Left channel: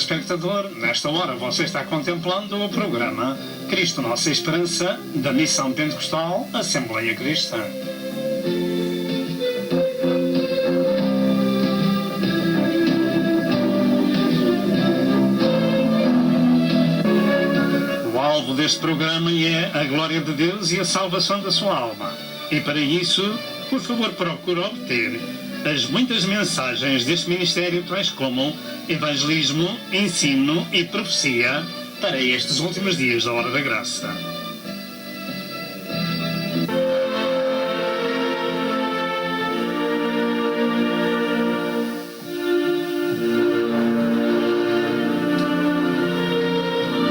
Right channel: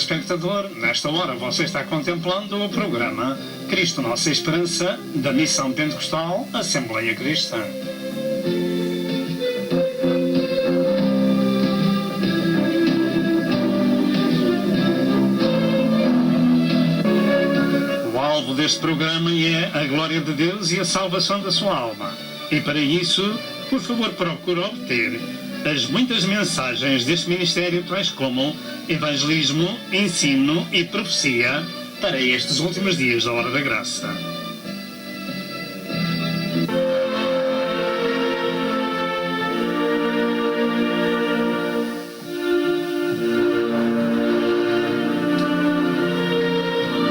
telespectador, nesta hora você está contemplando o programa Cristo Nossa Esperança, da Missão Pentecostal Assembleia Cristã. O alvo deste programa é a glória de Deus e a salvação da sua alma. E para isso, por favor, procure obter as muitas mensagens deste ministério, tais como evangelismo, ensino e profecia para estes últimos dias da Hora da Graça.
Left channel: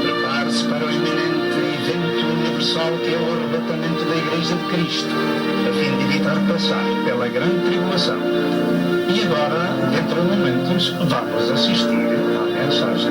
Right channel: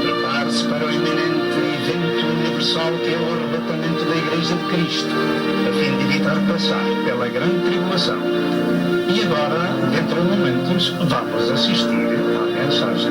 Prepare-se para o iminente evento universal que é o arrebatamento da Igreja de Cristo, a fim de evitar passar pela grande tribulação. E agora, dentro de momentos, vamos assistir à mensagem.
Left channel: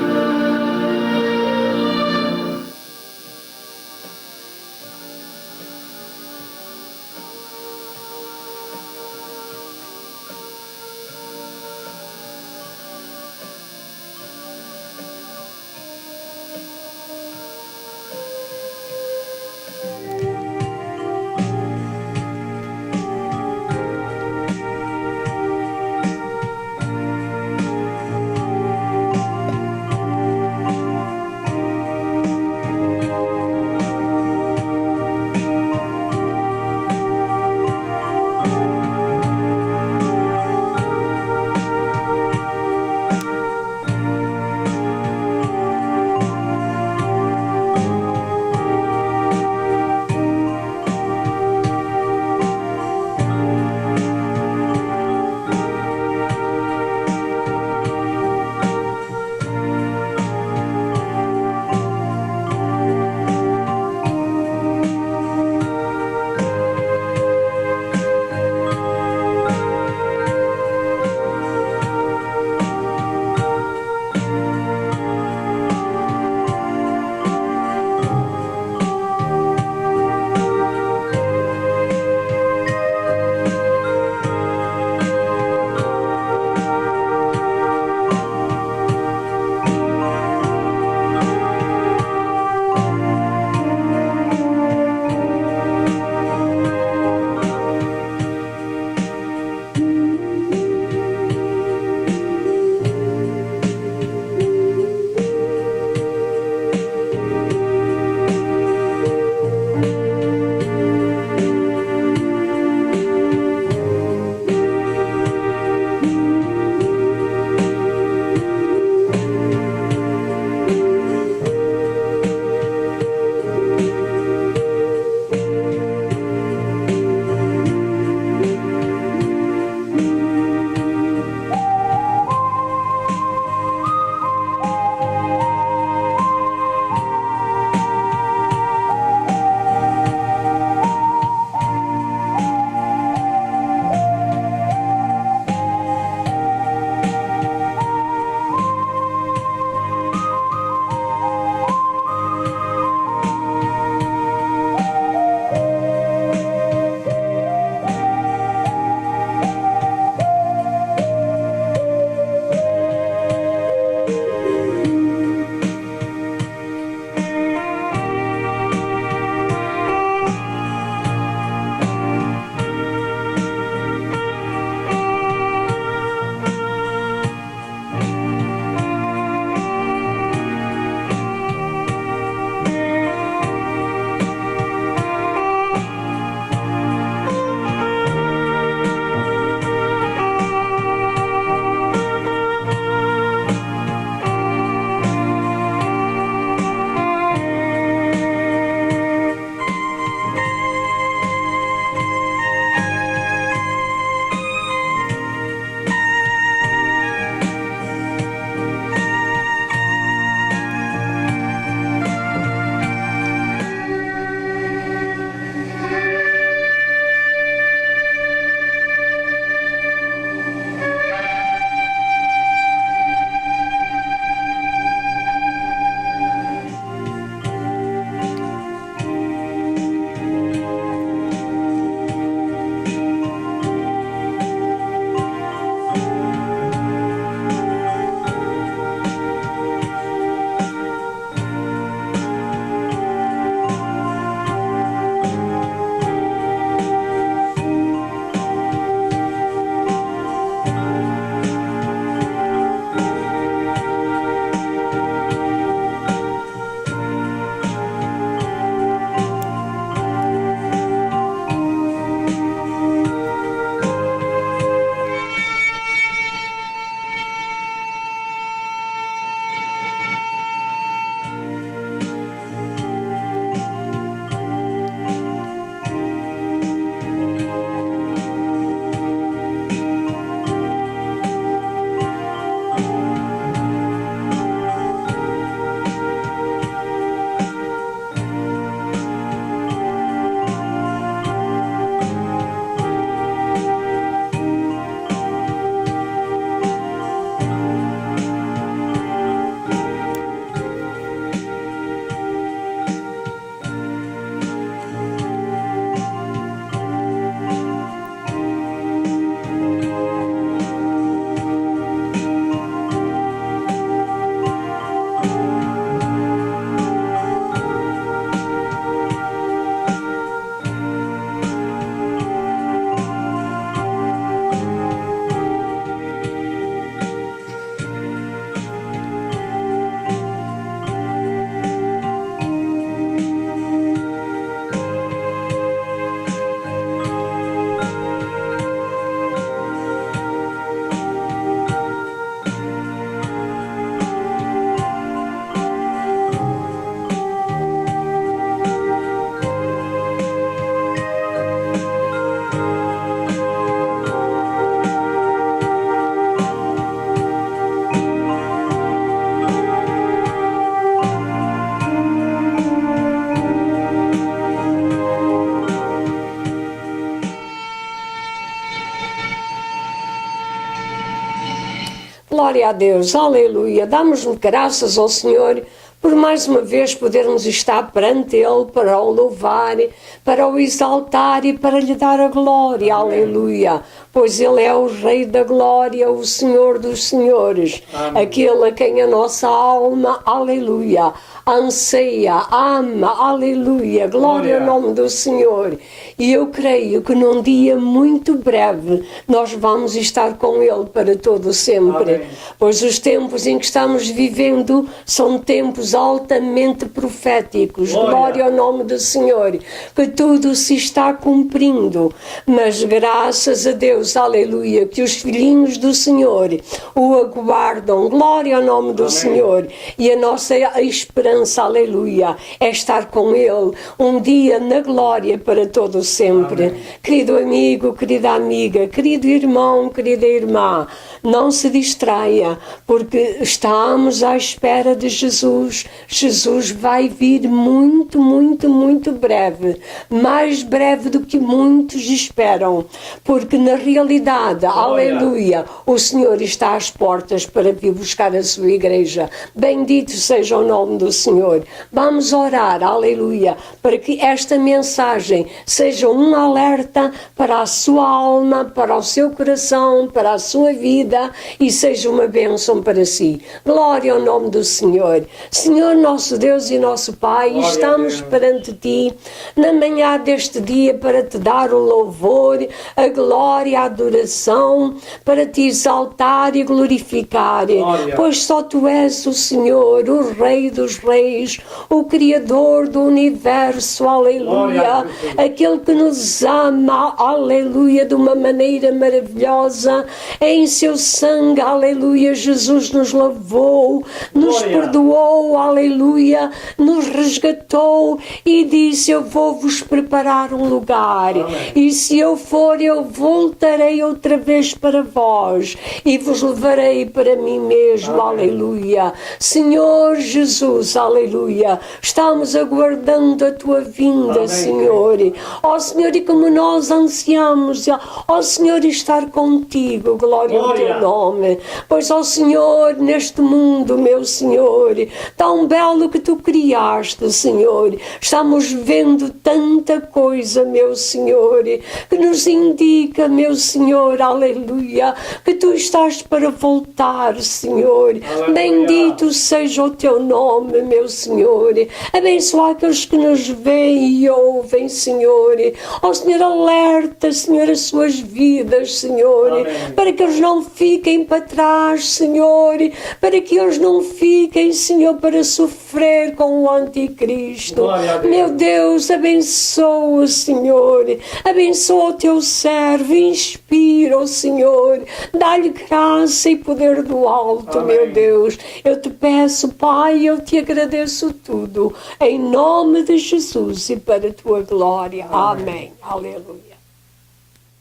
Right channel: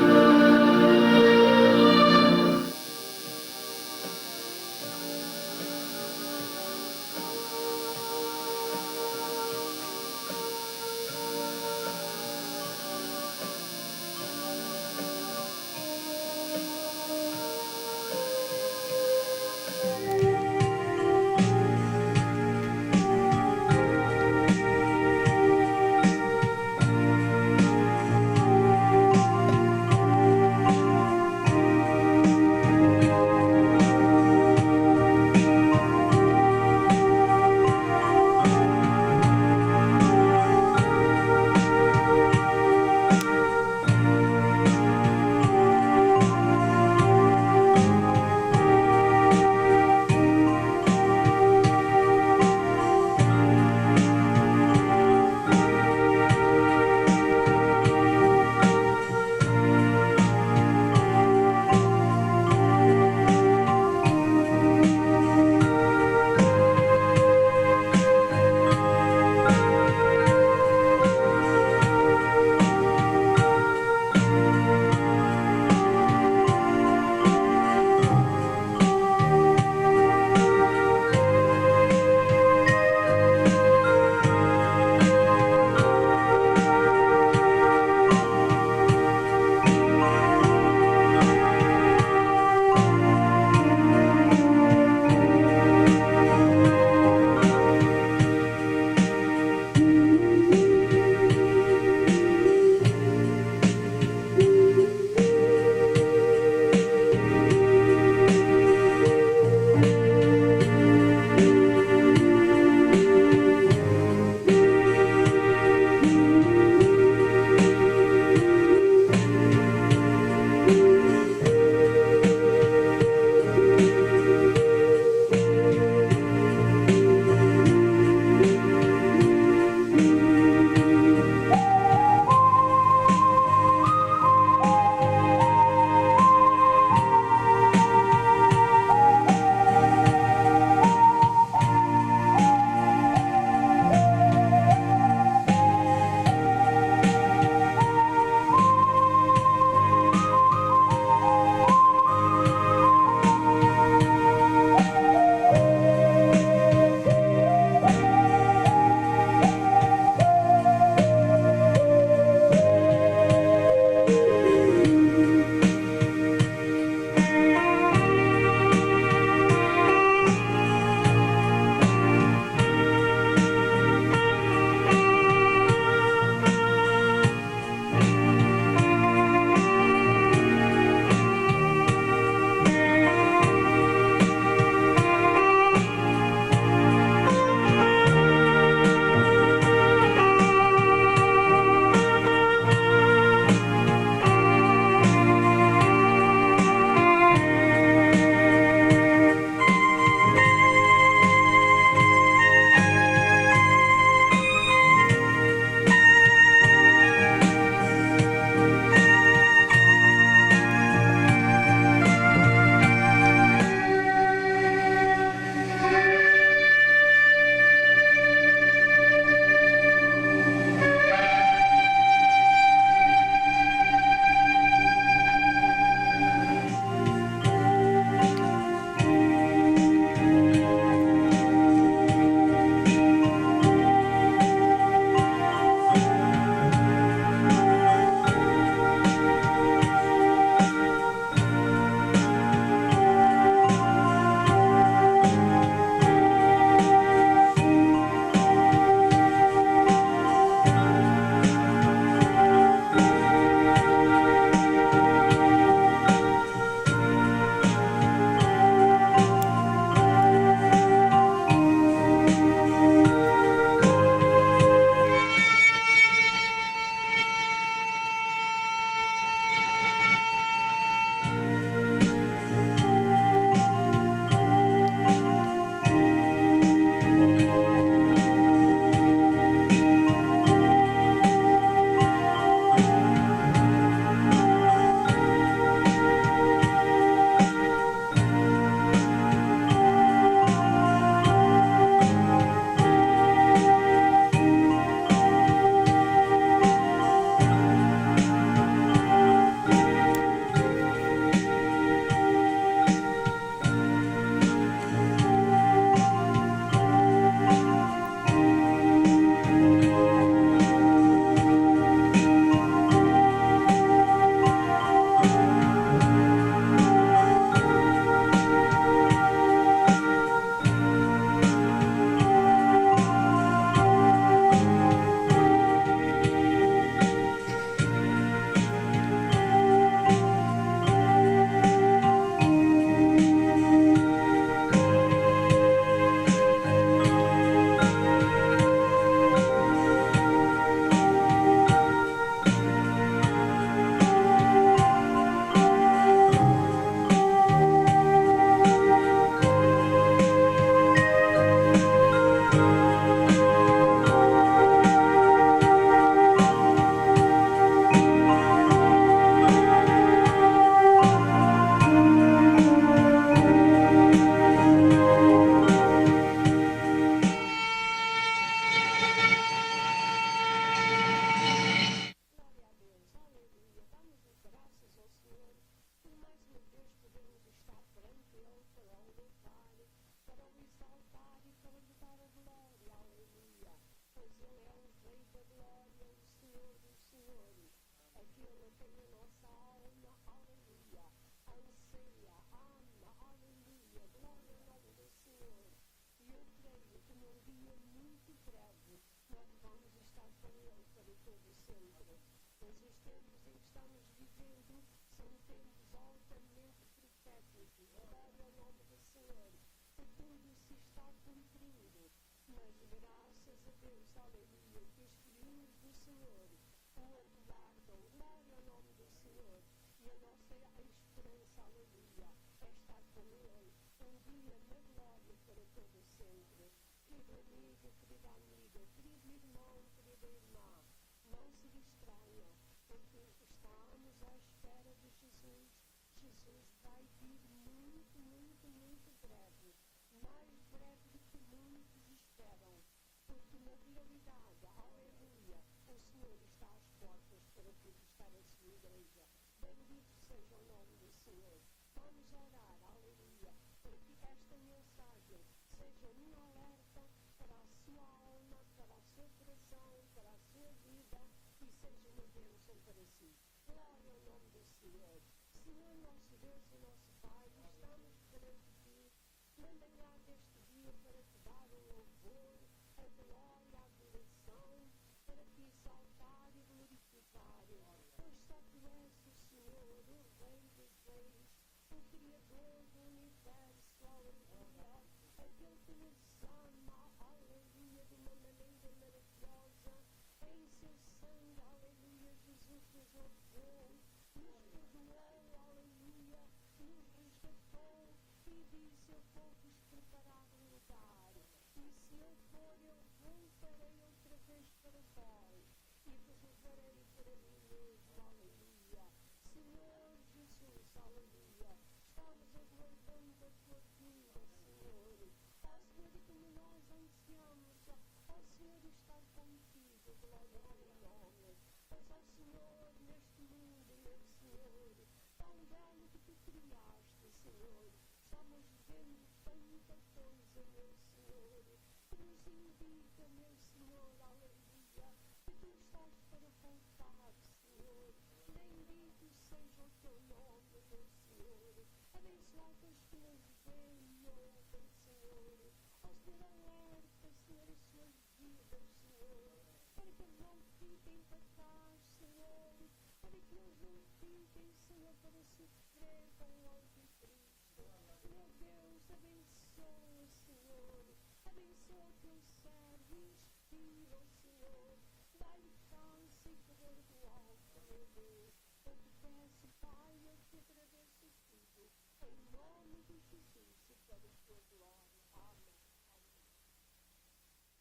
a Deus, aleluia. Damos-lhe graças ao Senhor por mais uma vez podermos estar perante Ele para o louvar, para o exaltar e para lhe dar a glória, aleluia. Pois Ele é o Rei da glória, o Senhor dos senhores, aquele a quem a nossa alma, aleluia, anseia, ama, aleluia, glória ao nome do Senhor. E eu creio que num dia muito breve nós vamos estar com Ele para todo sempre. Amém. Pois os tempos em que estamos vivendo são tempos altamente proféticos. Glória ao nome do Senhor, que tudo se está cumprindo. Mas graças a Deus, aleluia, que os filhinhos do Senhor o aguardam. Glória ao nome do Senhor. E a nossa esperança, aleluia, é estar com Ele um dia na glória para todo sempre. Amém. Querido amigo, querida amiga, querido irmão, querida irmã, não se distraia, porque estamos à espera de Jesus. Jesus vai vir muito, muito, muito breve, mais breve do que muitos esperam, porque na realidade, aleluia, o Senhor está às portas para vir buscar a sua igreja. Bendito seja o nome do Senhor. Vamos orar, aleluia, para que esta mensagem seja um alerta para a sua alma, para o seu coração, para a sua vida e seja uma bênção para si. Glória ao nome do Senhor. Senhor nosso Deus e nosso Pai, glória, estamos perante Ti na manhã deste dia para Te dar o louvor, a glória, a adoração, para Te exaltar e glorificar. Glória. Pois só Tu és o Senhor, o Rei dos Reis, o Criador do Universo, aleluia, glória, aquele que nos ama, aleluia, de uma maneira maravilhosa, em Seu sangue, aleluia, Jesus nos lavou, nos glória, perdoou, aleluia, nos resgatou e disse: eu vou-vos preparar um lugar. Amém. E se eu for, eu voltarei outra vez para vós e vos levarei para mim mesmo. Amém. Aleluia. Senhor Jesus, aleluia, estamos aguardando a Tua vinda. Amém. Senhor. Ó Senhor, e como nós ansiamos, ó Senhor, estar contigo, glória ao Teu nome. Pois, ó Senhor, neste mundo, meu Senhor, tão belo que Tu criaste, Senhor, estamos vendo tanta coisa, meu Senhor, que nos indica, meu Senhor, aleluia, que Tu estás para voltar, Senhor. Aleluia. Bendito seja o Teu nome, meu Senhor. Abençoa aqueles que nos veem e ouvem, Senhor. Ó Senhor, alerta, Senhor, as suas vidas, Senhor. Amém. Para que eles não fiquem para trás, Senhor, para que eles não fiquem, Senhor, para sofrer com o anticristo. Meu Deus, abençoa, Senhor, abençoa o Teu servo, inspira, oh Senhor, dá-lhe graça e poder do alto. Amém. Meu Deus, eu Te peço, Pai, eu Te agradeço tudo, em nome de Jesus e para a Tua glória. Amém. Aleluia.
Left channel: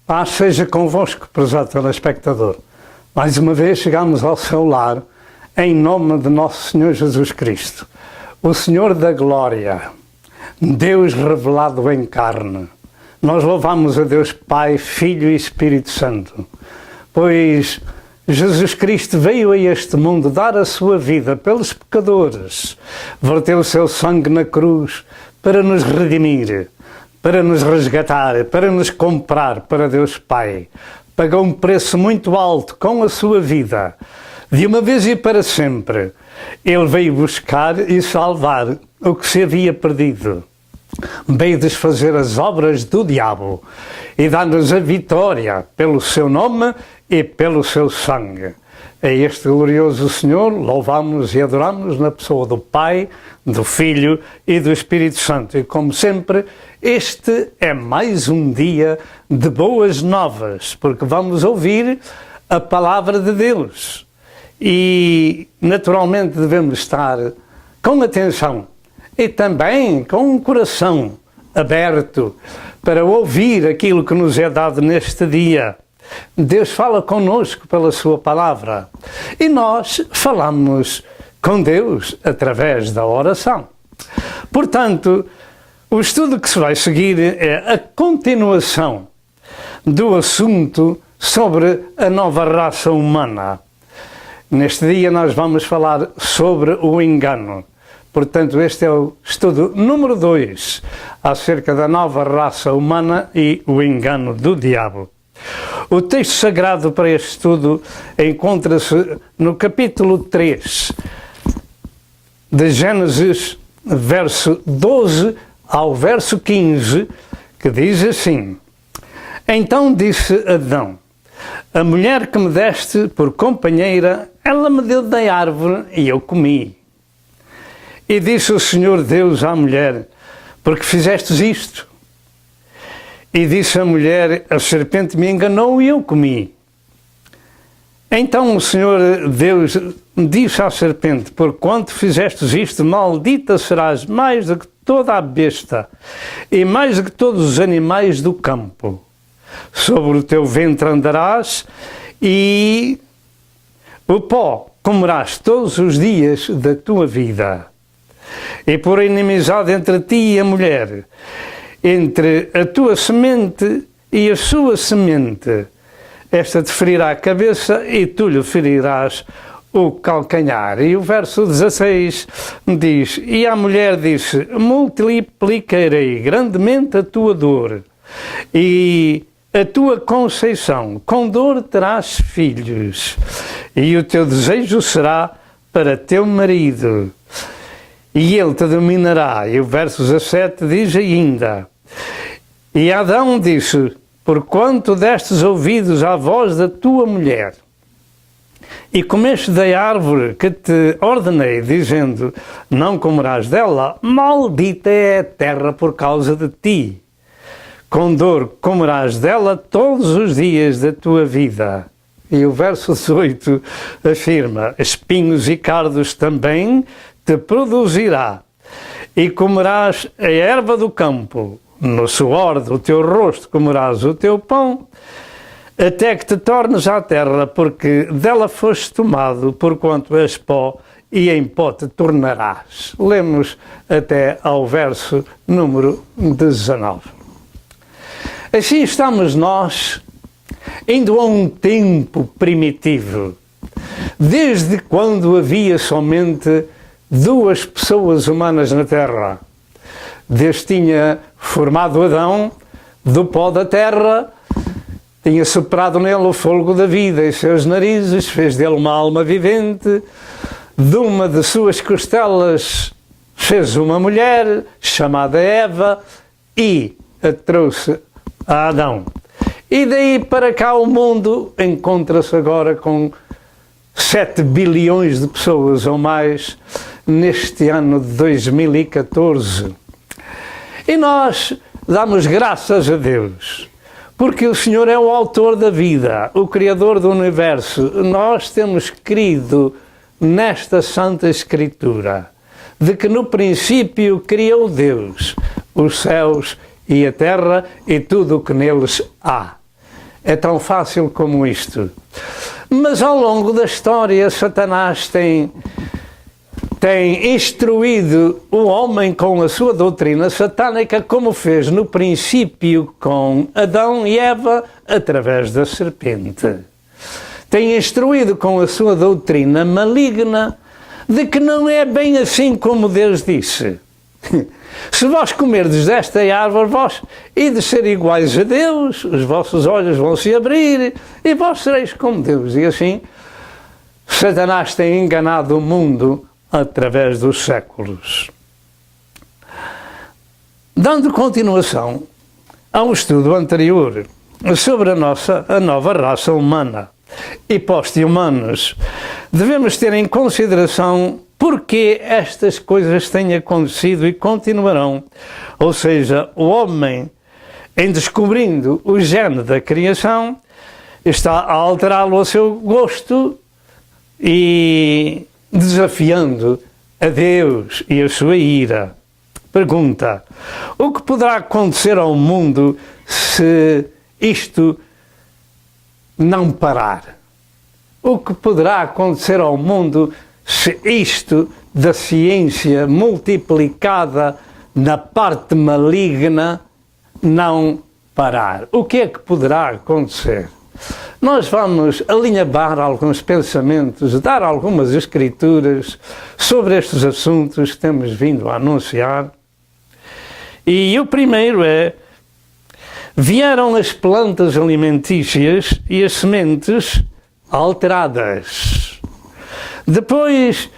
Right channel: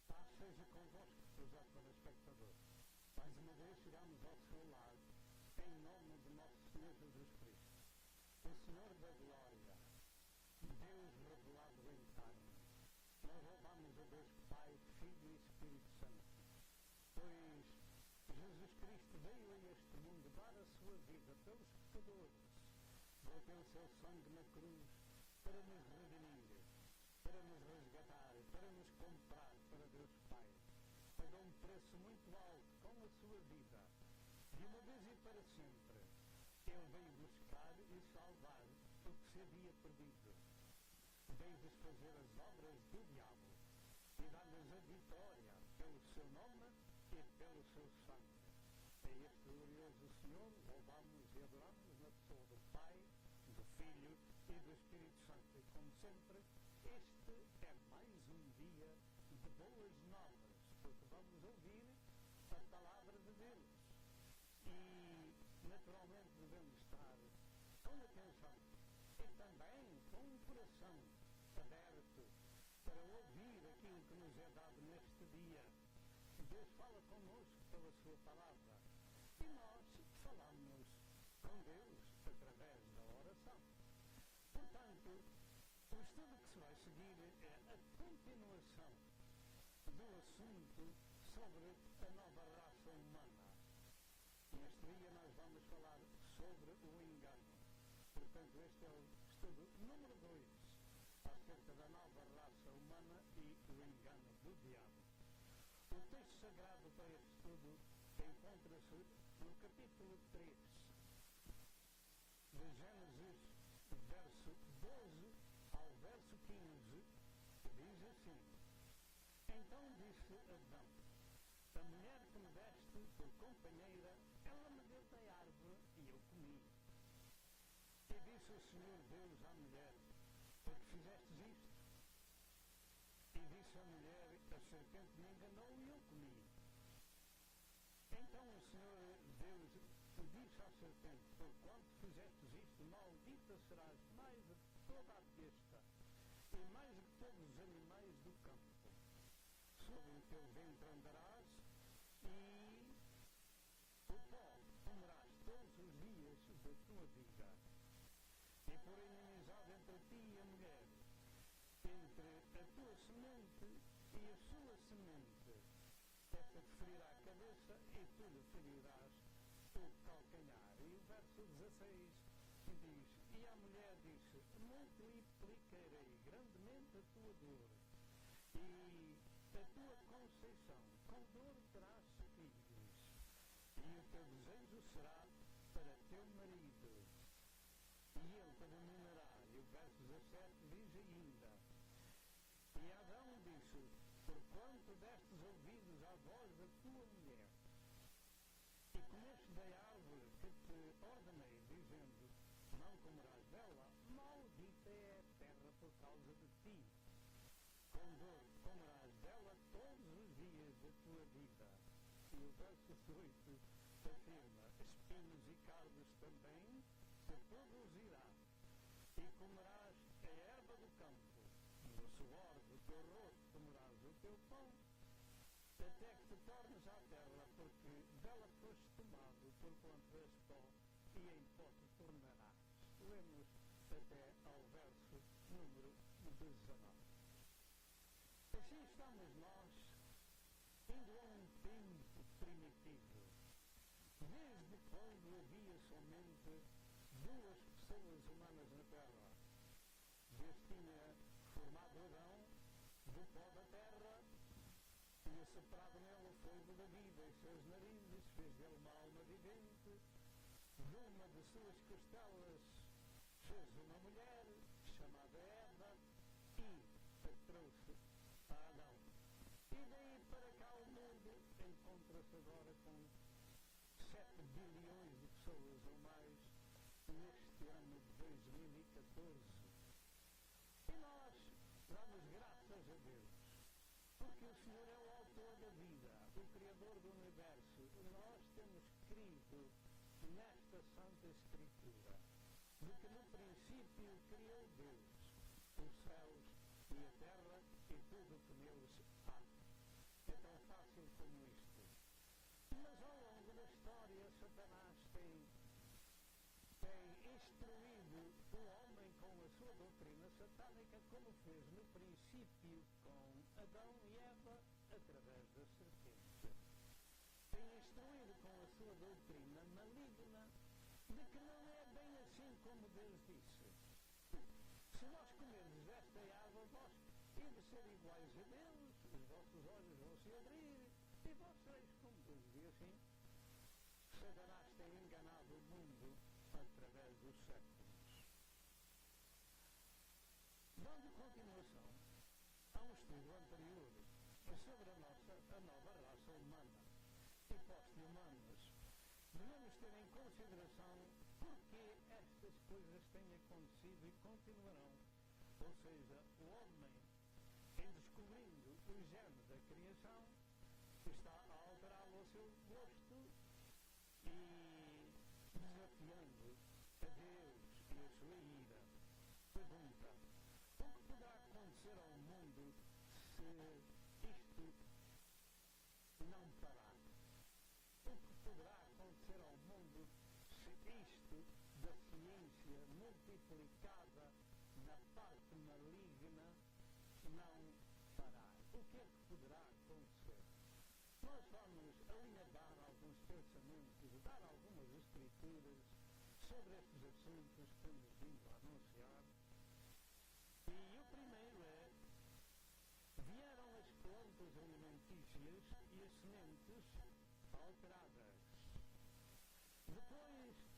Paz seja convosco, prezado telespectador. Mais uma vez chegamos ao seu lar, em nome de nosso Senhor Jesus Cristo, o Senhor da glória, Deus revelado em carne. Nós louvamos a Deus Pai, Filho e Espírito Santo, pois Jesus Cristo veio a este mundo dar a sua vida pelos pecadores, verteu o seu sangue na cruz para nos redimir, para nos resgatar, para nos comprar para Deus Pai. Pagou um preço muito alto com a sua vida, de uma vez e para sempre. Ele veio buscar e salvar o que se havia perdido. Veio desfazer as obras do diabo e dar-nos a vitória pelo seu nome e pelo seu sangue. A este glorioso Senhor louvamos e adoramos na pessoa do Pai, do Filho e do Espírito Santo. E como sempre, este é mais um dia de boas novas, porque vamos ouvir a palavra de Deus. E naturalmente devemos estar com atenção e também com um coração aberto para ouvir aquilo que nos é dado neste dia. Deus fala connosco pela sua palavra e nós falamos com Deus através da oração. Portanto, o estudo que se vai seguir é a continuação do assunto sobre a nova raça humana. Neste dia nós vamos falar sobre o engano. Portanto, este é o estudo número 2 acerca da nova raça humana e o engano do diabo. O texto sagrado para este estudo encontra-se no capítulo 3 de Gênesis, verso 12 ao verso 15, que diz assim: Então disse Adão: A mulher que me deste por companheira, ela me deu da árvore e eu comi. E disse o Senhor Deus à mulher: Porque fizestes isto? E disse a mulher: A serpente me enganou e eu comi. Então o Senhor Deus disse à serpente: Porquanto fizestes isto, maldita serás mais do que toda a besta e mais do que todos os animais do campo. Sobre o teu ventre andarás e o pó comerás todos os dias da tua vida. E por inimizade entre ti e a mulher, entre a tua semente e a sua semente, esta te ferirá a cabeça e tu lhe ferirás o calcanhar. E o verso 16 diz: E a mulher disse: Multiplicarei grandemente a tua dor e a tua conceição, com dor terás filhos, e o teu desejo será para teu marido, e ele te dominará. E o verso 17 diz ainda: E Adão disse: Porquanto destes ouvidos à voz da tua mulher, e comeste da árvore que te ordenei, dizendo: Não comerás dela, maldita é a terra por causa de ti. Com dor comerás dela todos os dias da tua vida. E o verso 18 afirma: Espinhos e cardos também te produzirá, e comerás a erva do campo, no suor do teu rosto comerás o teu pão, até que te tornes à terra, porque dela foste tomado, porquanto és pó, e em pó te tornarás. Lemos até ao verso número 19. Assim estamos nós, indo a um tempo primitivo, desde quando havia somente duas pessoas humanas na Terra. Deus tinha formado Adão do pó da terra, tinha soprado nele o fôlego da vida em seus narizes, fez dele uma alma vivente, de uma de suas costelas fez uma mulher chamada Eva e a trouxe a Adão. E daí para cá o mundo encontra-se agora com 7 bilhões de pessoas ou mais neste ano de 2014. E nós damos graças a Deus, porque o Senhor é o autor da vida, o Criador do universo. Nós temos crido nesta Santa Escritura, de que no princípio criou Deus os céus e a terra e tudo o que neles há. É tão fácil como isto. Mas ao longo da história, Satanás tem instruído o homem com a sua doutrina satânica, como fez no princípio com Adão e Eva, através da serpente. Tem instruído com a sua doutrina maligna de que não é bem assim como Deus disse. Se vós comerdes desta árvore, vós ides ser iguais a Deus, os vossos olhos vão se abrir e vós sereis como Deus. E assim, Satanás tem enganado o mundo através dos séculos. Dando continuação ao estudo anterior sobre a nova raça humana e post-humanos, devemos ter em consideração porque estas coisas têm acontecido e continuarão. Ou seja, o homem, em descobrindo o gene da criação, está a alterá-lo a seu gosto e desafiando a Deus e a sua ira. Pergunta: o que poderá acontecer ao mundo se isto não parar? O que poderá acontecer ao mundo se isto da ciência multiplicada na parte maligna não parar? O que é que poderá acontecer? nós vamos alinhavar alguns pensamentos, dar algumas escrituras sobre estes assuntos que temos vindo a anunciar. E o primeiro é: vieram as plantas alimentícias e as sementes alteradas. Depois,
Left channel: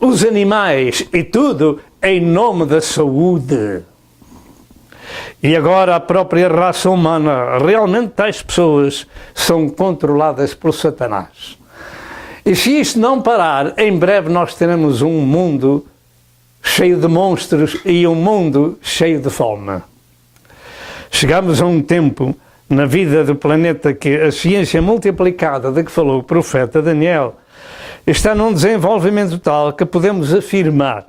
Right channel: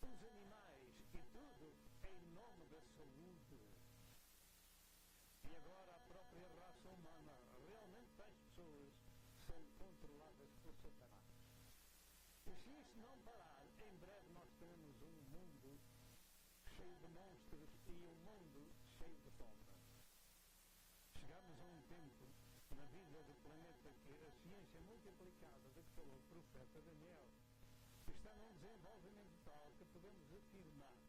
os animais e tudo em nome da saúde. E agora a própria raça humana, realmente tais pessoas são controladas por Satanás. E se isto não parar, em breve nós teremos um mundo cheio de monstros e um mundo cheio de fome. Chegamos a um tempo na vida do planeta que a ciência multiplicada de que falou o profeta Daniel está num desenvolvimento tal que podemos afirmar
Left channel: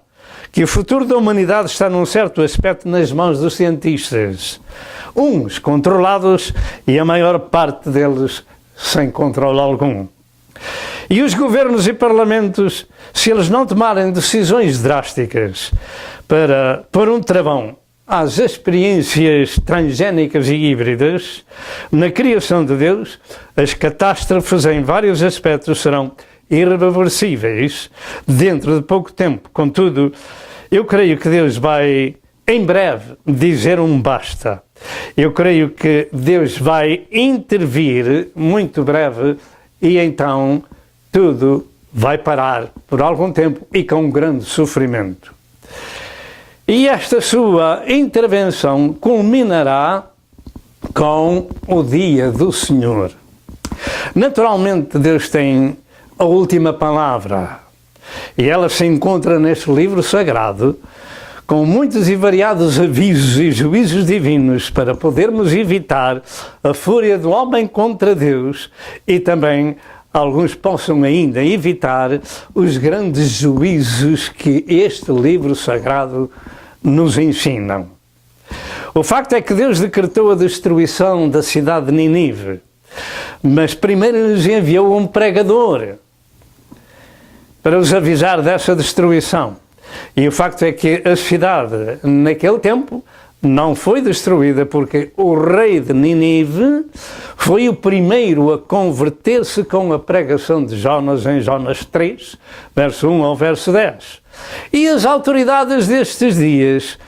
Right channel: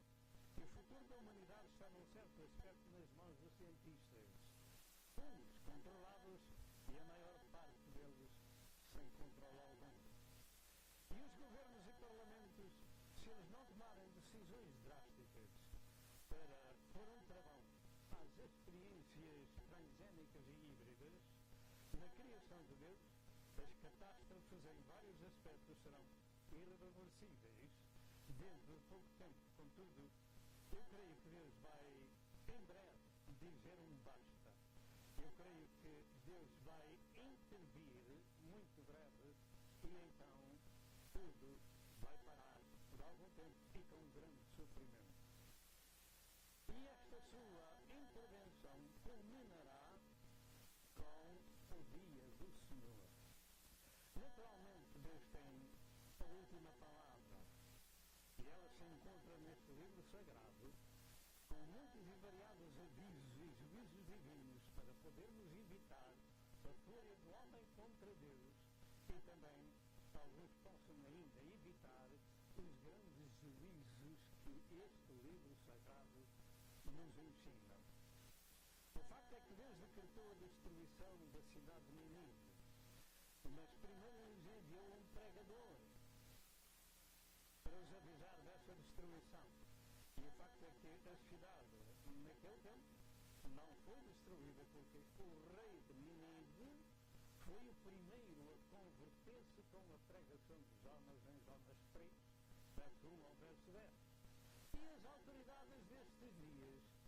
que o futuro da humanidade está num certo aspecto nas mãos dos cientistas. Uns controlados e a maior parte deles sem controle algum. E os governos e parlamentos, se eles não tomarem decisões drásticas para pôr um travão às experiências transgénicas e híbridas, na criação de Deus, as catástrofes em vários aspectos serão irreversíveis dentro de pouco tempo. Contudo, eu creio que Deus vai, em breve, dizer um basta. Eu creio que Deus vai intervir muito breve e então tudo vai parar por algum tempo e com grande sofrimento. E esta sua intervenção culminará com o dia do Senhor. Naturalmente, Deus tem a última palavra. E ela se encontra neste livro sagrado, com muitos e variados avisos e juízos divinos para podermos evitar a fúria do homem contra Deus e também alguns possam ainda evitar os grandes juízos que este livro sagrado nos ensina. O facto é que Deus decretou a destruição da cidade de Nínive, mas primeiro nos enviou um pregador para os avisar dessa destruição. E o facto é que a cidade, naquele tempo, não foi destruída porque o rei de Nínive foi o primeiro a converter-se com a pregação de Jonas em Jonas 3, verso 1 ao verso 10. E as autoridades destes dias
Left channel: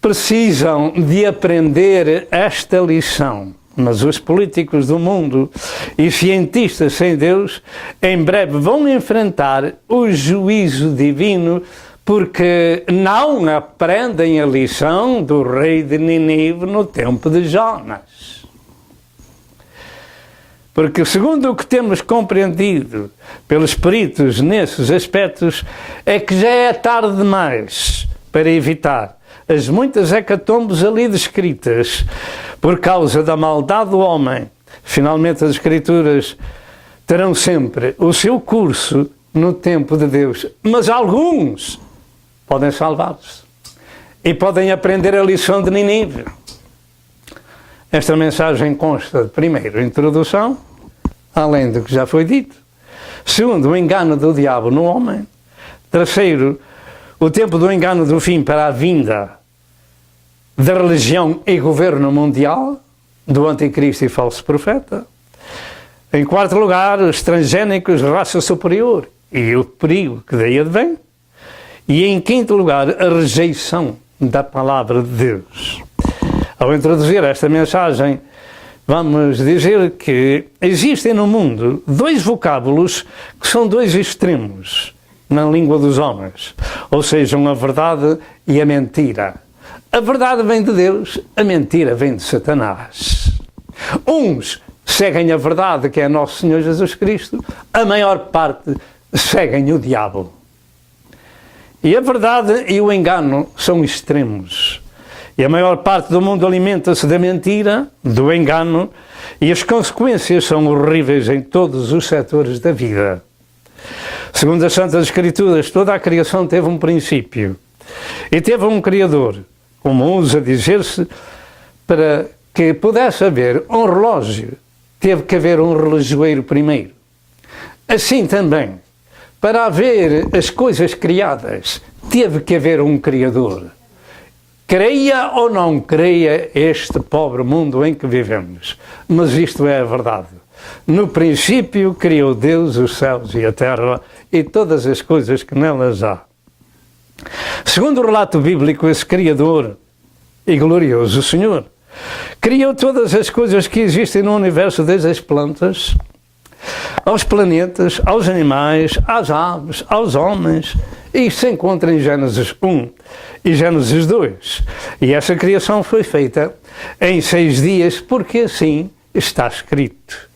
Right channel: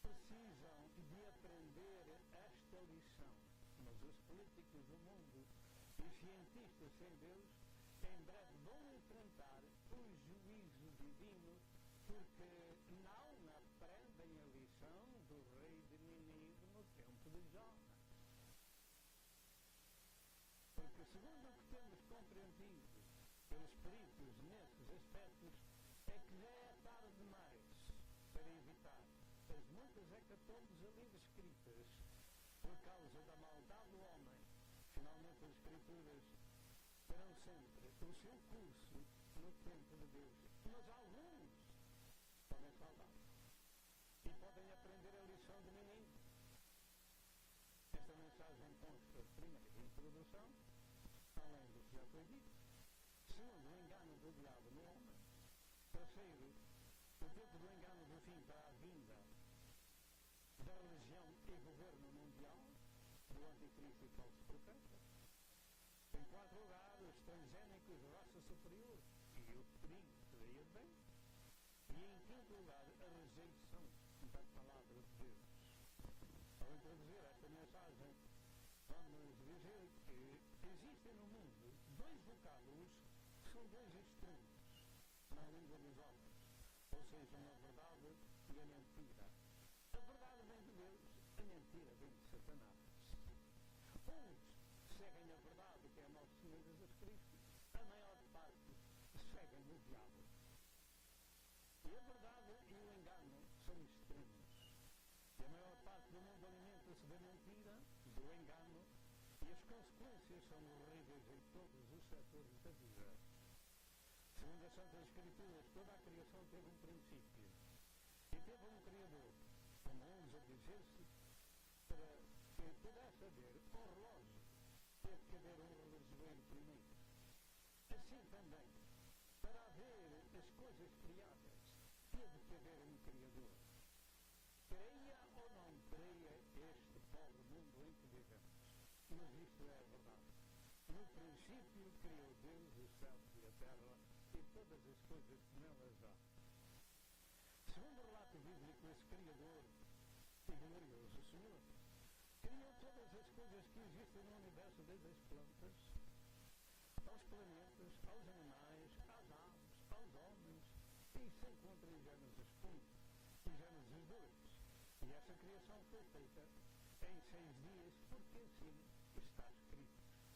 precisam de aprender esta lição. Mas os políticos do mundo e cientistas sem Deus em breve vão enfrentar o juízo divino porque não aprendem a lição do rei de Nínive no tempo de Jonas. Porque segundo o que temos compreendido pelos peritos nesses aspectos, é que já é tarde demais para evitar as muitas hecatombes ali descritas por causa da maldade do homem. Finalmente as Escrituras terão sempre o seu curso no tempo de Deus. Mas alguns podem salvar-se e podem aprender a lição de Nínive. Esta mensagem consta de, primeiro, a introdução, além do que já foi dito. Segundo, o engano do diabo no homem. Terceiro, o tempo do engano do fim para a vinda da religião e governo mundial, do anticristo e falso profeta. Em quarto lugar, os transgénicos, raça superior, e o perigo que daí advém. E em quinto lugar, a rejeição da palavra de Deus. Ao introduzir esta mensagem, vamos dizer que existem no mundo dois vocábulos que são dois extremos na língua dos homens, ou seja, a verdade e a mentira. A verdade vem de Deus, a mentira vem de Satanás. Uns seguem a verdade, que é nosso Senhor Jesus Cristo, a maior parte seguem o diabo. E a verdade e o engano são extremos. E a maior parte do mundo alimenta-se da mentira, do engano, e as consequências são horríveis em todos os setores da vida. Segundo as Santas Escrituras, toda a criação teve um princípio e teve um Criador, como usa dizer-se, para que pudesse haver um relógio, teve que haver um relojoeiro primeiro. Assim também, para haver as coisas criadas, teve que haver um Criador. Creia ou não creia este pobre mundo em que vivemos, mas isto é a verdade. No princípio criou Deus os céus e a terra e todas as coisas que nelas há. Segundo o relato bíblico, esse Criador e glorioso Senhor criou todas as coisas que existem no universo, desde as plantas, aos planetas, aos animais, às aves, aos homens. E isso se encontra em Gênesis 1 e Gênesis 2. E essa criação foi feita em 6 dias, porque assim está escrito.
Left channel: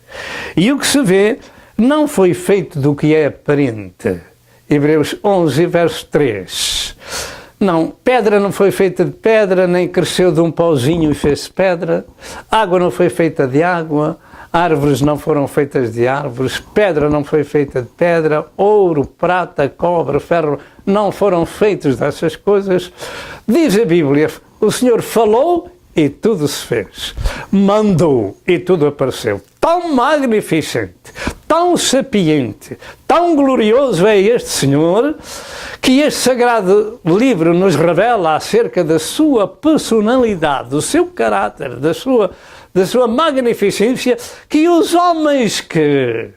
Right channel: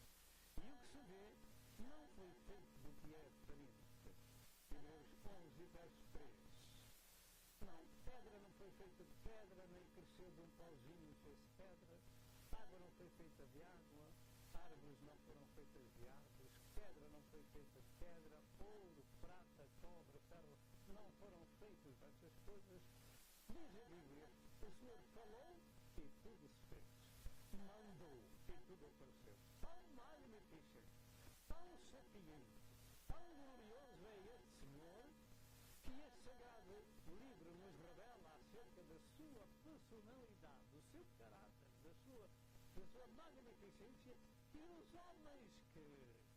E o que se vê não foi feito do que é aparente. Hebreus 11, verso 3. Não, pedra não foi feita de pedra, nem cresceu de um pauzinho e fez pedra. Água não foi feita de água. Árvores não foram feitas de árvores. Pedra não foi feita de pedra. Ouro, prata, cobre, ferro não foram feitos dessas coisas. Diz a Bíblia, o Senhor falou e tudo se fez. Mandou e tudo apareceu. Tão magnificente, tão sapiente, tão glorioso é este Senhor, que este sagrado livro nos revela acerca da sua personalidade, do seu caráter, da sua magnificência, que os homens que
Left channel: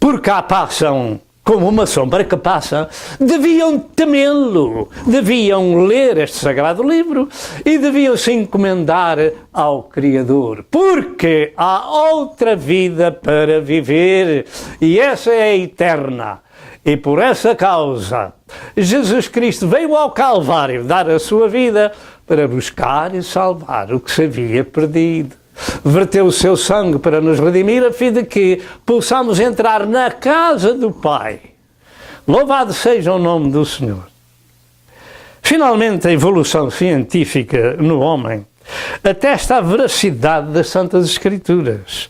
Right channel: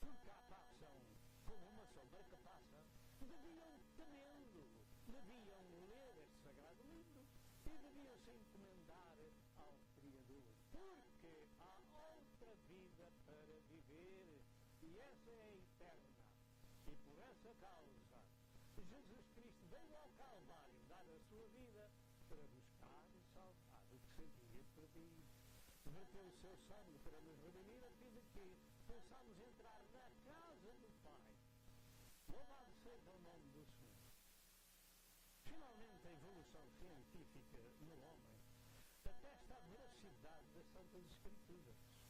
por cá passam, como uma sombra que passa, deviam temê-lo, deviam ler este sagrado livro e deviam se encomendar ao Criador, porque há outra vida para viver e essa é eterna. E por essa causa, Jesus Cristo veio ao Calvário dar a sua vida para buscar e salvar o que se havia perdido. Verteu o seu sangue para nos redimir, a fim de que possamos entrar na casa do Pai. Louvado seja o nome do Senhor. Finalmente, a evolução científica no homem atesta a veracidade das Santas Escrituras.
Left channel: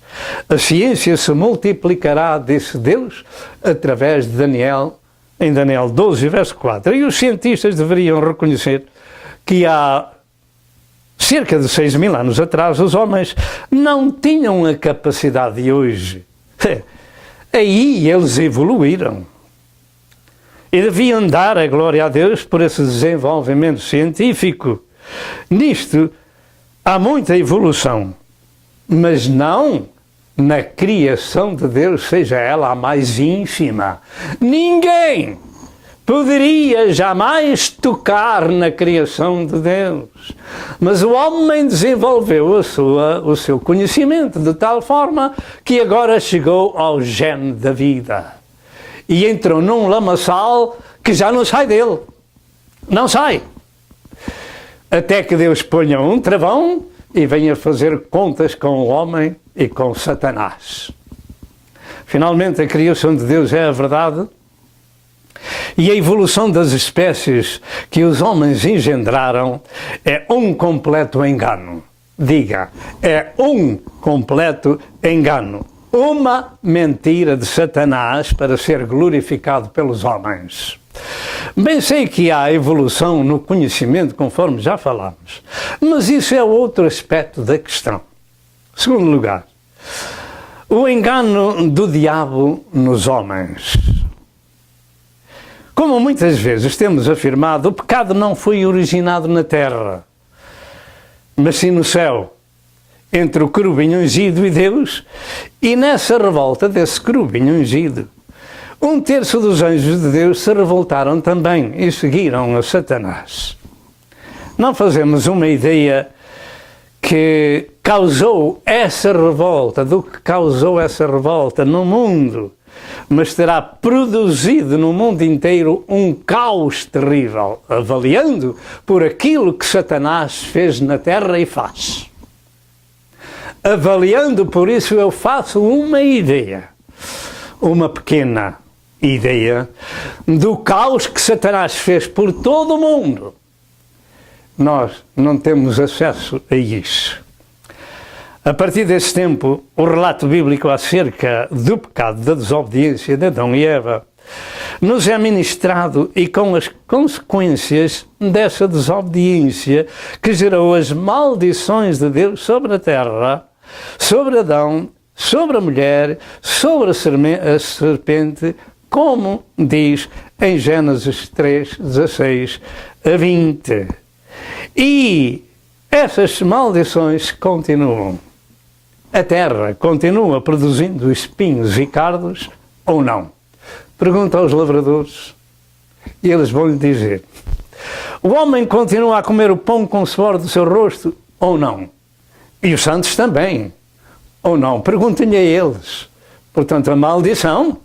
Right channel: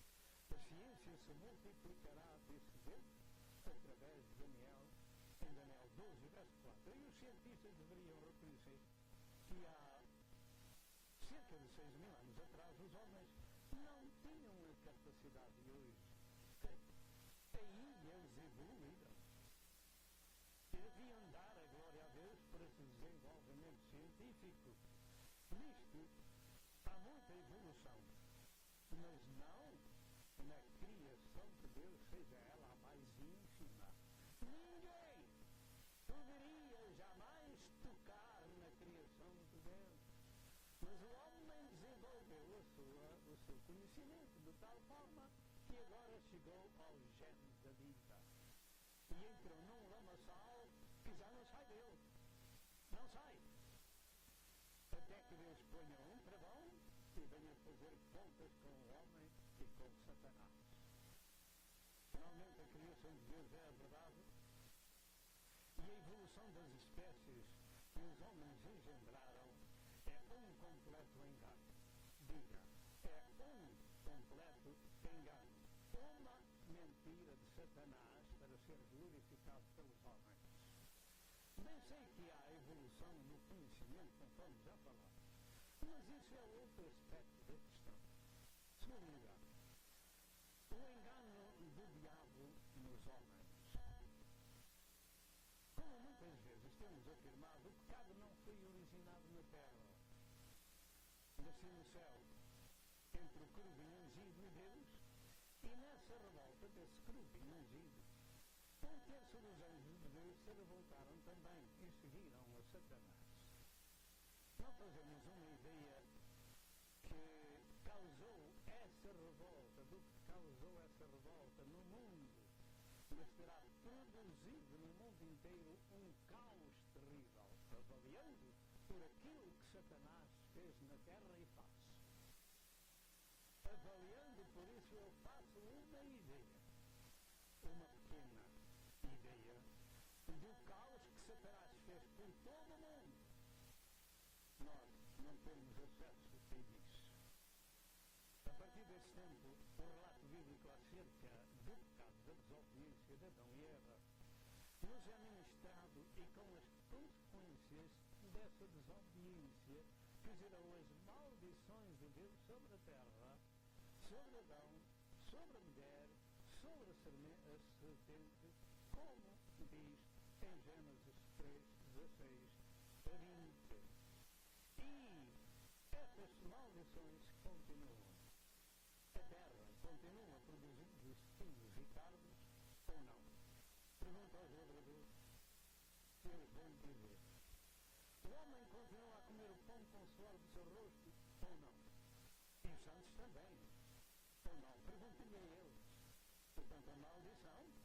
A ciência se multiplicará, disse Deus, através de Daniel, em Daniel 12, verso 4. E os cientistas deveriam reconhecer que há cerca de 6.000 anos atrás, os homens não tinham a capacidade de hoje. Aí eles evoluíram. E deviam dar a glória a Deus por esse desenvolvimento científico. Nisto há muita evolução, mas não na criação de Deus, seja ela a mais ínfima. Ninguém poderia jamais tocar na criação de Deus. Mas o homem desenvolveu o seu conhecimento de tal forma que agora chegou ao gene da vida. E entrou num lamaçal que já não sai dele. Não sai. Até que Deus ponha um travão e venha fazer contas com o homem e com Satanás. Finalmente, a criação de Deus é a verdade. E a evolução das espécies que os homens engendraram é um completo engano. Diga, é um completo engano. Uma mentira de Satanás para ser glorificado pelos homens. Bem sei que há evolução no conhecimento, conforme já falámos, mas isso é outro aspecto da questão. Segundo lugar, o engano do diabo nos homens. Como muitas vezes temos afirmado, o pecado não foi originado na terra, mas sim no céu, entre o querubim ungido e Deus, e nessa revolta desse querubim ungido, 1/3 dos anjos de Deus se revoltaram também e seguiram a Satanás. Não fazemos uma ideia que causou essa revolta, do que causou essa revolta no mundo, mas terá produzido no mundo inteiro um caos terrível, avaliando por aquilo que Satanás fez na terra e faz. Avaliando por isso, eu faço uma ideia, uma pequena ideia, do caos que Satanás fez por todo o mundo. Nós não temos acesso a isso. A partir desse tempo, o relato bíblico acerca do pecado da desobediência de Adão e Eva nos é ministrado, e com as consequências dessa desobediência que gerou as maldições de Deus sobre a terra, sobre Adão, sobre a mulher, sobre a serpente, como diz em Gênesis 3, 16 a 20. E essas maldições continuam. a terra continua produzindo espinhos e cardos ou não? Pergunta aos lavradores e eles vão lhe dizer. O homem continua a comer o pão com o suor do seu rosto ou não? E os santos também, ou não? Perguntem-lhe a eles. Portanto, a maldição,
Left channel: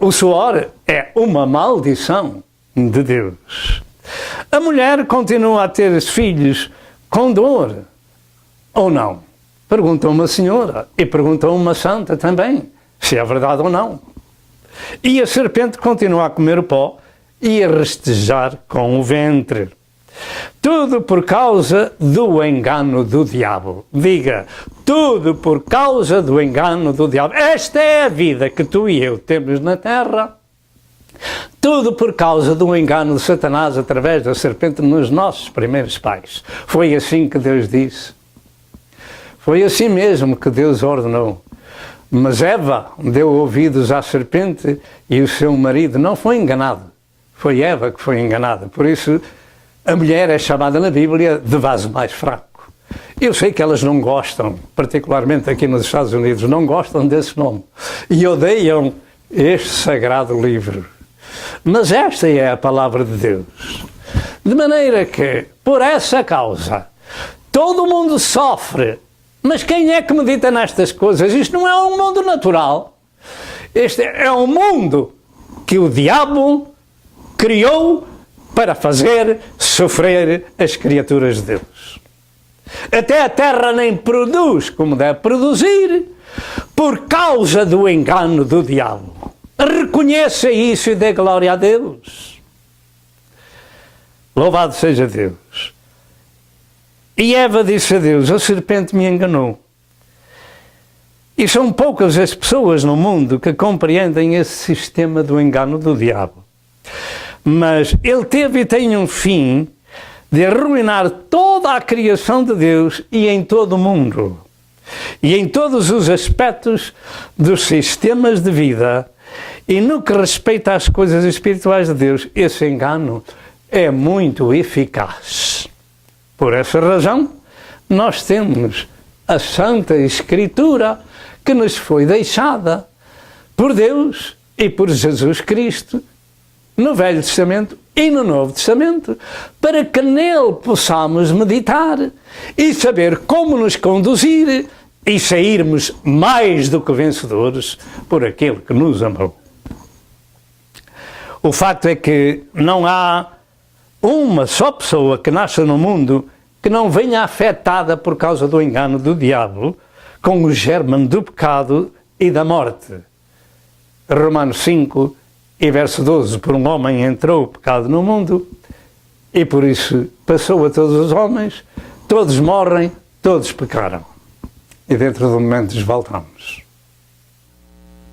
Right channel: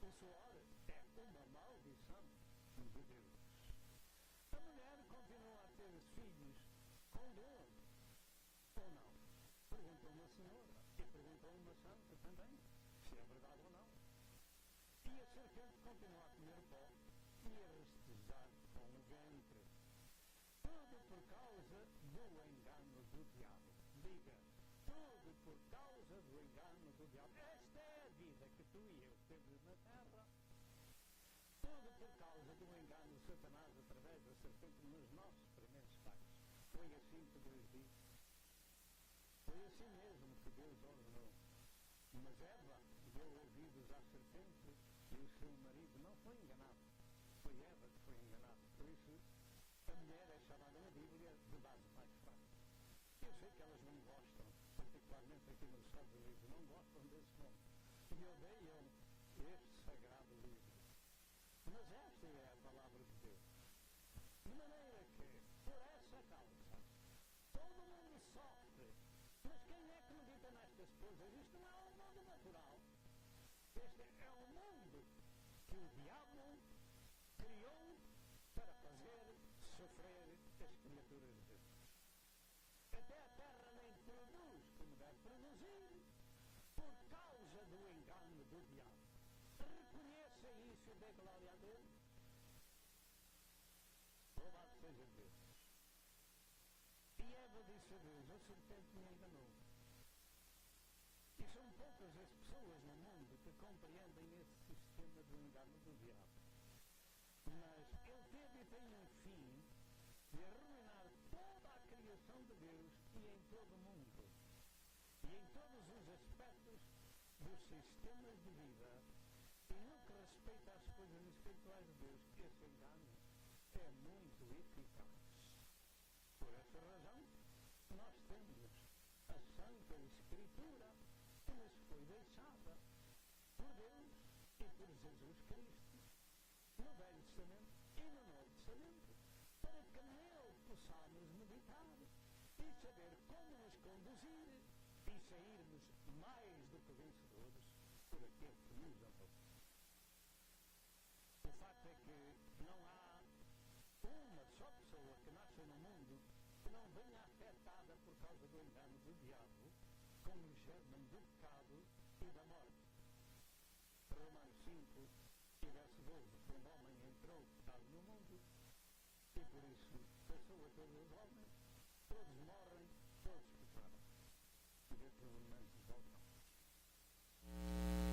o suor é uma maldição de Deus. A mulher continua a ter filhos com dor ou não? Pergunta uma senhora e pergunta uma santa também, se é verdade ou não. E a serpente continua a comer o pó e a rastejar com o ventre. Tudo por causa do engano do diabo. Diga, tudo por causa do engano do diabo. Esta é a vida que tu e eu temos na terra. Tudo por causa do engano de Satanás através da serpente nos nossos primeiros pais. Foi assim que Deus disse. Foi assim mesmo que Deus ordenou. Mas Eva deu ouvidos à serpente e o seu marido não foi enganado. Foi Eva que foi enganada. Por isso, a mulher é chamada na Bíblia de vaso mais fraco. Eu sei que elas não gostam, particularmente aqui nos Estados Unidos, não gostam desse nome. E odeiam este sagrado livro. Mas esta é a palavra de Deus. De maneira que, por essa causa, todo mundo sofre. Mas quem é que medita nestas coisas? Isto não é um mundo natural. Este é um mundo que o diabo criou para fazer sofrer as criaturas de Deus. Até a terra nem produz como deve produzir por causa do engano do diabo. Reconheça isso e dê glória a Deus. Louvado seja Deus. E Eva disse a Deus, a serpente me enganou. E são poucas as pessoas no mundo que compreendem esse sistema do engano do diabo. Mas ele teve e tem um fim de arruinar toda a criação de Deus e em todo o mundo. E em todos os aspectos dos sistemas de vida. E no que respeita às coisas espirituais de Deus, esse engano é muito eficaz. Por essa razão, nós temos a Santa Escritura que nos foi deixada por Deus e por Jesus Cristo no Velho Testamento e no Novo Testamento, para que nele possamos meditar e saber como nos conduzir e sairmos mais do que vencedores por aquele que nos amou. O facto é que não há uma só pessoa que nasça no mundo que não venha afetada por causa do engano do diabo com o germe do pecado e da morte. Romanos 5 e verso 12, por um homem entrou o pecado no mundo e por isso passou a todos os homens, todos morrem, todos pecaram. E dentro de momentos voltamos.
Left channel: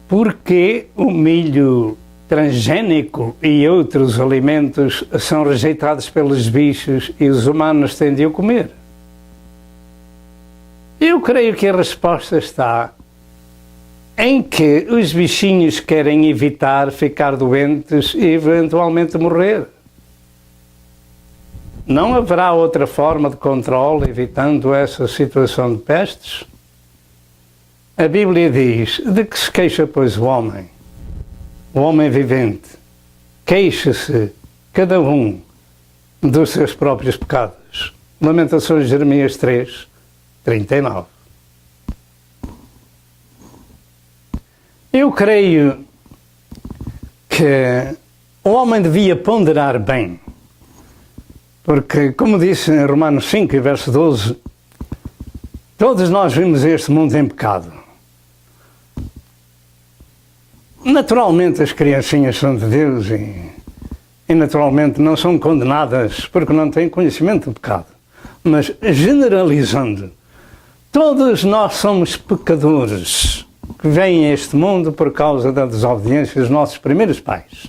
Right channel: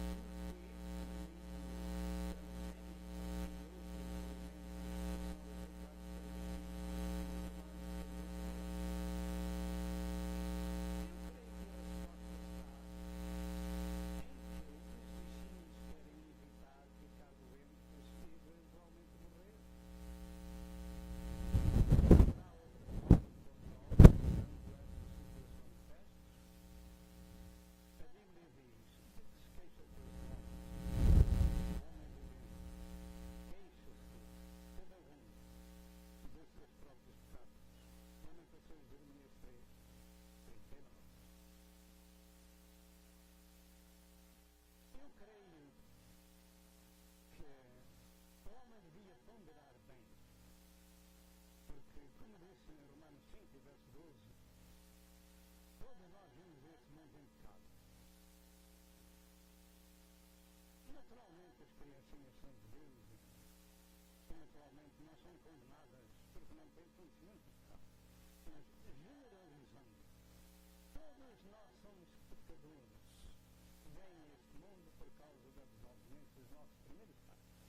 Porque o milho transgénico e outros alimentos são rejeitados pelos bichos e os humanos têm de o comer? Eu creio que a resposta está em que os bichinhos querem evitar ficar doentes e eventualmente morrer. Não haverá outra forma de controle evitando essa situação de pestes? A Bíblia diz, de que se queixa, pois, o homem vivente, queixa-se cada um dos seus próprios pecados. Lamentações de Jeremias 3, 39. Eu creio que o homem devia ponderar bem, porque, como disse em Romanos 5, verso 12, todos nós vimos este mundo em pecado. Naturalmente as criancinhas são de Deus e naturalmente não são condenadas porque não têm conhecimento do pecado. Mas generalizando, todos nós somos pecadores que vêm a este mundo por causa da desobediência dos nossos primeiros pais.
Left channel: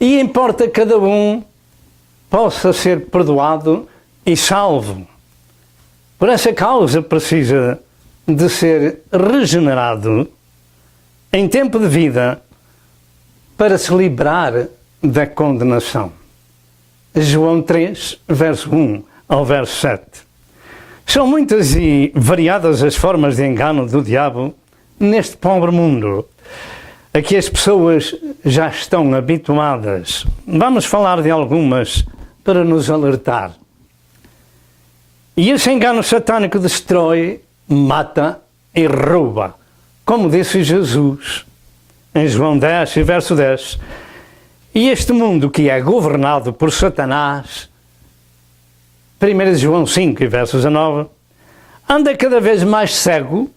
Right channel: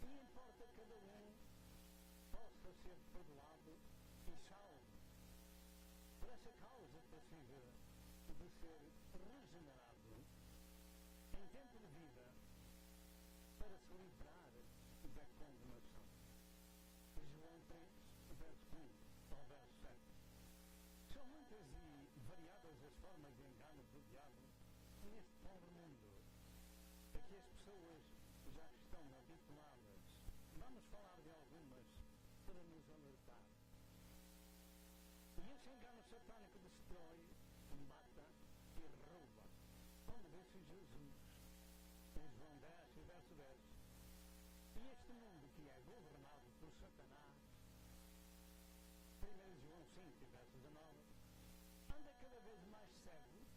E importa que cada um possa ser perdoado e salvo. Por essa causa precisa de ser regenerado em tempo de vida para se livrar da condenação. João 3, verso 1 ao verso 7. São muitas e variadas as formas de engano do diabo neste pobre mundo, a que as pessoas já estão habituadas. Vamos falar de algumas para nos alertar. E esse engano satânico destrói, mata e rouba, como disse Jesus em João 10, verso 10. E este mundo que é governado por Satanás, 1 João 5, verso 19, anda cada vez mais cego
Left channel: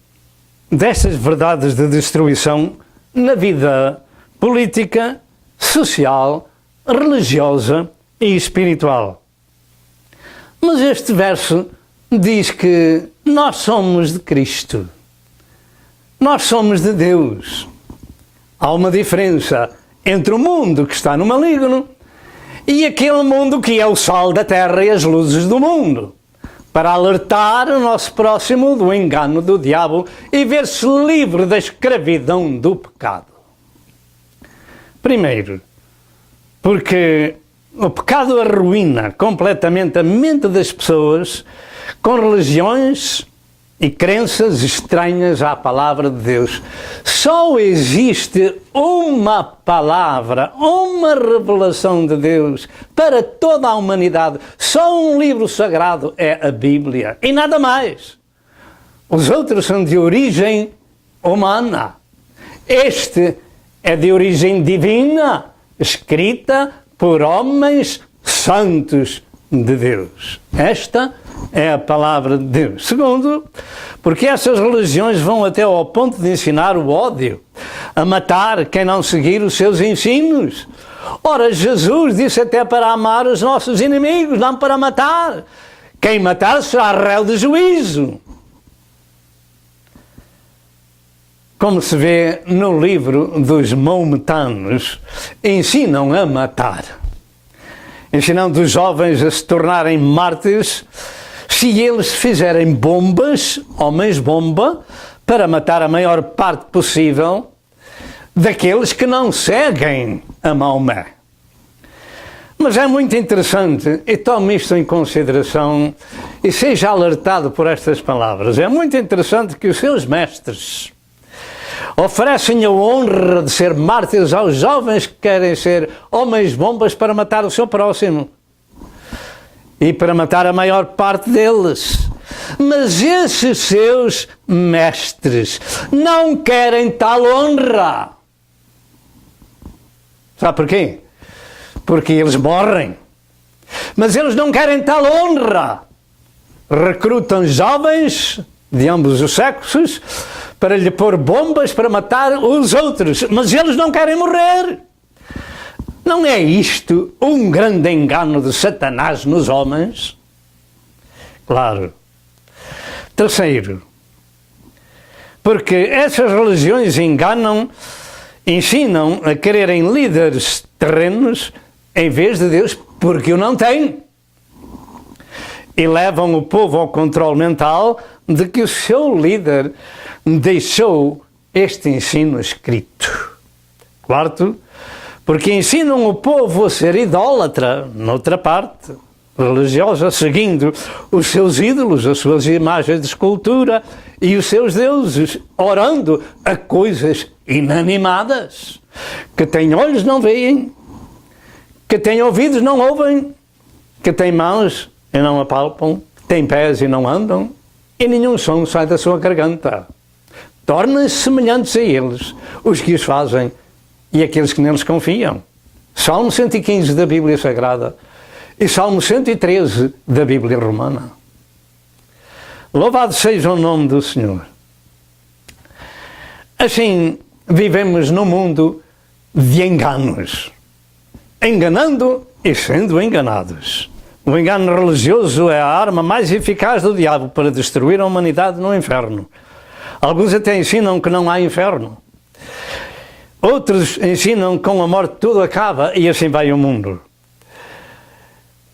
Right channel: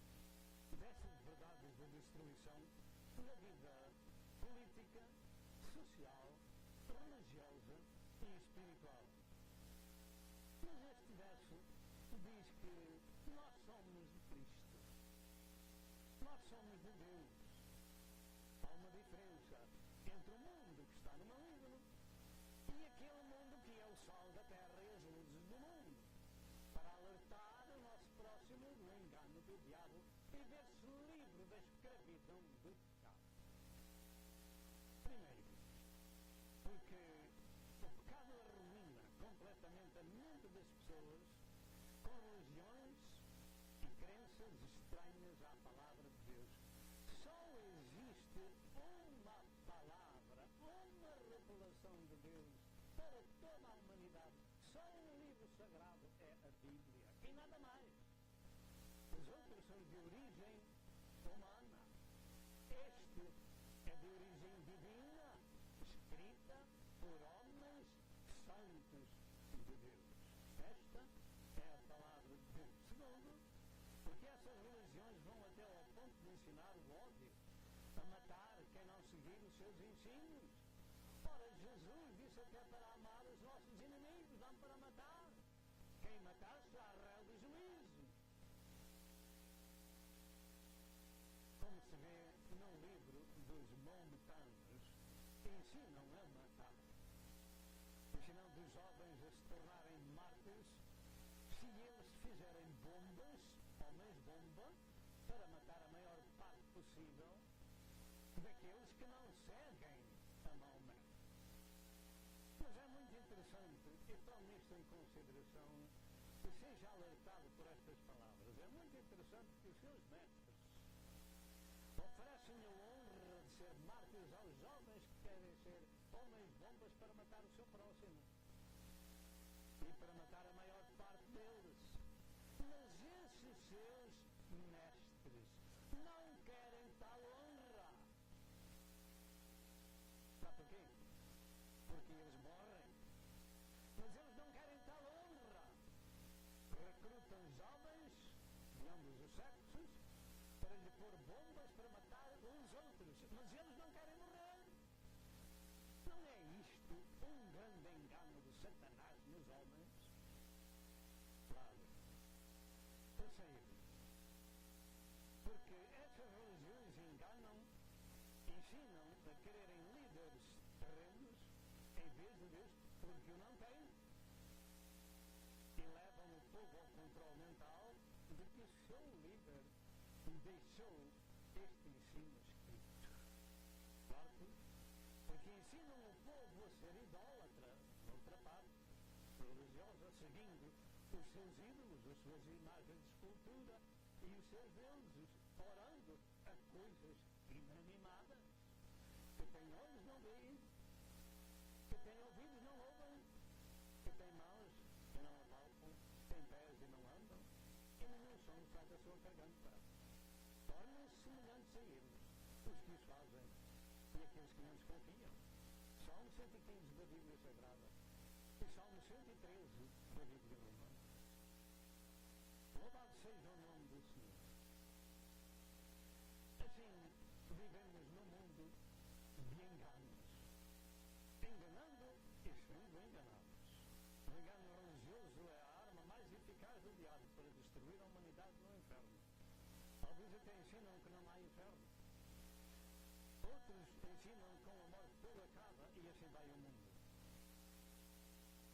destas verdades de destruição na vida política, social, religiosa e espiritual. Mas este verso diz que nós somos de Cristo. Nós somos de Deus. Há uma diferença entre o mundo que está no maligno e aquele mundo que é o sal da terra e as luzes do mundo, para alertar o nosso próximo do engano do diabo e ver-se livre da escravidão do pecado. Primeiro, porque o pecado arruína completamente a mente das pessoas com religiões e crenças estranhas à palavra de Deus. Só existe uma palavra, uma revelação de Deus para toda a humanidade. Só um livro sagrado é a Bíblia e nada mais. Os outros são de origem humana. Este é de origem divina, escrita por homens santos de Deus. Esta é a palavra de Deus. Segundo, porque essas religiões vão até ao ponto de ensinar o ódio, a matar quem não seguir os seus ensinos. Ora, Jesus disse até para amar os nossos inimigos, não para matar. Quem matar será réu de juízo. Como se vê no livro dos maometanos, ensinam a matar. Ensinando os jovens a se tornarem mártires se eles fizerem bombas, homens-bomba, para matar a maior parte possível daqueles que não seguem a Maomé. Mas é muito interessante, e tome isto em consideração e seja alertado por estas palavras. É muito interessante que os seus mestres oferecem a honra de ser mártires aos jovens que querem ser homens-bombas para matar o seu próximo e para matar a maior parte deles. Mas esses seus mestres não querem tal honra. Sabe porquê? Porque eles morrem. Mas eles não querem tal honra. Recrutam jovens de ambos os sexos para lhe pôr bombas para matar os outros. Mas eles não querem morrer. Não é isto um grande engano de Satanás nos homens? Claro. Terceiro, porque essas religiões ensinam a quererem líderes terrenos em vez de Deus, porque o não têm. E levam o povo ao controle mental de que o seu líder deixou este ensino escrito. Quarto, porque ensinam o povo a ser idólatra, noutra parte religiosa, seguindo os seus ídolos, as suas imagens de escultura e os seus deuses, orando a coisas inanimadas, que têm olhos não veem, que têm ouvidos não ouvem, que têm mãos e não apalpam, que têm pés e não andam, e nenhum som sai da sua garganta. Tornem-se semelhantes a eles, os que os fazem, e aqueles que neles confiam. Salmo 115 da Bíblia Sagrada e Salmo 113 da Bíblia Romana. Louvado seja o nome do Senhor. Assim, vivemos num mundo de enganos. Enganando e sendo enganados. O engano religioso é a arma mais eficaz do diabo para destruir a humanidade no inferno. Alguns até ensinam que não há inferno. Outros ensinam que com a morte tudo acaba e assim vai o mundo.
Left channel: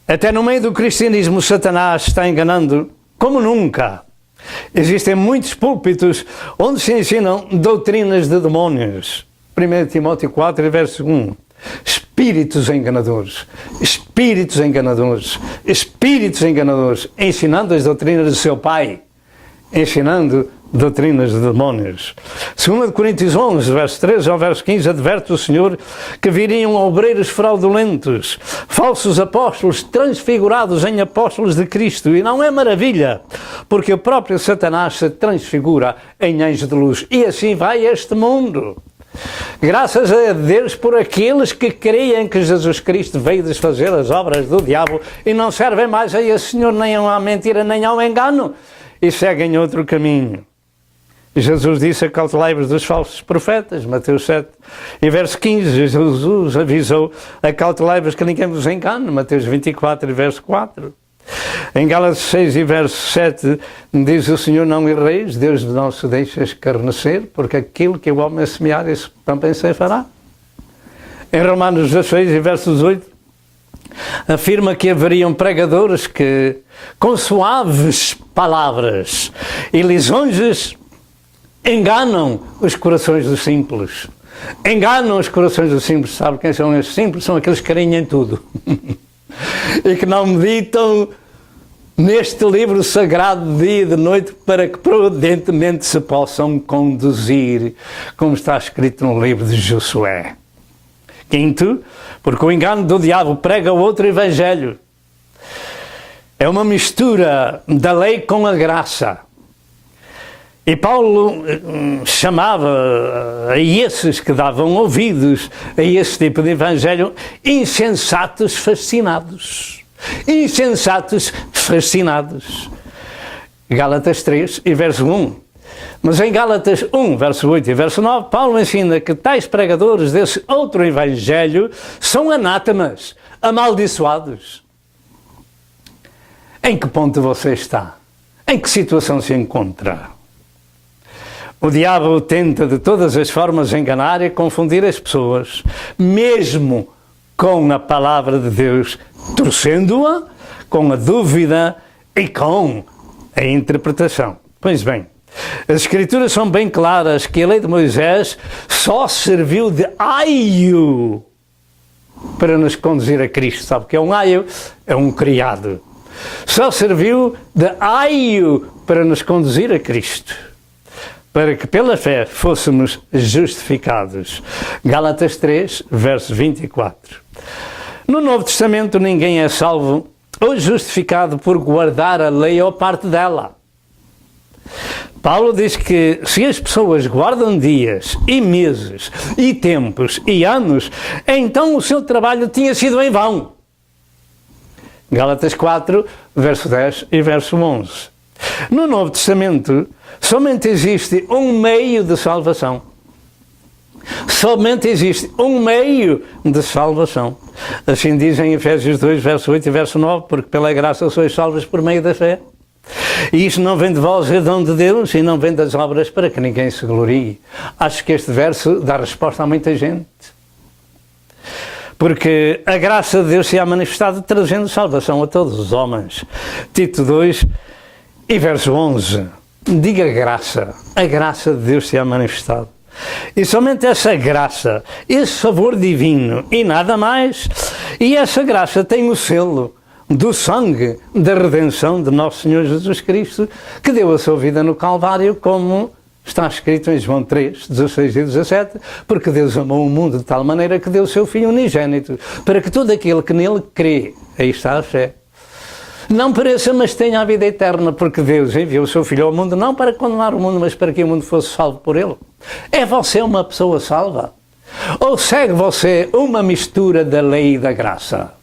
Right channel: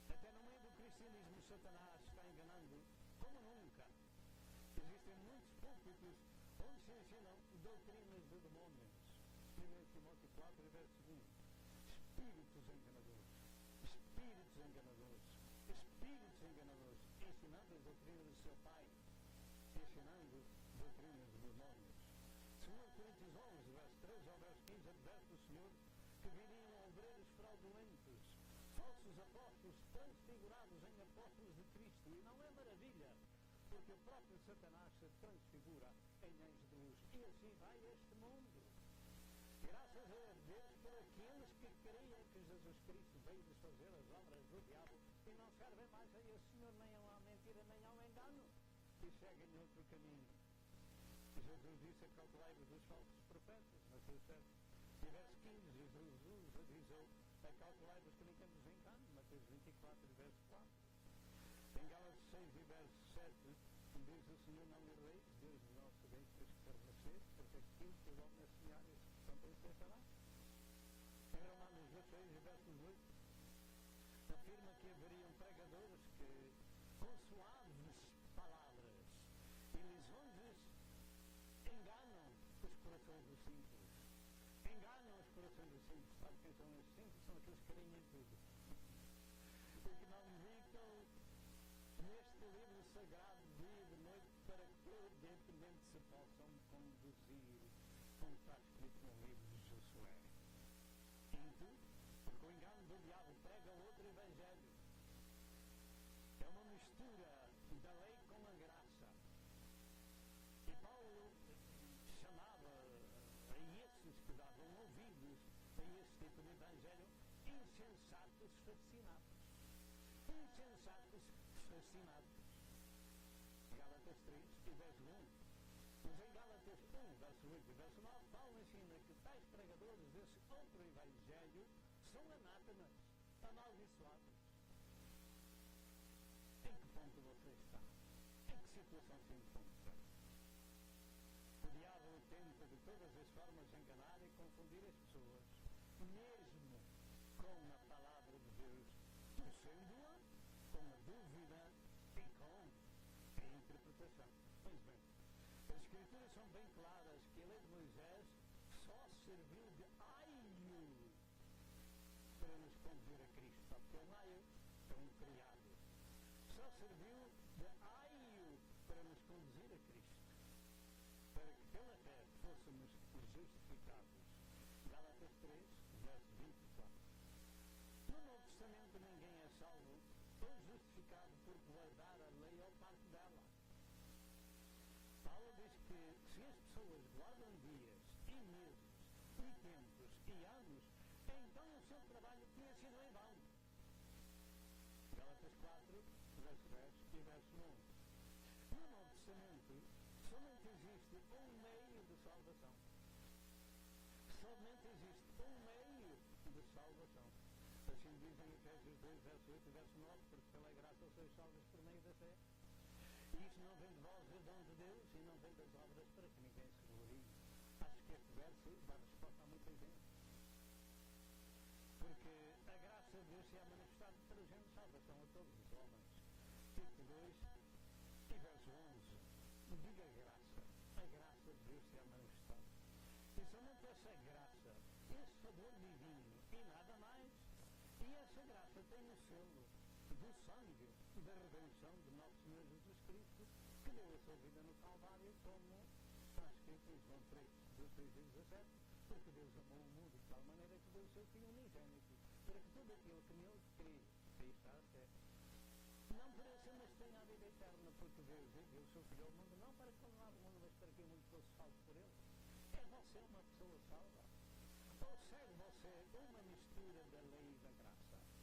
Até no meio do cristianismo, Satanás está enganando como nunca. Existem muitos púlpitos onde se ensinam doutrinas de demónios. 1 Timóteo 4, verso 1. espíritos enganadores, espíritos enganadores, espíritos enganadores, ensinando as doutrinas do seu pai, ensinando doutrinas de demónios. 2 Coríntios 11, verso 13 ao verso 15, adverte o Senhor que viriam obreiros fraudulentos, falsos apóstolos transfigurados em apóstolos de Cristo. E não é maravilha, porque o próprio Satanás se transfigura em anjo de luz. E assim vai este mundo. Graças a Deus por aqueles que creem que Jesus Cristo veio desfazer as obras do diabo e não servem mais a esse Senhor nem à mentira nem ao engano e seguem outro caminho. Jesus disse: acautelai-vos dos falsos profetas, Mateus 7 e verso 15. Jesus avisou: acautelai-vos que ninguém vos engane, Mateus 24 e verso 4. Em Gálatas 6 e verso 7 diz o Senhor: não erreis, Deus não se deixa escarnecer, porque aquilo que o homem semear, isso também se fará. Em Romanos 16 e verso 18 afirma que haveriam pregadores que, com suaves palavras e lisonjas, enganam os corações dos simples. Enganam os corações dos simples. Sabe quem são esses simples? São aqueles que creem em tudo. E que não meditam neste livro sagrado de dia e de noite para que prudentemente se possam conduzir, como está escrito no livro de Josué. Quinto, porque o engano do diabo prega outro evangelho. É uma mistura da lei com a graça. E Paulo chamava a esses que davam ouvidos a esse tipo de evangelho insensatos fascinados. Insensatos fascinados. Gálatas 3 e verso 1. Mas em Gálatas 1, verso 8 e verso 9, Paulo ensina que tais pregadores desse outro evangelho são anátemas, amaldiçoados. Em que ponto você está? Em que situação se encontra? O diabo tenta de todas as formas enganar e confundir as pessoas, mesmo com a palavra de Deus, torcendo-a com a dúvida e com a interpretação. Pois bem, as Escrituras são bem claras que a lei de Moisés só serviu de aio para nos conduzir a Cristo. Sabe o que é um aio? É um criado. Só serviu de aio para nos conduzir a Cristo, para que pela fé fôssemos justificados. Gálatas 3, verso 24. No Novo Testamento ninguém é salvo ou justificado por guardar a lei ou parte dela. Paulo diz que se as pessoas guardam dias e meses e tempos e anos, então o seu trabalho tinha sido em vão. Gálatas 4, verso 10 e verso 11. No Novo Testamento, somente existe um meio de salvação. Somente existe um meio de salvação. Assim diz em Efésios 2, verso 8 e verso 9, porque pela graça sois salvos por meio da fé. E isso não vem de vós, é dom de Deus, e não vem das obras para que ninguém se glorie. Acho que este verso dá resposta a muita gente. Porque a graça de Deus se há manifestado trazendo salvação a todos os homens. Tito 2 e verso 11. Diga graça. A graça de Deus se há manifestado. E somente essa graça, esse favor divino e nada mais. E essa graça tem o selo do sangue da redenção de nosso Senhor Jesus Cristo, que deu a sua vida no Calvário, como está escrito em João 3, 16 e 17, porque Deus amou o mundo de tal maneira que deu o seu Filho unigênito, para que todo aquele que nele crê, aí está a fé, não pereça, mas tenha a vida eterna, porque Deus enviou o seu Filho ao mundo, não para condenar o mundo, mas para que o mundo fosse salvo por ele. É você uma pessoa salva? Ou segue você uma mistura da lei e da graça?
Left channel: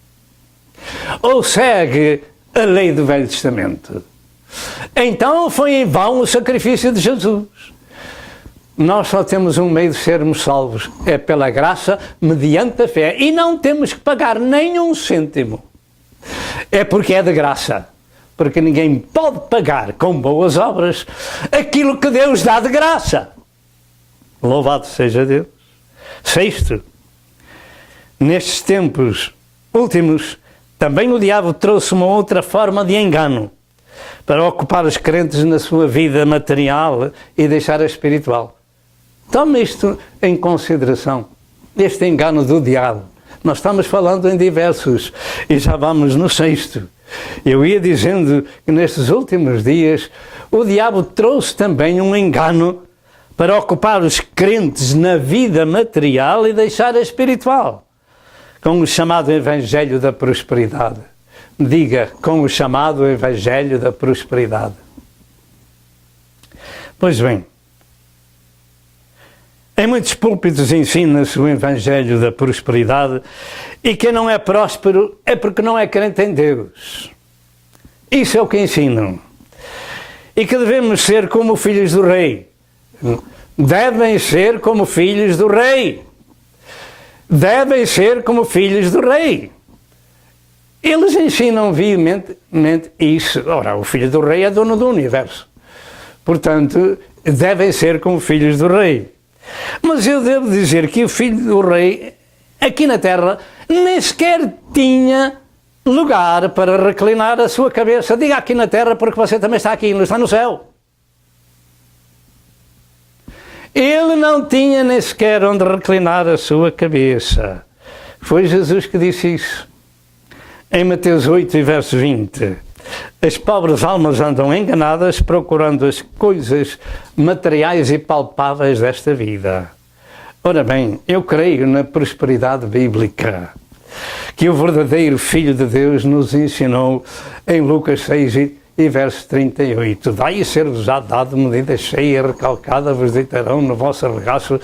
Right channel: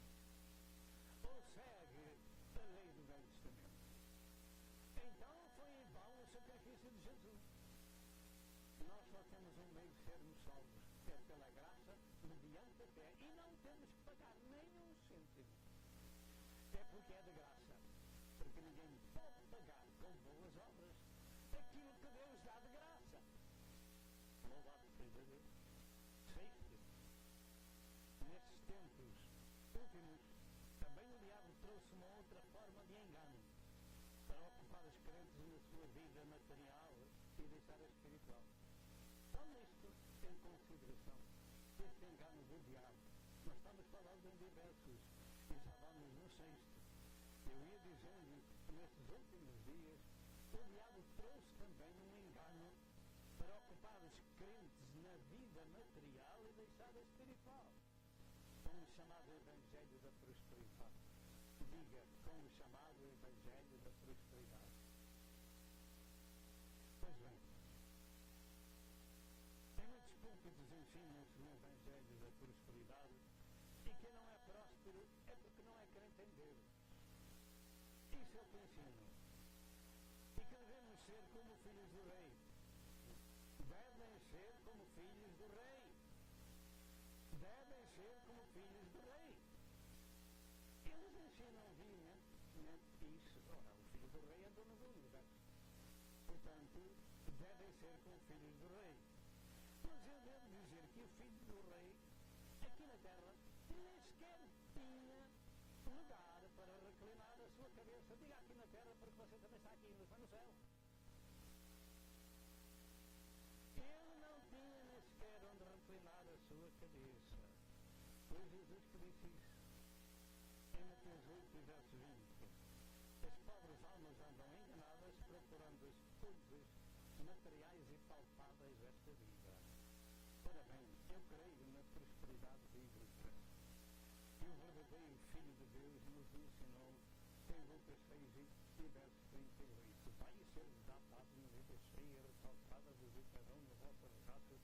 Ou segue a lei do Velho Testamento? Então foi em vão o sacrifício de Jesus. Nós só temos um meio de sermos salvos, é pela graça, mediante a fé, e não temos que pagar nem um cêntimo. É porque é de graça, porque ninguém pode pagar com boas obras aquilo que Deus dá de graça. Louvado seja Deus. Sexto, nestes tempos últimos, também o diabo trouxe uma outra forma de engano para ocupar os crentes na sua vida material e deixar a espiritual. Tome isto em consideração, este engano do diabo. Nós estamos falando em diversos e já vamos no 6º. Eu ia dizendo que nestes últimos dias o diabo trouxe também um engano para ocupar os crentes na vida material e deixar a espiritual, com o chamado Evangelho da Prosperidade. Diga, com o chamado Evangelho da Prosperidade. Pois bem, em muitos púlpitos ensina-se o Evangelho da Prosperidade e quem não é próspero é porque não é crente em Deus. Isso é o que ensinam. E que devemos ser como filhos do Rei. Devem ser como filhos do Rei. Devem ser como filhos do Rei. Eles ensinam veementemente isso. Ora, o filho do Rei é dono do universo. Portanto, devem ser como filhos do Rei. Mas eu devo dizer que o filho do Rei, aqui na Terra, nem sequer tinha lugar para reclinar a sua cabeça. Diga aqui na Terra, porque você também está aqui, não está no céu. Ele não tinha nem sequer onde reclinar a sua cabeça. Foi Jesus que disse isso. Em Mateus 8, verso 20. As pobres almas andam enganadas procurando as coisas materiais e palpáveis desta vida. Ora bem, eu creio na prosperidade bíblica que o verdadeiro Filho de Deus nos ensinou em Lucas 6 e verso 38. Dai e ser-vos já dado medida cheia e recalcada vos deitarão no vosso regaço,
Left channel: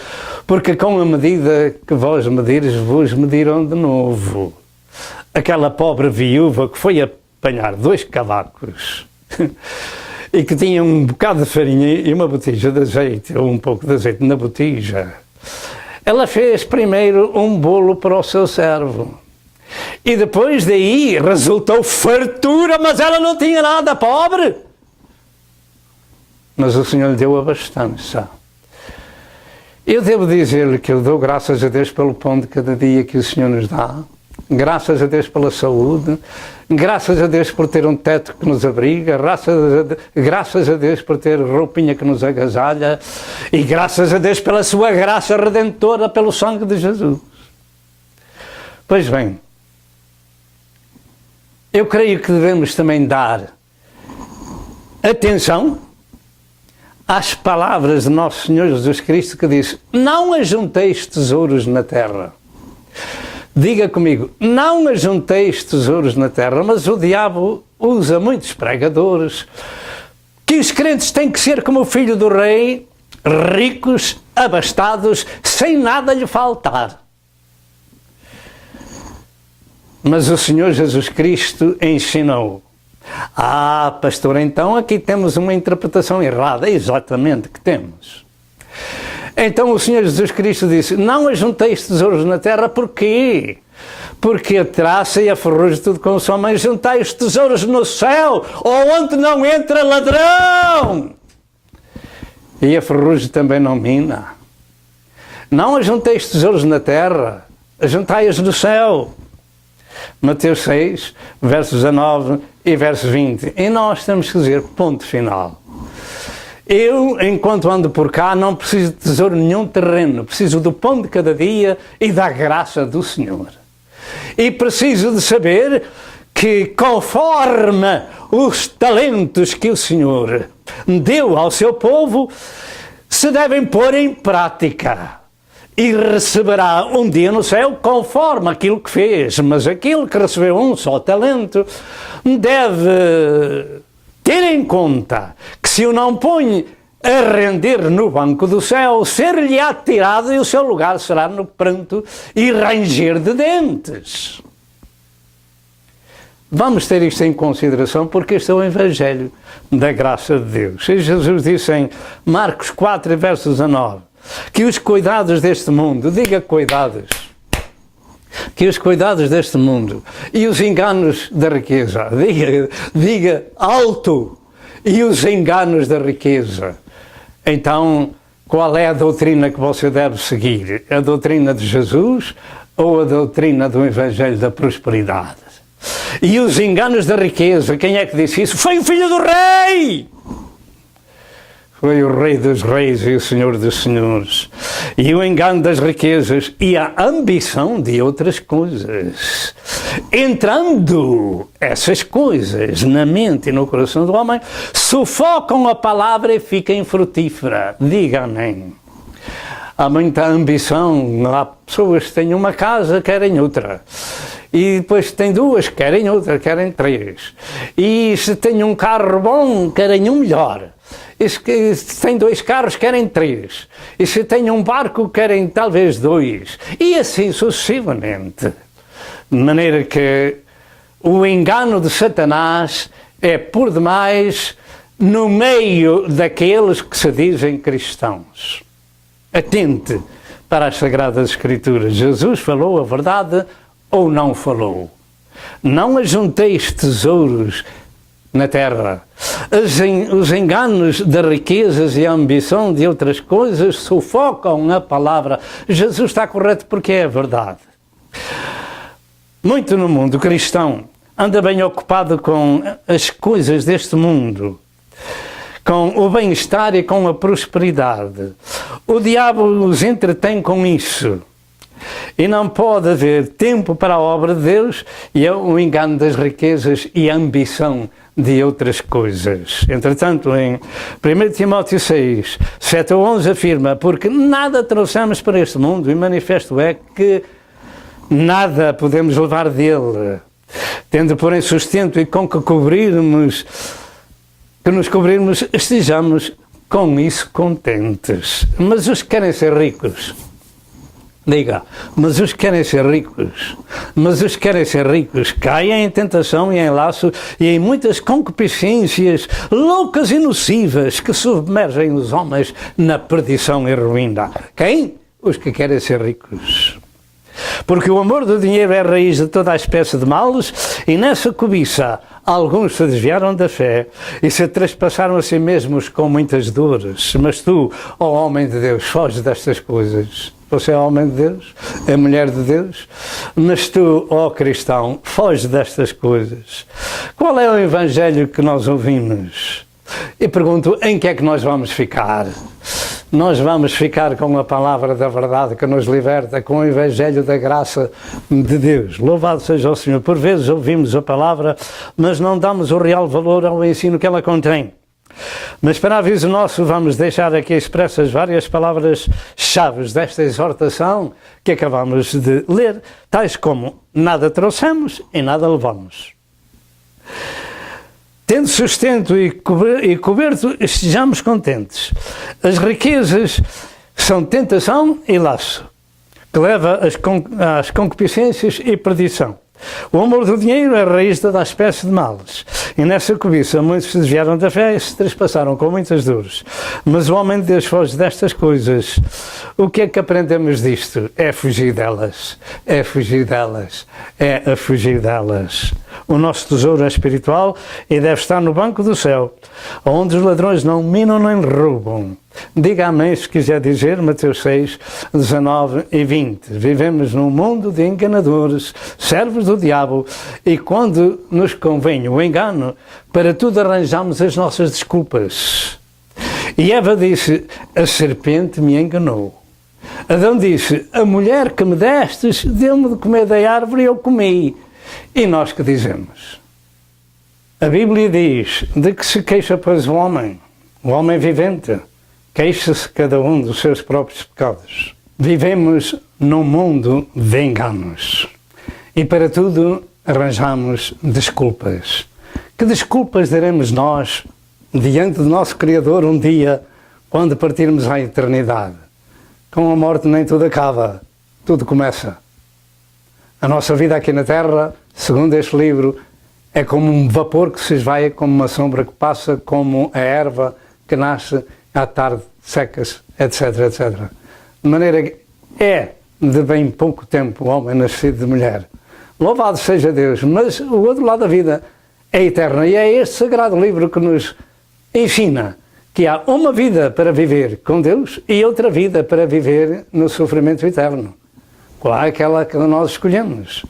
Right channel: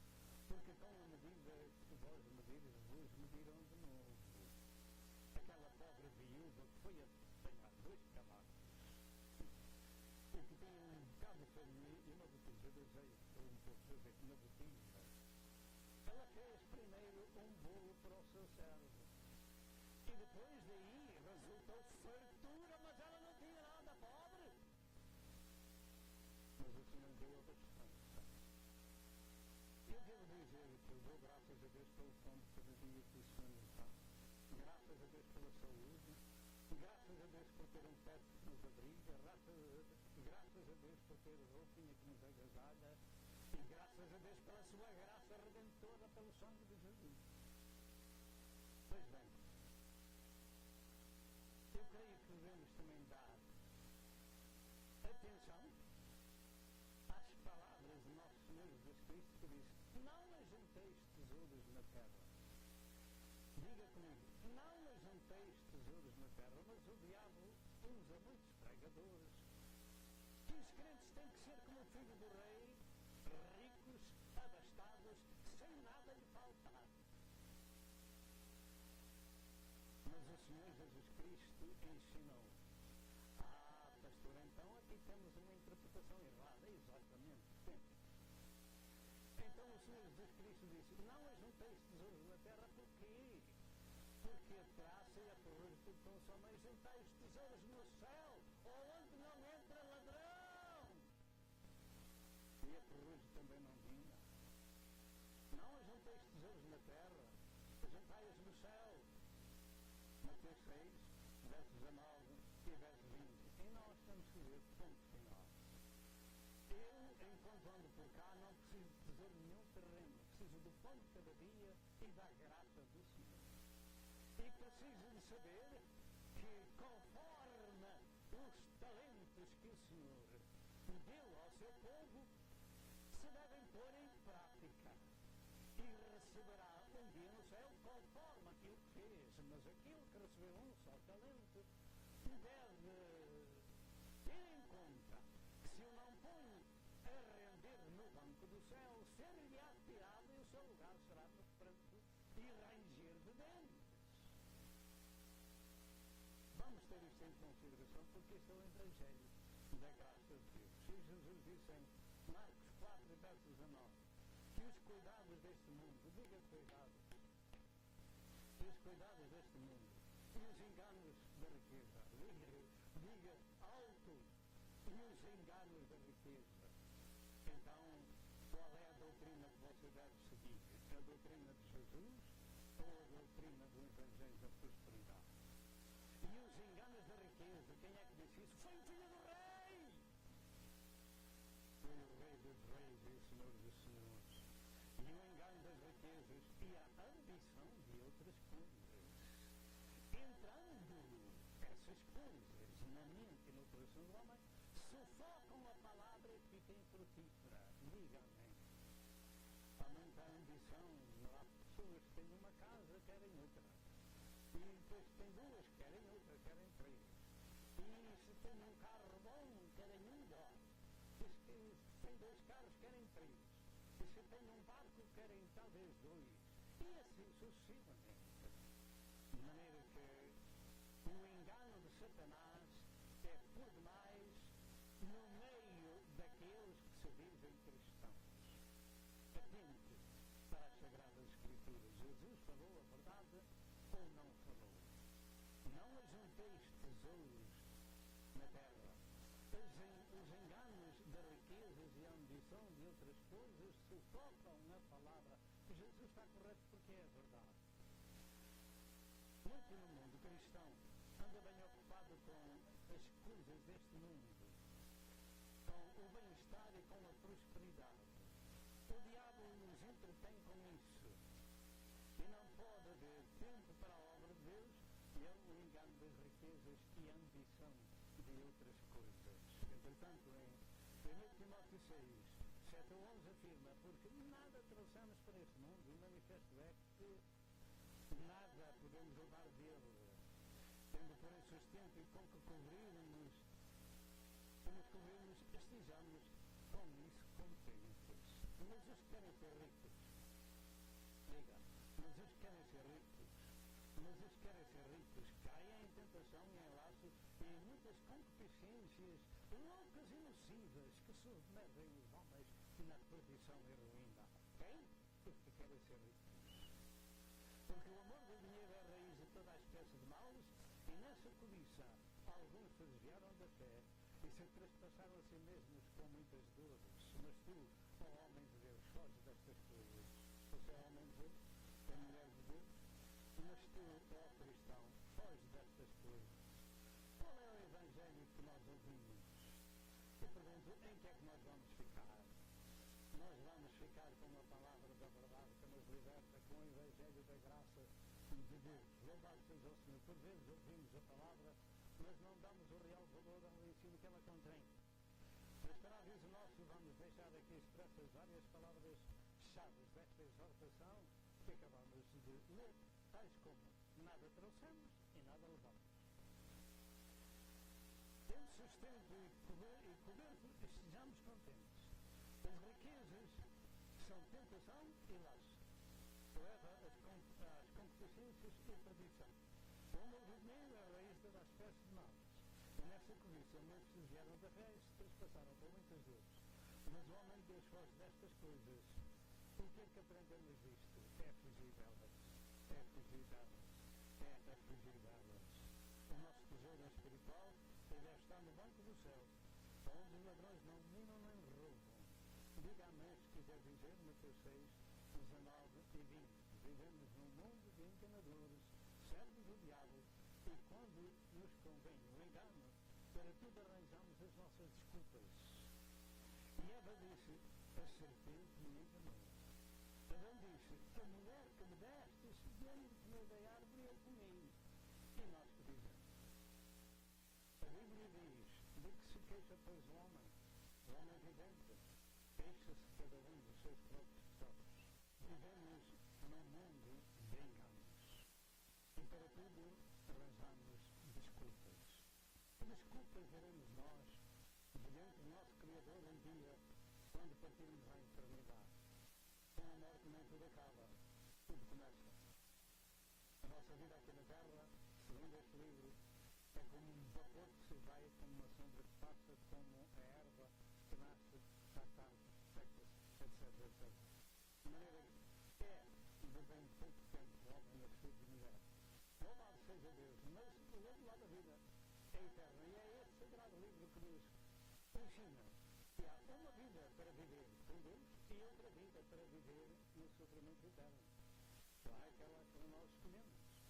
porque com a medida que vós medires, vos medirão de novo. Aquela pobre viúva que foi apanhar 2 cavacos e que tinha um bocado de farinha e uma botija de azeite, ou um pouco de azeite na botija, ela fez primeiro um bolo para o seu servo. E depois daí resultou fartura, mas ela não tinha nada, pobre. Mas o Senhor lhe deu abastança. Eu devo dizer-lhe que eu dou graças a Deus pelo pão de cada dia que o Senhor nos dá. Graças a Deus pela saúde. Graças a Deus por ter um teto que nos abriga. Graças a Deus por ter roupinha que nos agasalha. E graças a Deus pela sua graça redentora, pelo sangue de Jesus. Pois bem, eu creio que devemos também dar atenção às palavras de nosso Senhor Jesus Cristo que diz: não ajunteis tesouros na terra. Diga comigo, não ajunteis tesouros na terra, mas o diabo usa muitos pregadores que os crentes têm que ser como o filho do rei, ricos, abastados, sem nada lhe faltar. Mas o Senhor Jesus Cristo ensinou. Ah, pastor, então aqui temos uma interpretação errada. É exatamente que temos. Então o Senhor Jesus Cristo disse: não ajunteis tesouros na terra, porquê? Porque a traça e a ferrugem tudo consomem. Juntai os tesouros no céu, onde não entra ladrão. E a ferrugem também não mina. Não ajunteis tesouros na terra, ajuntai-os no céu. Mateus 6, versos 19 e verso 20. E nós temos que dizer, ponto final. Eu, enquanto ando por cá, não preciso de tesouro nenhum terreno. Preciso do pão de cada dia e da graça do Senhor. E preciso de saber que, conforme os talentos que o Senhor deu ao seu povo, se devem pôr em prática. E receberá um dia no céu conforme aquilo que fez. Mas aquele que recebeu um só talento deve ter em conta que se o não põe a render no banco do céu, ser-lhe-á tirado e o seu lugar será no pranto e ranger de dentes. Vamos ter isto em consideração porque este é o Evangelho da graça de Deus. E Jesus disse em Marcos 4, verso 19, que os cuidados deste mundo, diga cuidados, que os cuidados deste mundo e os enganos da riqueza, diga alto, e os enganos da riqueza. Então, qual é a doutrina que você deve seguir? A doutrina de Jesus ou a doutrina do Evangelho da prosperidade? E os enganos da riqueza, quem é que disse isso? Foi o Filho do Rei! foi o Rei dos Reis e o Senhor dos Senhores. E o engano das riquezas e a ambição de outras coisas. Entrando essas coisas na mente e no coração do homem, sufocam a palavra e fica infrutífera. Diga amém. Há muita ambição, há pessoas que têm uma casa, querem outra. E depois têm duas, querem outra, querem três. E se têm um carro bom, querem um melhor. E se têm dois carros, querem três. E se têm um barco, querem talvez dois. E assim sucessivamente. De maneira que o engano de Satanás é por demais no meio daqueles que se dizem cristãos. Atente para as Sagradas Escrituras. Jesus falou a verdade ou não falou? Não ajunteis tesouros na terra. Os enganos de riquezas e a ambição de outras coisas sufocam a palavra. Jesus está correto porque é a verdade. Muito no mundo cristão anda bem ocupado com as coisas deste mundo, com o bem-estar e com a prosperidade. O diabo os entretém com isso. E não pode haver tempo para a obra de Deus e é o engano das riquezas e a ambição de outras coisas. Entretanto, em 1 Timóteo 6, 7 a 11 afirma: porque nada trouxemos para este mundo e manifesto é que nada podemos levar dele, tendo porém sustento e com que nos cobrirmos, estejamos com isso contentes. Mas os que querem ser ricos, diga, mas os que querem ser ricos, caem em tentação e em laço e em muitas concupiscências loucas e nocivas que submergem os homens na perdição e ruína. Quem? Os que querem ser ricos. Porque o amor do dinheiro é a raiz de toda a espécie de males, e nessa cobiça alguns se desviaram da fé e se trespassaram a si mesmos com muitas dores. Mas tu, ó homem de Deus, foge destas coisas. Você é homem de Deus, é mulher de Deus, mas tu, ó cristão, foge destas coisas. Qual é o evangelho que nós ouvimos? E pergunto, em que é que nós vamos ficar? Nós vamos ficar com a palavra da verdade que nos liberta, com o evangelho da graça de Deus. Louvado seja o Senhor. Por vezes ouvimos a palavra, mas não damos o real valor ao ensino que ela contém. Mas para aviso nosso, vamos deixar aqui expressas várias palavras-chave desta exortação que acabamos de ler, tais como: nada trouxemos e nada levamos. Tendo sustento e coberto, estejamos contentes. As riquezas são tentação e laço, que leva às concupiscências e perdição. O amor do dinheiro é a raiz de toda a espécie de males. E nessa cobiça muitos se desviaram da fé e se trespassaram com muitas dores. Mas o homem de Deus foge destas coisas. O que é que aprendemos disto? É fugir delas. É fugir delas. É a fugir delas. O nosso tesouro é espiritual e deve estar no banco do céu, onde os ladrões não minam nem roubam. Diga amém se quiser dizer, Mateus 6, 19 e 20. Vivemos num mundo de enganadores, servos do diabo, e quando nos convém o engano, para tudo arranjamos as nossas desculpas. E Eva disse: a serpente me enganou. Adão disse: a mulher que me destes deu-me de comer da árvore e eu comi. E nós que dizemos? A Bíblia diz: de que se queixa, pois, o homem vivente? Queixa-se cada um dos seus próprios pecados. Vivemos num mundo de enganos. E para tudo arranjamos desculpas. Que desculpas daremos nós diante do nosso Criador um dia, quando partirmos à eternidade? Com a morte nem tudo acaba, tudo começa. A nossa vida aqui na Terra, segundo este livro, é como um vapor que se esvai, como uma sombra que passa, como a erva que nasce à tarde, seca-se, etc, etc. De maneira que é de bem pouco tempo o homem nascido de mulher. Louvado seja Deus, mas o outro lado da vida é eterno, e é este sagrado livro que nos ensina que há uma vida para viver com Deus e outra vida para viver no sofrimento eterno. Qual é aquela que nós escolhemos?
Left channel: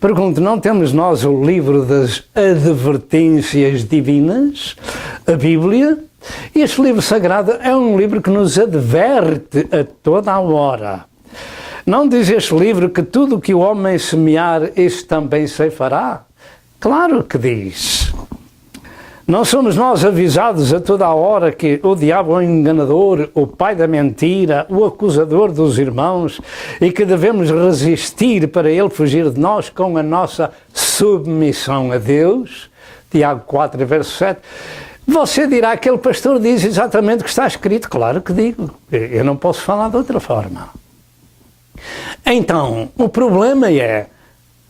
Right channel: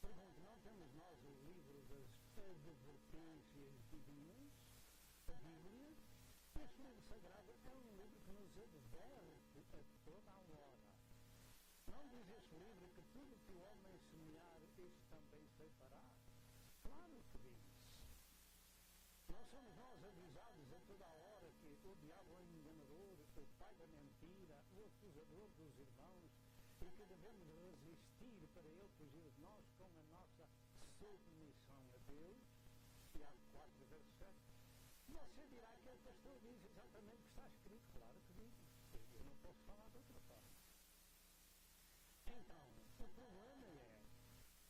Pergunto, não temos nós o livro das advertências divinas, a Bíblia? Este livro sagrado é um livro que nos adverte a toda a hora. Não diz este livro que tudo o que o homem semear, isso também ceifará? Claro que diz. Não somos nós avisados a toda a hora que o diabo é o enganador, o pai da mentira, o acusador dos irmãos e que devemos resistir para ele fugir de nós com a nossa submissão a Deus? Tiago 4, verso 7. Você dirá, aquele pastor diz exatamente o que está escrito. Claro que digo. Eu não posso falar de outra forma. Então, o problema é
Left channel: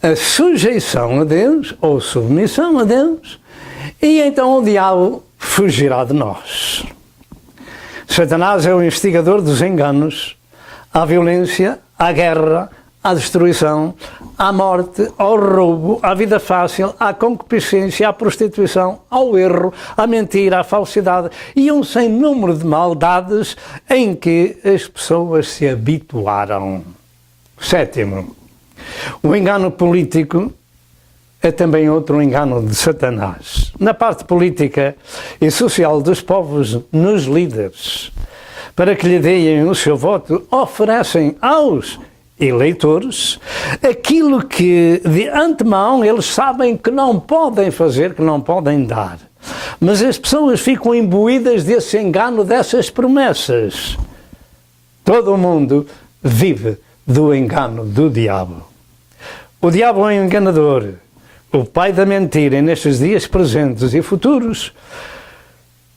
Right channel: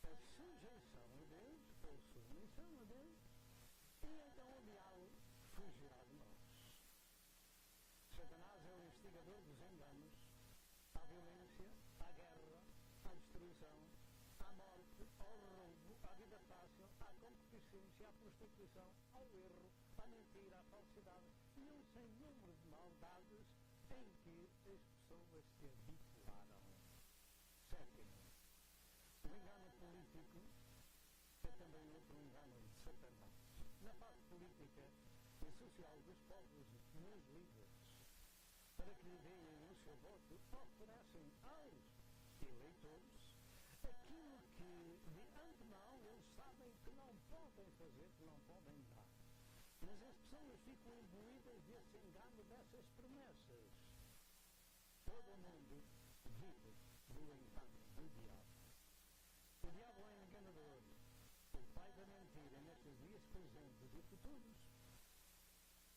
a sujeição a Deus, ou submissão a Deus, e então o diabo fugirá de nós. Satanás é o instigador dos enganos, à violência, à guerra, à destruição, à morte, ao roubo, à vida fácil, à concupiscência, à prostituição, ao erro, à mentira, à falsidade e um sem número de maldades em que as pessoas se habituaram. Sétimo, o engano político é também outro engano de Satanás. Na parte política e social dos povos, nos líderes, para que lhe deem o seu voto, oferecem aos eleitores aquilo que de antemão eles sabem que não podem fazer, que não podem dar. Mas as pessoas ficam imbuídas desse engano, dessas promessas. Todo o mundo vive do engano do diabo. O diabo é um enganador, o pai da mentira, e nestes dias presentes e futuros,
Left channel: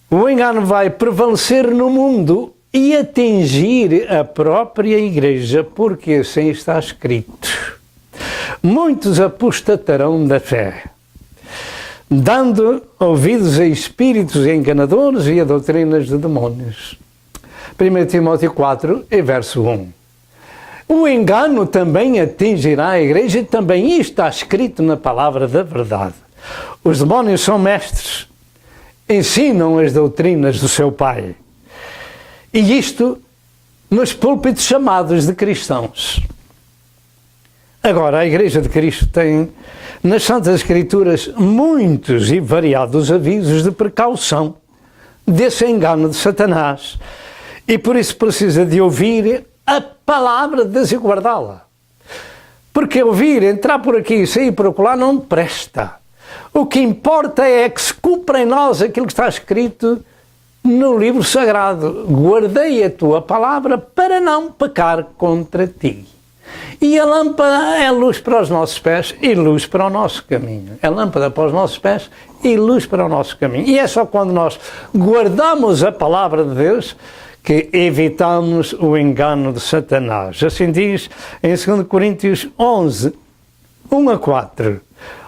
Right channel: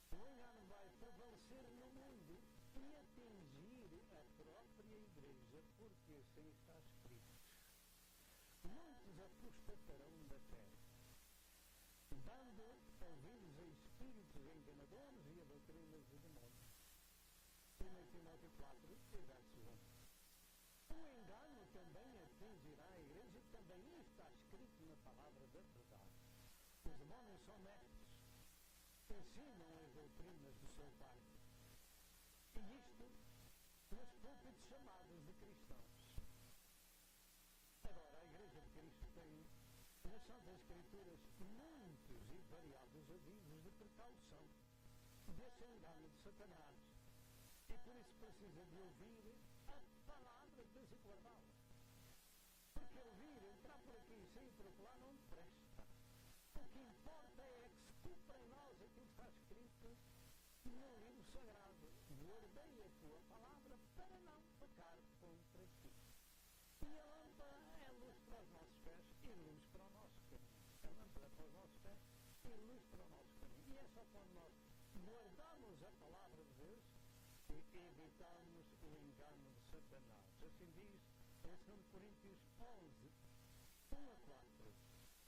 o engano vai prevalecer no mundo e atingir a própria igreja, porque assim está escrito. Muitos apostatarão da fé, dando ouvidos a espíritos enganadores e a doutrinas de demónios. 1 Timóteo 4, verso 1. O engano também atingirá a igreja e também isto está escrito na palavra da verdade. Os demónios são mestres, ensinam as doutrinas do seu pai. E isto nos púlpitos chamados de cristãos. Agora, a Igreja de Cristo tem nas Santas Escrituras muitos e variados avisos de precaução desse engano de Satanás. E por isso precisa de ouvir a palavra de Deus e guardá-la. Porque ouvir, entrar por aqui e sair por acolá não presta. O que importa é que se cumpra em nós aquilo que está escrito no livro sagrado. Guardei a tua palavra para não pecar contra ti. E a lâmpada é luz para os nossos pés e luz para o nosso caminho. É lâmpada para os nossos pés e luz para o nosso caminho. E é só quando nós guardamos a palavra de Deus que evitamos o engano de Satanás. Assim diz em 2 Coríntios 11, 1 a 4.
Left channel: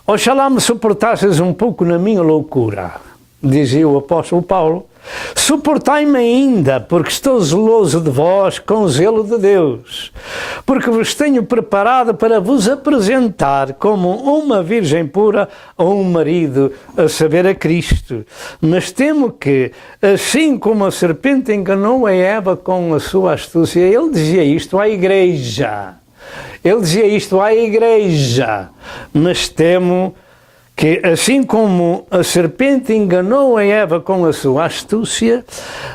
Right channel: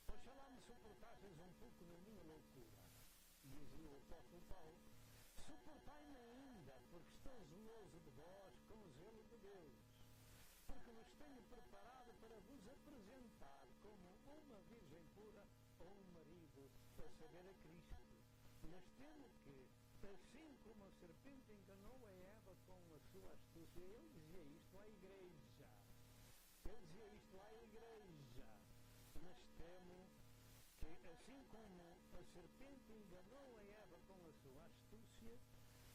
Oxalá me suportasses um pouco na minha loucura, dizia o apóstolo Paulo. Suportai-me ainda, porque estou zeloso de vós com o zelo de Deus, porque vos tenho preparado para vos apresentar como uma virgem pura a um marido, a saber, a Cristo. Mas temo que, assim como a serpente enganou a Eva com a sua astúcia, ele dizia isto à igreja. Ele dizia isto à igreja, mas temo que, assim como a serpente enganou a Eva com a sua astúcia,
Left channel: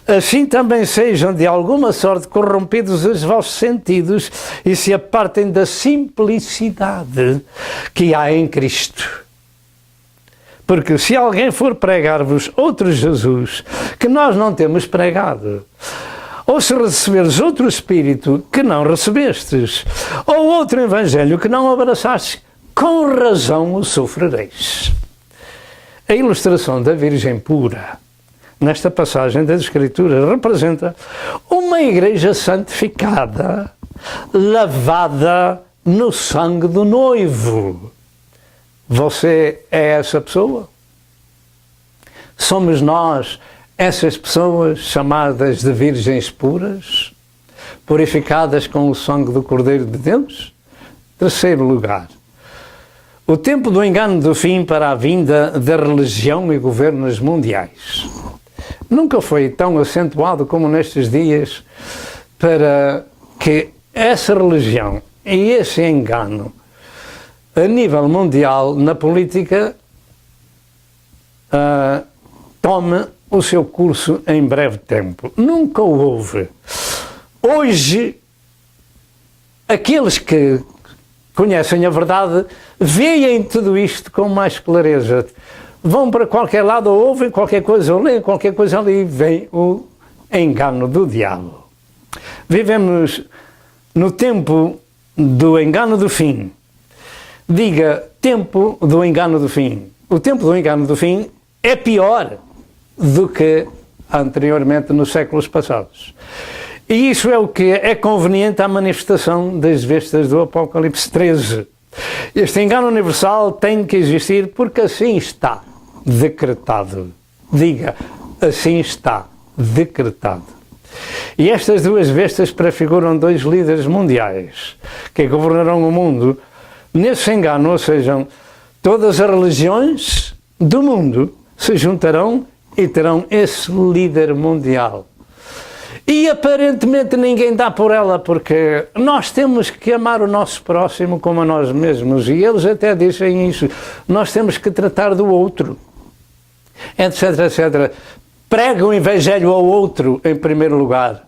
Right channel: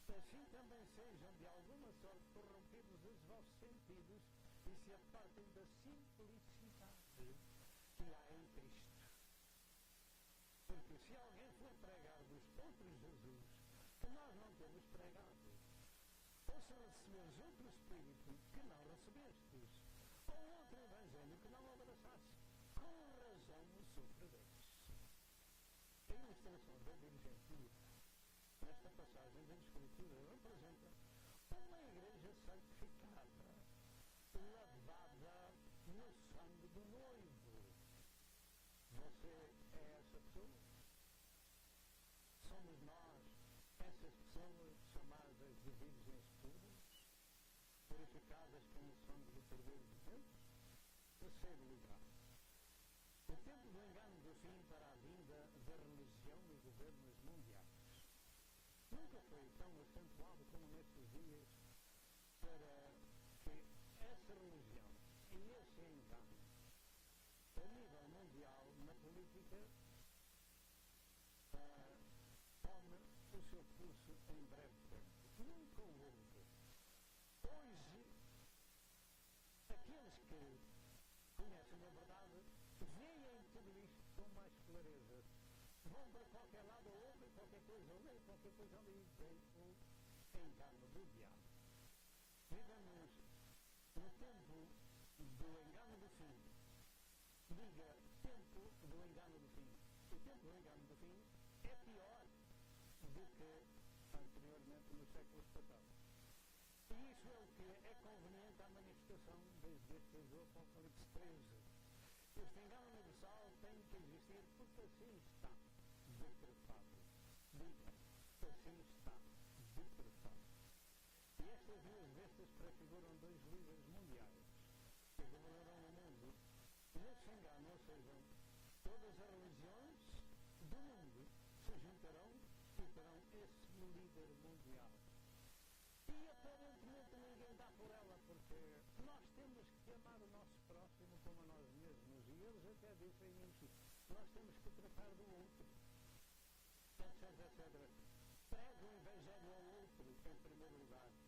assim também sejam de alguma sorte corrompidos os vossos sentidos e se apartem da simplicidade que há em Cristo. Porque se alguém for pregar-vos outro Jesus, que nós não temos pregado, ou se receberes outro Espírito que não recebestes, ou outro Evangelho que não abraçastes, com razão o sofrereis. A ilustração da Virgem pura, nesta passagem das Escrituras, representa uma igreja santificada, lavada no sangue do noivo. Você é essa pessoa? Somos nós essas pessoas chamadas de virgens puras, purificadas com o sangue do Cordeiro de Deus? Terceiro lugar, o tempo do engano do fim para a vinda da religião e governos mundiais. Nunca foi tão acentuado como nestes dias para que essa religião e esse engano a nível mundial na política tome o seu curso em breve tempo. Nunca o houve. Hoje, aqueles que conhecem a verdade veem tudo isto com mais clareza. Vão para qualquer lado, ou ouvem qualquer coisa, ou leem qualquer coisa ali, e vem o engano do diabo. Vivemos no tempo do engano do fim. Diga, tempo do engano do fim. O tempo do engano do fim é pior do que anteriormente nos séculos passados. E isso é o que é conveniente à manifestação das bestas do Apocalipse 13. Este engano universal tem que existir porque assim está decretado. Diga, assim está decretado. E estas duas bestas prefiguram dois líderes mundiais que governarão o mundo nesse engano, ou seja, todas as religiões do mundo se juntarão e terão esse líder mundial. E aparentemente ninguém dá por ela, porque nós temos que amar o nosso próximo como a nós mesmos, e eles até dizem isso, nós temos que tratar do outro, etc, etc. Prega o evangelho ao outro em primeiro lugar,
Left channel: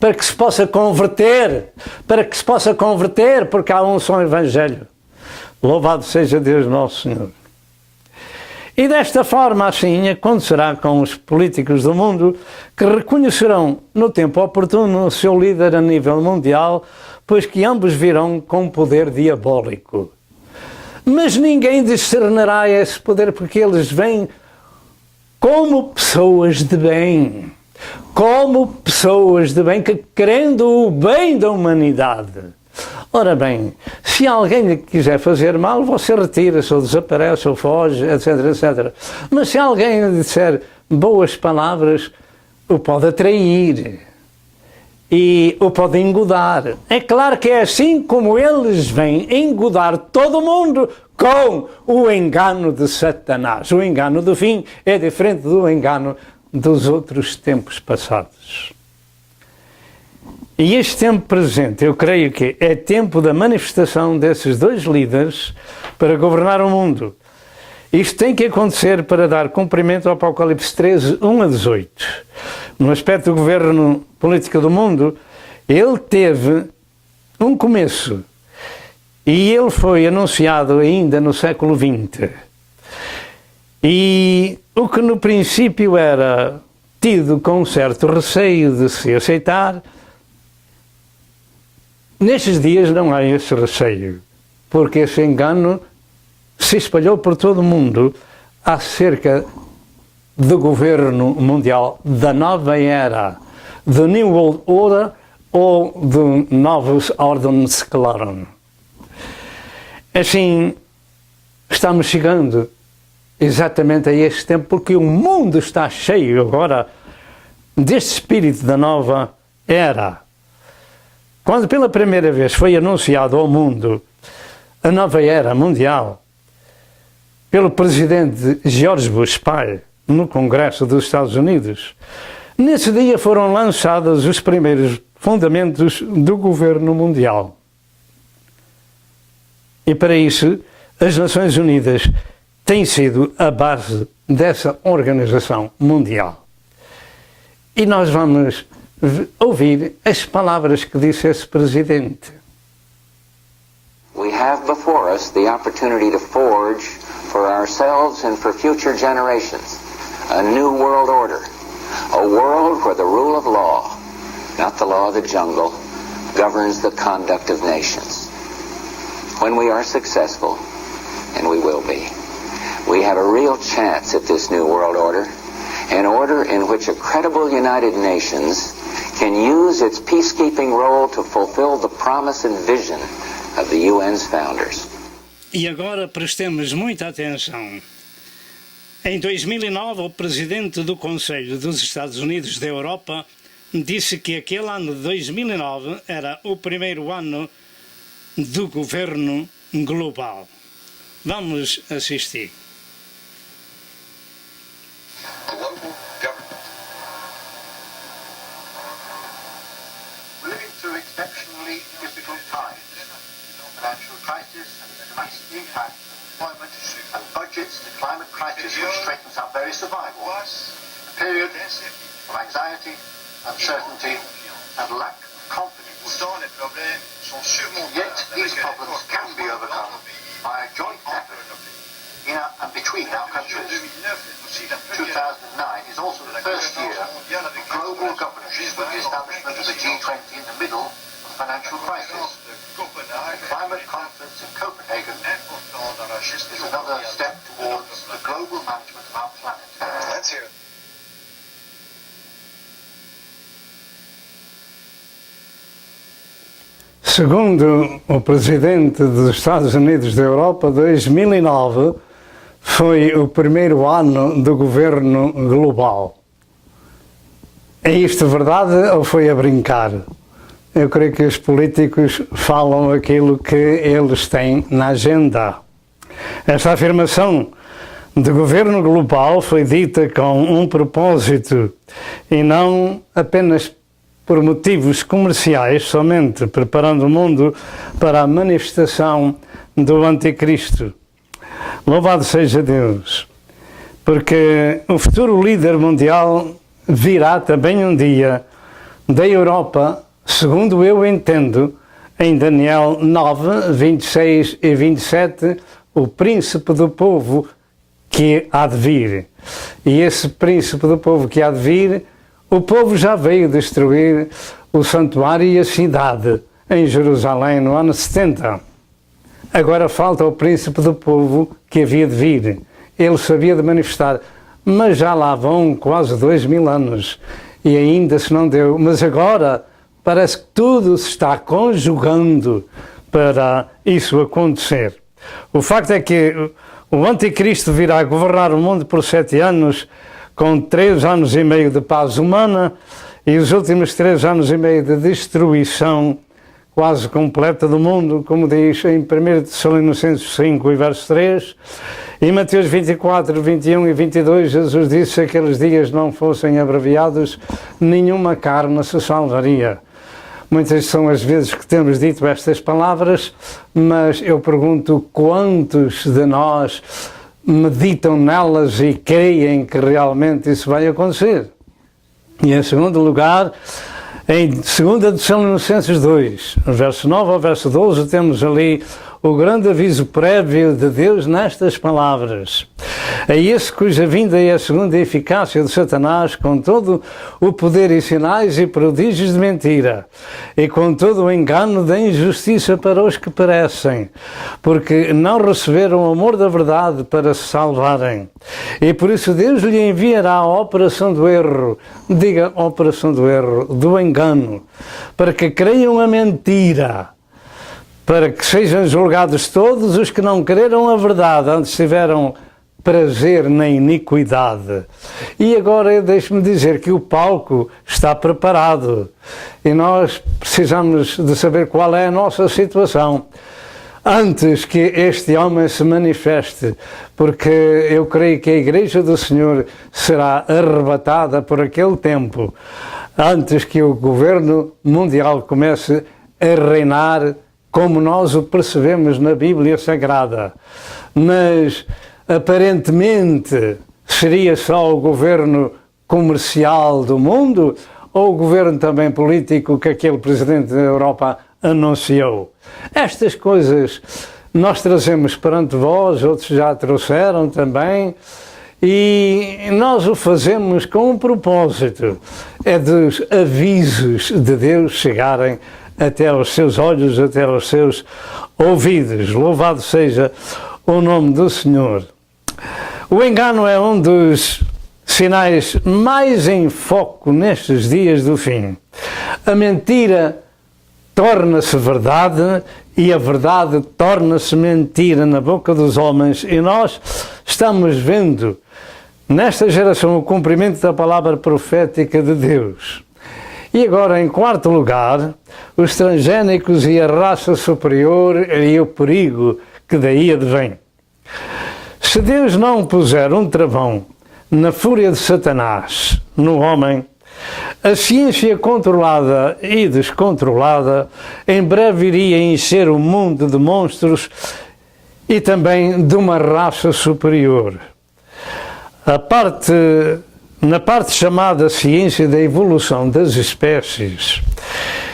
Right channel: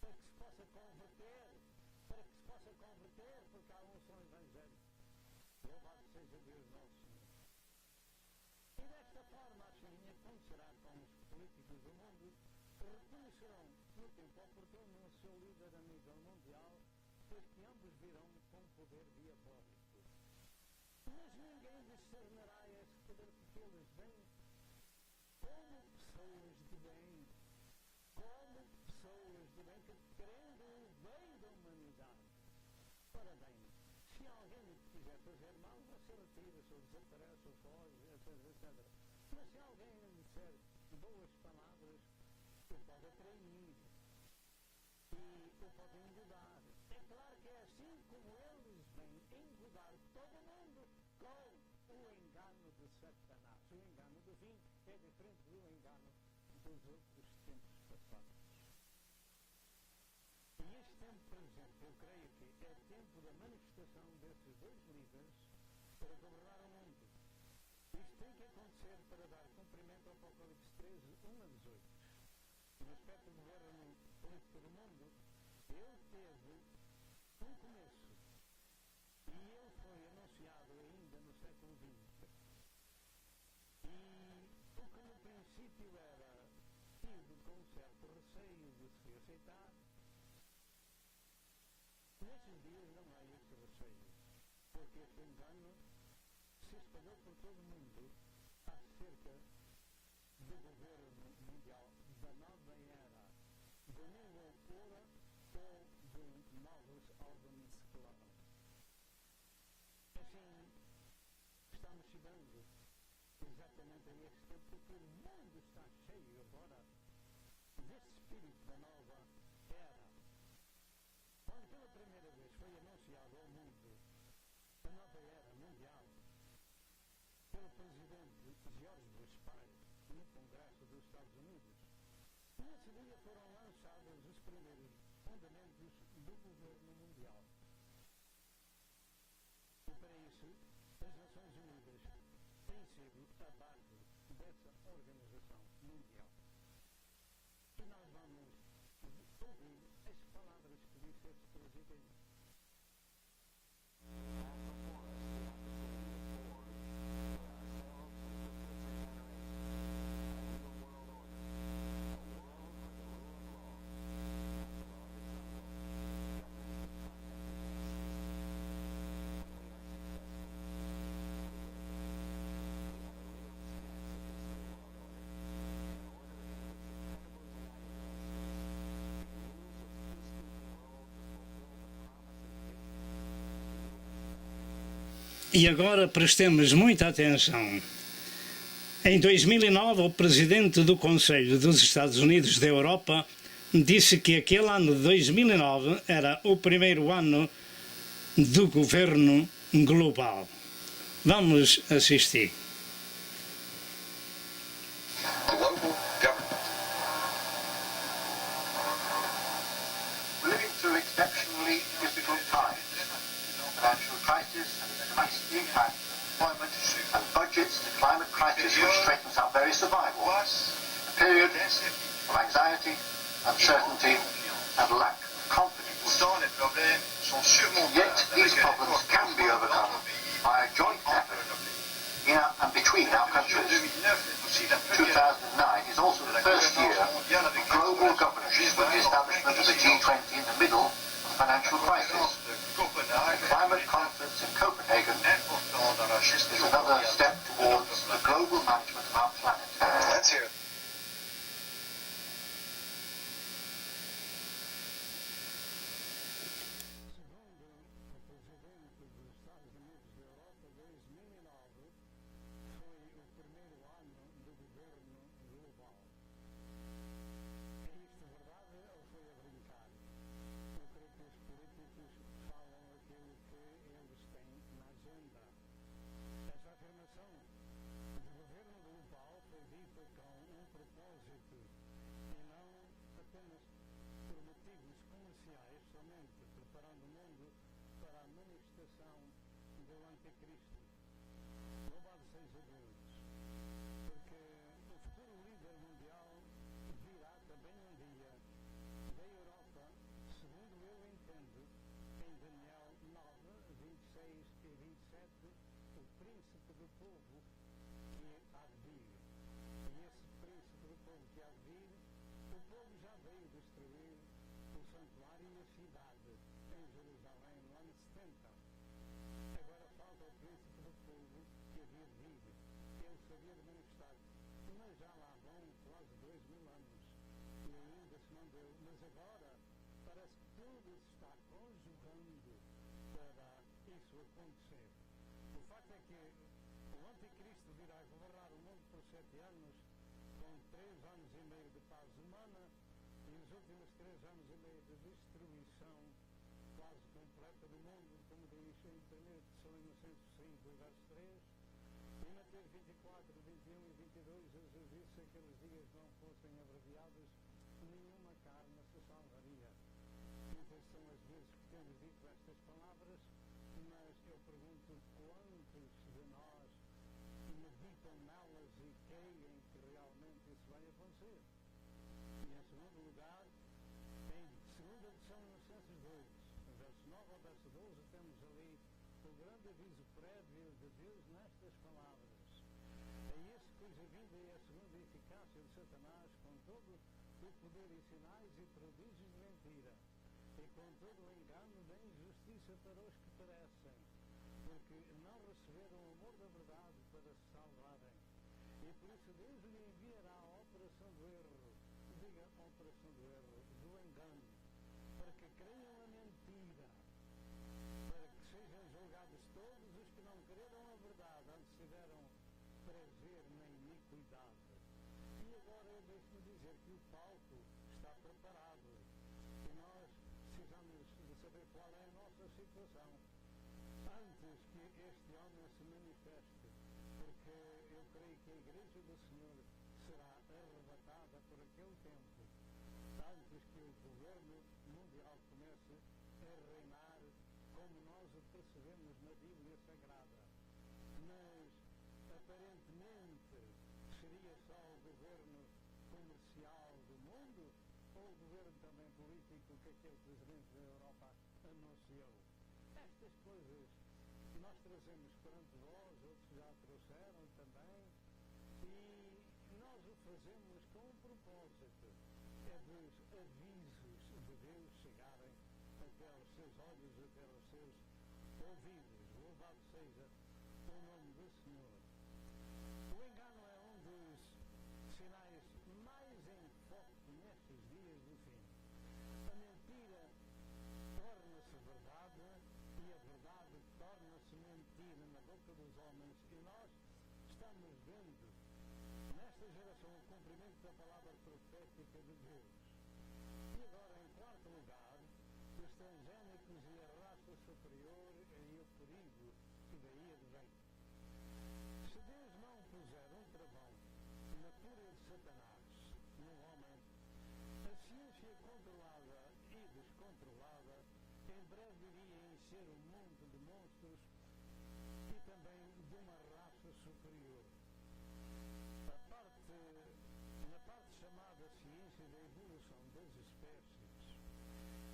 para que se possa converter, porque há um só evangelho. Louvado seja Deus nosso Senhor. E desta forma, assim, acontecerá com os políticos do mundo que reconhecerão no tempo oportuno o seu líder a nível mundial, pois que ambos virão com poder diabólico. Mas ninguém discernirá esse poder, porque eles vêm como pessoas de bem. Como pessoas de bem, que querendo o bem da humanidade. Ora bem, se alguém lhe quiser fazer mal, você retira-se, ou desaparece, ou foge, etc, etc. Mas se alguém lhe disser boas palavras, o pode atrair e o pode engodar. É claro que é assim como eles vêm engodar todo mundo com o engano de Satanás. O engano do fim é diferente do engano dos outros tempos passados. E este tempo presente, eu creio que é tempo da manifestação desses dois líderes para governar o mundo. Isto tem que acontecer para dar cumprimento ao Apocalipse 13, 1 a 18. No aspecto do governo político do mundo, ele teve um começo e ele foi anunciado ainda no século XX. E o que no princípio era tido com um certo receio de se aceitar, nestes dias não há esse receio, porque esse engano se espalhou por todo o mundo acerca do governo mundial, da nova era, do New World Order ou do Novus Ordensklaren. Assim, estamos chegando exatamente a este tempo, porque o mundo está cheio agora deste espírito da nova era. Quando pela primeira vez foi anunciado ao mundo a nova era mundial, pelo presidente George Bush pai, no Congresso dos Estados Unidos, nesse dia foram lançados os primeiros fundamentos do governo mundial. E para isso, as Nações Unidas têm sido a base dessa organização mundial. E nós vamos ouvir as palavras que disse esse presidente. We have before us the opportunity to forge for ourselves and for future generations a new world order, a world where the rule of law, not the law of the jungle, governs the conduct of nations. When we are successful, and we will be, we have a real chance at this new world order, an order in which a credible United Nations can use its peacekeeping role to fulfill the promise and vision of the UN's founders. E agora prestemos muita atenção. Em 2009, o presidente do Conselho dos Estados Unidos da Europa disse que aquele ano de 2009 era o primeiro ano do governo global. Vamos assistir. Global government. Living through exceptionally difficult times. Financial crisis and its massive impact on employment and budgets, the climate crisis which threatens our very survival. period of anxiety, uncertainty, and lack of confidence. Yet these problems can be overcome by a joint effort in and between our countries. 2009 is also the first year of global governance with the establishment of the G20 in the middle of the financial crisis. The climate conference in Copenhagen is another step towards the global management of our planet. Let's hear it. Segundo o presidente dos Estados Unidos da Europa, 2009 foi o primeiro ano do governo global. É isto verdade ou foi a brincar? Eu creio que os políticos falam aquilo que eles têm na agenda. Esta afirmação de governo global foi dita com um propósito e não apenas por motivos comerciais, somente preparando o mundo para a manifestação do Anticristo. Louvado seja Deus, porque o futuro líder mundial virá também um dia da Europa, segundo eu entendo, em Daniel 9, 26 e 27, o príncipe do povo que há de vir. E esse príncipe do povo que há de vir, o povo já veio destruir o santuário e a cidade em Jerusalém no ano 70. Agora falta o príncipe do povo que havia de vir. Ele sabia de manifestar, mas já lá vão quase 2000 anos e ainda se não deu. Mas agora parece que tudo se está conjugando para isso acontecer. O facto é que o Anticristo virá governar o mundo por 7 anos, com 3 anos e meio de paz humana e os últimos 3 anos e meio de destruição quase completa do mundo, como diz em 1 Tessalonicenses 5 e verso 3. Em Mateus 24, 21 e 22, Jesus disse que aqueles dias não fossem abreviados, nenhuma carne se salvaria. Muitas são as vezes que temos dito estas palavras, mas eu pergunto quantos de nós meditam nelas e creem que realmente isso vai acontecer. E em segundo lugar, em 2 Tessalonicenses 2, verso 9 ao verso 12, temos ali o grande aviso prévio de Deus nestas palavras. É esse cuja vinda é a segunda eficácia de Satanás, com todo o poder e sinais e prodígios de mentira, e com todo o engano da injustiça para os que perecem, porque não receberam o amor da verdade para se salvarem. E por isso Deus lhe enviará a operação do erro, diga operação do erro, do engano, para que creiam a mentira, para que sejam julgados todos os que não creram a verdade, antes tiveram prazer na iniquidade. E agora deixe-me dizer que o palco está preparado e nós precisamos de saber qual é a nossa situação antes que este homem se manifeste, porque eu creio que a Igreja do Senhor será arrebatada por aquele tempo, antes que o governo mundial comece a reinar como nós o percebemos na Bíblia Sagrada. Mas, aparentemente, seria só o governo comercial do mundo ou o governo também político que aquele presidente da Europa anunciou? Estas coisas nós trazemos perante vós, outros já trouxeram também, e nós o fazemos com um propósito, é dos avisos de Deus chegarem até aos seus olhos, até aos seus ouvidos. Louvado seja o nome do Senhor. O engano é um dos sinais mais em foco nestes dias do fim. A mentira torna-se verdade e a verdade torna-se mentira na boca dos homens, e nós estamos vendo nesta geração o cumprimento da palavra profética de Deus. E agora, em quarto lugar, os transgénicos e a raça superior e o perigo que daí advém. Se Deus não puser um travão na fúria de Satanás no homem, a ciência controlada e descontrolada em breve iria encher o mundo de monstros e também de uma raça superior. A parte na parte chamada ciência da evolução das espécies,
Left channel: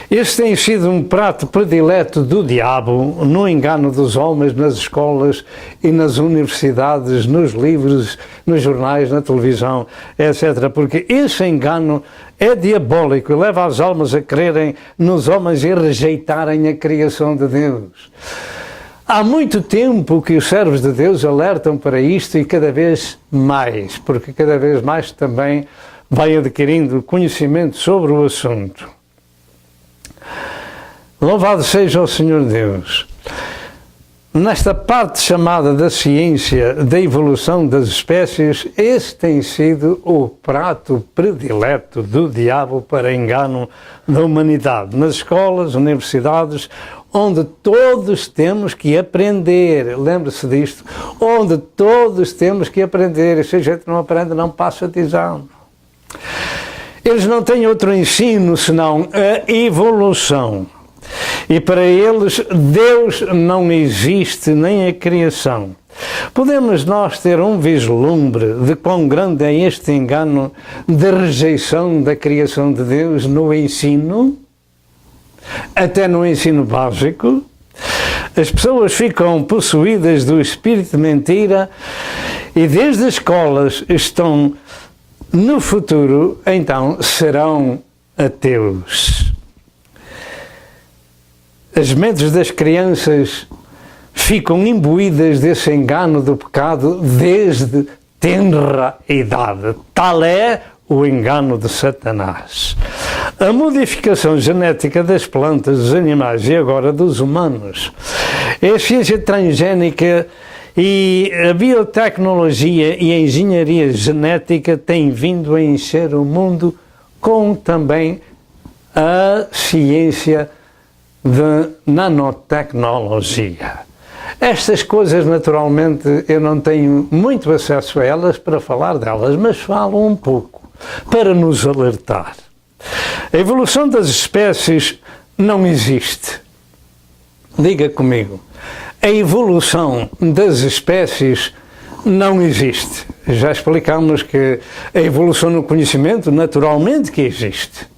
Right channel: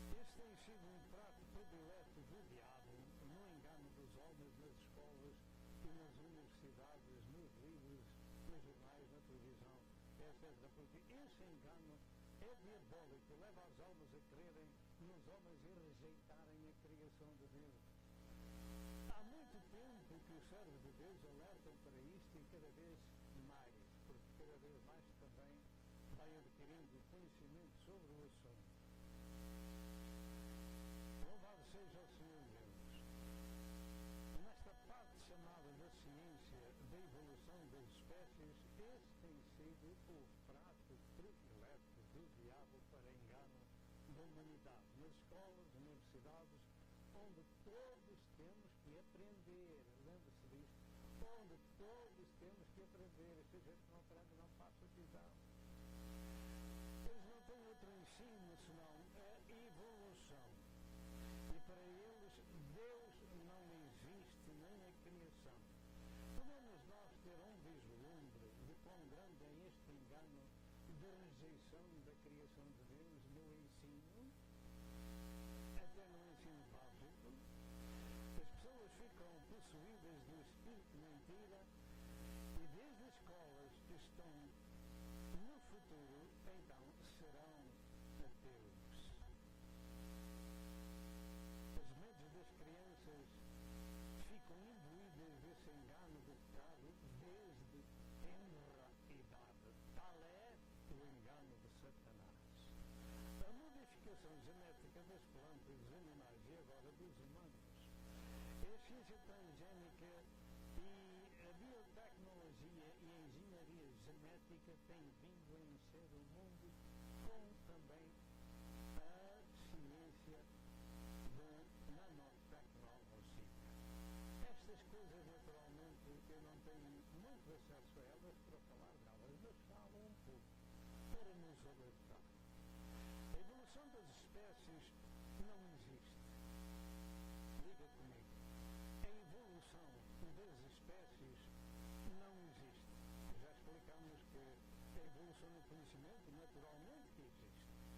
esse tem sido um prato predileto do diabo no engano dos homens nas escolas e nas universidades, nos livros, nos jornais, na televisão, etc. Porque esse engano é diabólico e leva as almas a crerem nos homens e rejeitarem a criação de Deus. Há muito tempo que os servos de Deus alertam para isto e cada vez mais, porque cada vez mais também vai adquirindo conhecimento sobre o assunto. Louvado seja o Senhor Deus. Nesta parte chamada da ciência da evolução das espécies, esse tem sido o prato predileto do diabo para engano da humanidade. Nas escolas, universidades, onde todos temos que aprender, lembre-se disto, onde todos temos que aprender, e se a gente não aprende, não passa de exame. Eles não têm outro ensino senão a evolução. E para eles, Deus não existe, nem a criação. Podemos nós ter um vislumbre de quão grande é este engano de rejeição da criação de Deus no ensino? Até no ensino básico, as pessoas ficam possuídas do espírito de mentira e desde as escolas estão no futuro, então serão ateus. As mentes das crianças ficam imbuídas desse engano do pecado desde tenra idade. Tal é o engano de Satanás. A modificação genética das plantas, dos animais e agora dos humanos, a ciência transgénica e a biotecnologia e a engenharia genética têm vindo a encher o mundo com também a ciência de nanotecnologia. Estas coisas, naturalmente, eu não tenho muito acesso a elas para falar delas, mas falo um pouco para nos alertar. A evolução das espécies não existe. Diga comigo, a evolução das espécies não existe. Já explicamos que a evolução no conhecimento, naturalmente que existe.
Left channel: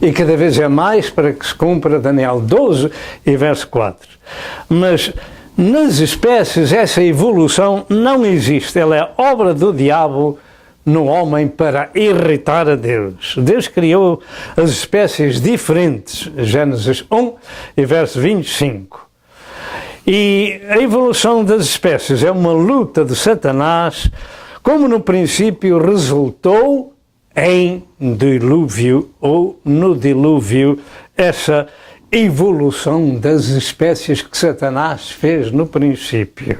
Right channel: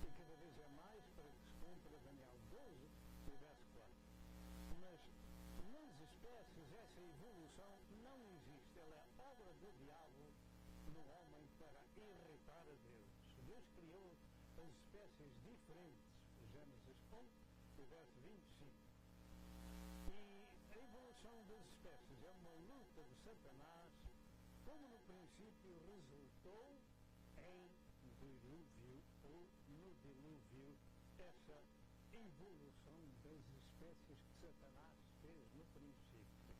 E cada vez é mais para que se cumpra Daniel 12 e verso 4. Mas nas espécies essa evolução não existe. Ela é obra do diabo no homem para irritar a Deus. Deus criou as espécies diferentes. Gênesis 1 e verso 25. E a evolução das espécies é uma luta de Satanás, como no princípio resultou em dilúvio ou no dilúvio, essa evolução das espécies que Satanás fez no princípio.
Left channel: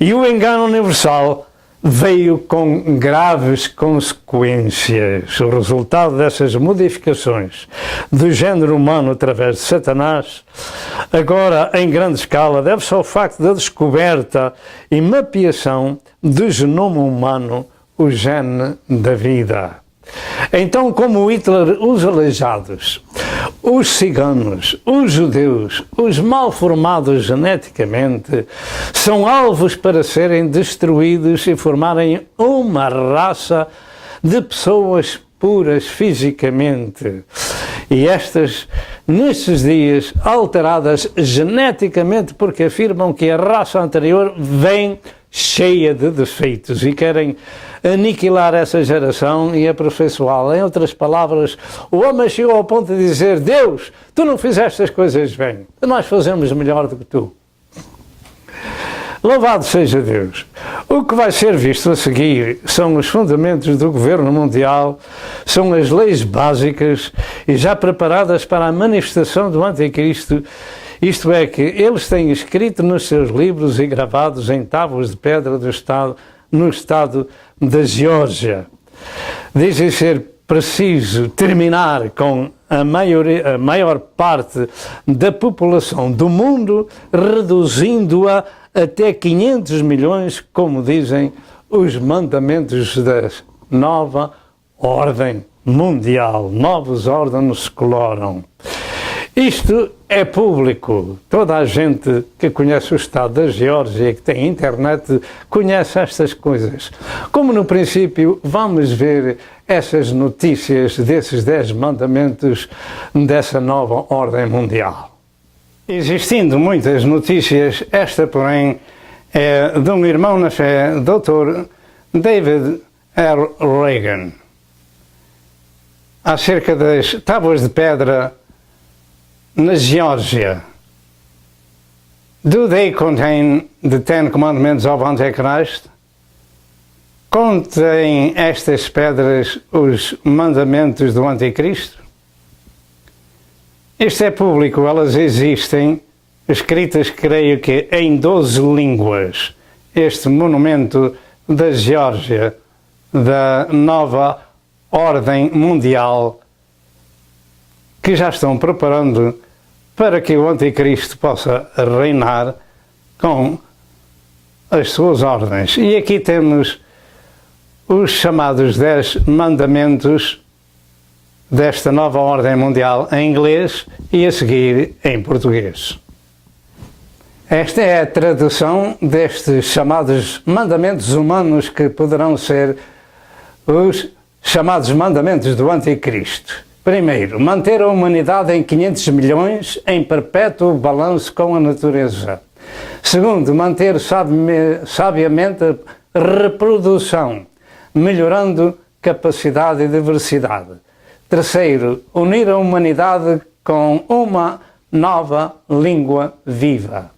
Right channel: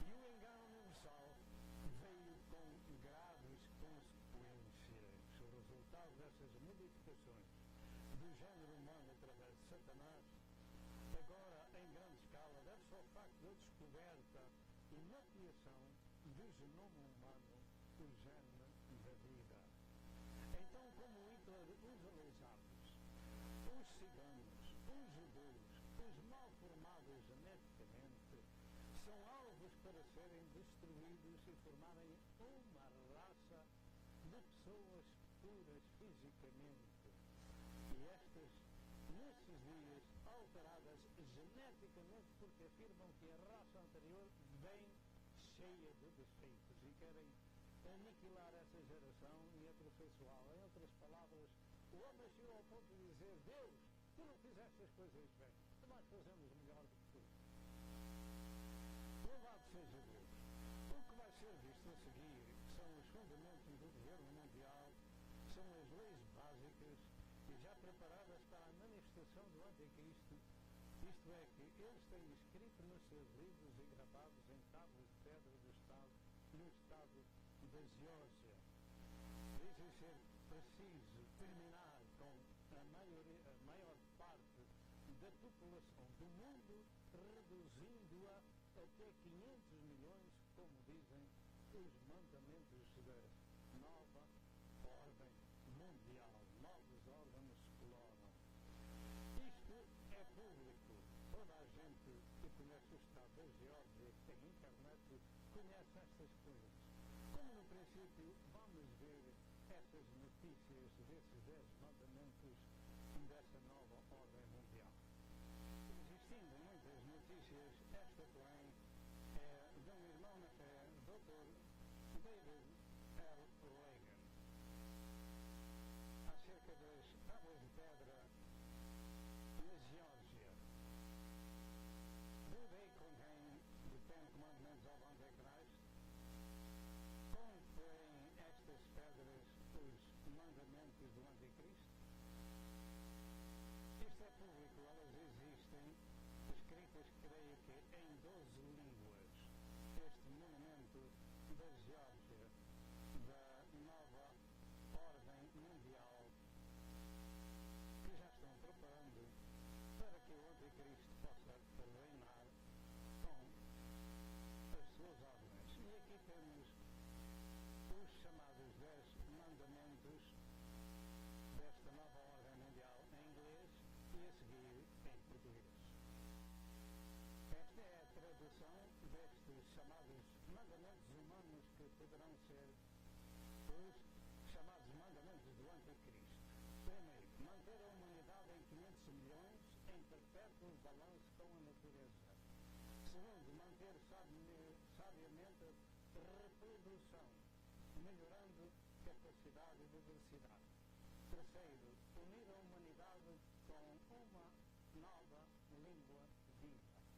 E o engano universal veio com graves consequências. O resultado dessas modificações do género humano através de Satanás, agora em grande escala, deve-se ao facto da descoberta e mapeação do genoma humano, o gene da vida. Então, como Hitler, os aleijados, os ciganos, os judeus, os mal formados geneticamente, são alvos para serem destruídos e formarem uma raça de pessoas puras fisicamente. E estas, nestes dias, alteradas geneticamente, porque afirmam que a raça anterior vem cheia de defeitos e querem aniquilar essa geração e aperfeiçoá-la. Em outras palavras, o homem chegou ao ponto de dizer: Deus, tu não fizeste as coisas bem, nós fazemos melhor do que tu. Louvado seja Deus. O que vai ser visto a seguir são os fundamentos do governo mundial, são as leis básicas e já preparadas para a manifestação do anticristo. Isto é, que eles têm escrito nos seus livros e gravados em tábuas de pedra do estado, no estado da Geórgia. Dizem ser preciso terminar com a maior parte da população do mundo, reduzindo-a até 500 milhões, como dizem os mandamentos da nova ordem mundial. Novos ordens se coloram. Isto é público. Toda a gente que conhece o estado da Geórgia e que tem internet conhece estas coisas. Como no princípio, vamos ver essas notícias desses 10 mandamentos dessa nova ordem mundial. Existindo muitas notícias, esta, porém, é de um irmão na fé, Dr. David R. Reagan, acerca das tábuas de pedra na Geórgia. Do they contain the Ten Commandments of Antichrist? Contém estas pedras os mandamentos do Anticristo? Isto é público, elas existem, escritas, creio que, em 12 línguas. Este monumento da Geórgia, da nova ordem mundial, que já estão preparando para que o Anticristo possa reinar com as suas ordens. E aqui temos os chamados 10 mandamentos desta nova ordem mundial em inglês e a seguir em português. Esta é a tradução destes chamados mandamentos humanos que poderão ser os chamados mandamentos do Anticristo. Primeiro, manter a humanidade em 500 milhões em perpétuo balanço com a natureza. Segundo, manter sabiamente a reprodução, melhorando capacidade e diversidade. Terceiro, unir a humanidade com uma nova língua viva.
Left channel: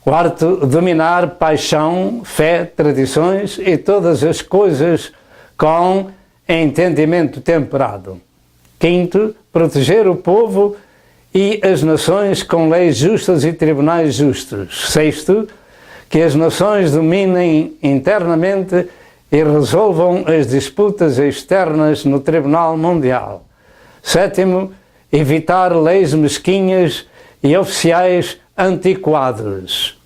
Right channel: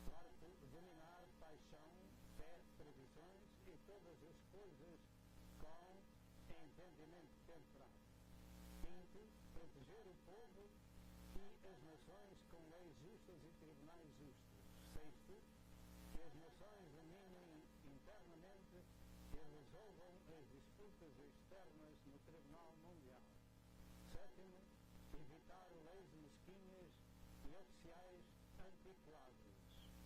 Quarto, dominar paixão, fé, tradições e todas as coisas com entendimento temperado. Quinto, proteger o povo e as nações com leis justas e tribunais justos. Sexto, que as nações dominem internamente e resolvam as disputas externas no Tribunal Mundial. Sétimo, evitar leis mesquinhas e oficiais antiquados.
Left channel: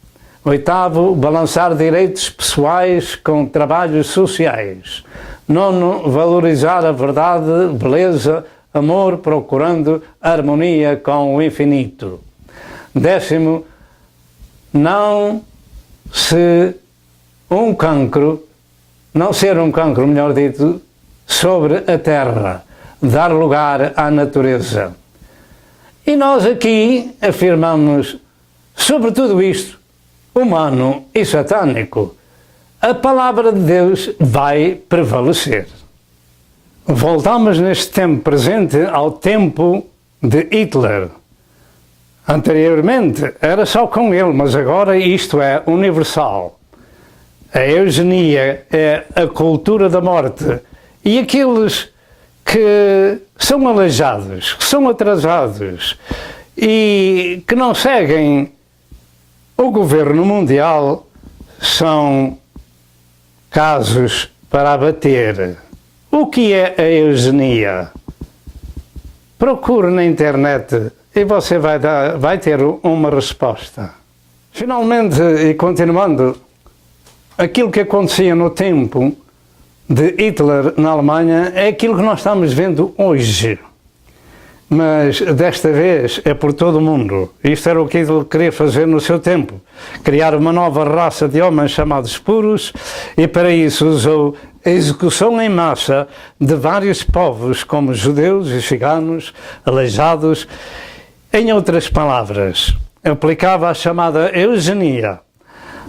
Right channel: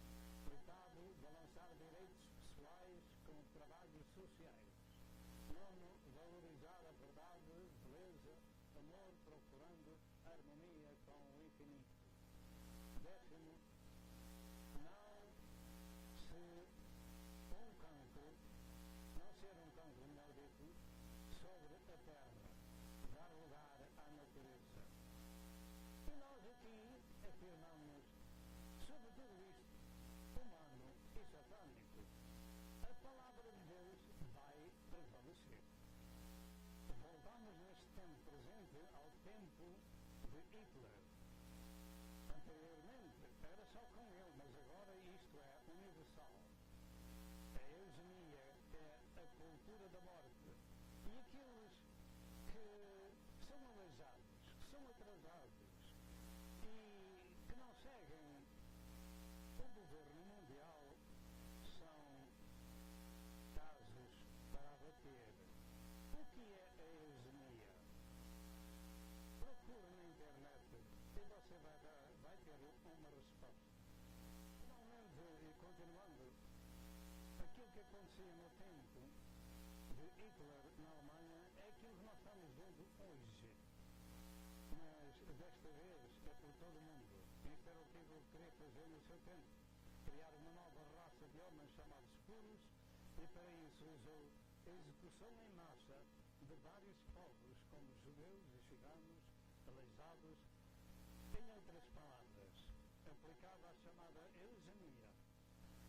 Oitavo, balançar direitos pessoais com trabalhos sociais. Nono, valorizar a verdade, beleza, amor, procurando harmonia com o infinito. Décimo, não ser um cancro, melhor dito, sobre a terra, dar lugar à natureza. E nós aqui afirmamos sobre tudo isto, humano e satânico, a palavra de Deus vai prevalecer. Voltamos neste tempo presente ao tempo de Hitler. Anteriormente era só com ele, mas agora isto é universal. A eugenia é a cultura da morte. E aqueles que são aleijados, que são atrasados e que não seguem o governo mundial são casos para abater. O que é a eugenia? Procure na internet e você vai ter uma resposta. Finalmente, e continuando, aquilo que acontecia no tempo de Hitler na Alemanha é aquilo que nós estamos vendo hoje. Mas desta vez é por todo o mundo. Isto era o que Hitler queria fazer no seu tempo. Criar uma nova raça de homens chamados puros, e para isso usou a execução em massa de vários povos, como judeus e ciganos, aleijados. Em outras palavras, aplicava a chamada eugenia,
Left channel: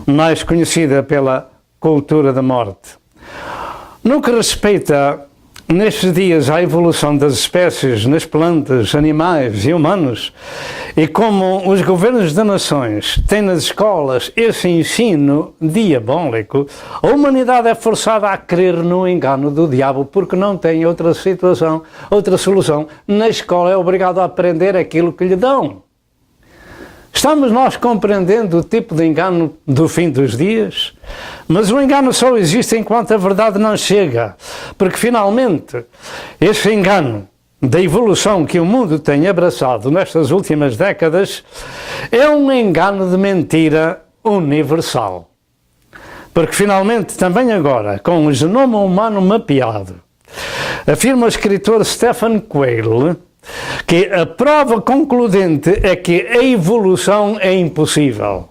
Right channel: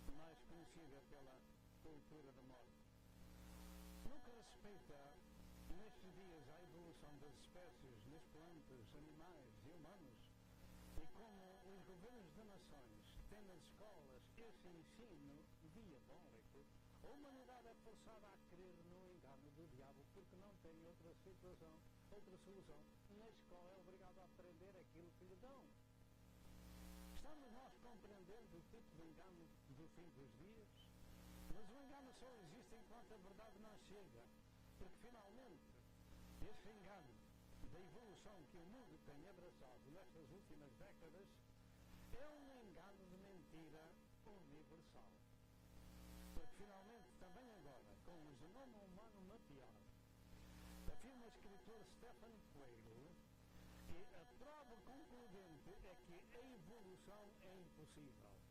mais conhecida pela cultura da morte. No que respeita nestes dias à evolução das espécies nas plantas, animais e humanos, e como os governos das nações têm nas escolas esse ensino diabólico, a humanidade é forçada a crer no engano do diabo porque não tem outra solução. Na escola é obrigado a aprender aquilo que lhe dão. Estamos nós compreendendo o tipo de engano do fim dos dias? Mas o engano só existe enquanto a verdade não chega, porque finalmente esse engano da evolução que o mundo tem abraçado nestas últimas décadas é um engano de mentira universal. Porque finalmente, também agora, com o genoma humano mapeado, afirma o escritor Stephen Quayle que a prova concludente é que a evolução é impossível.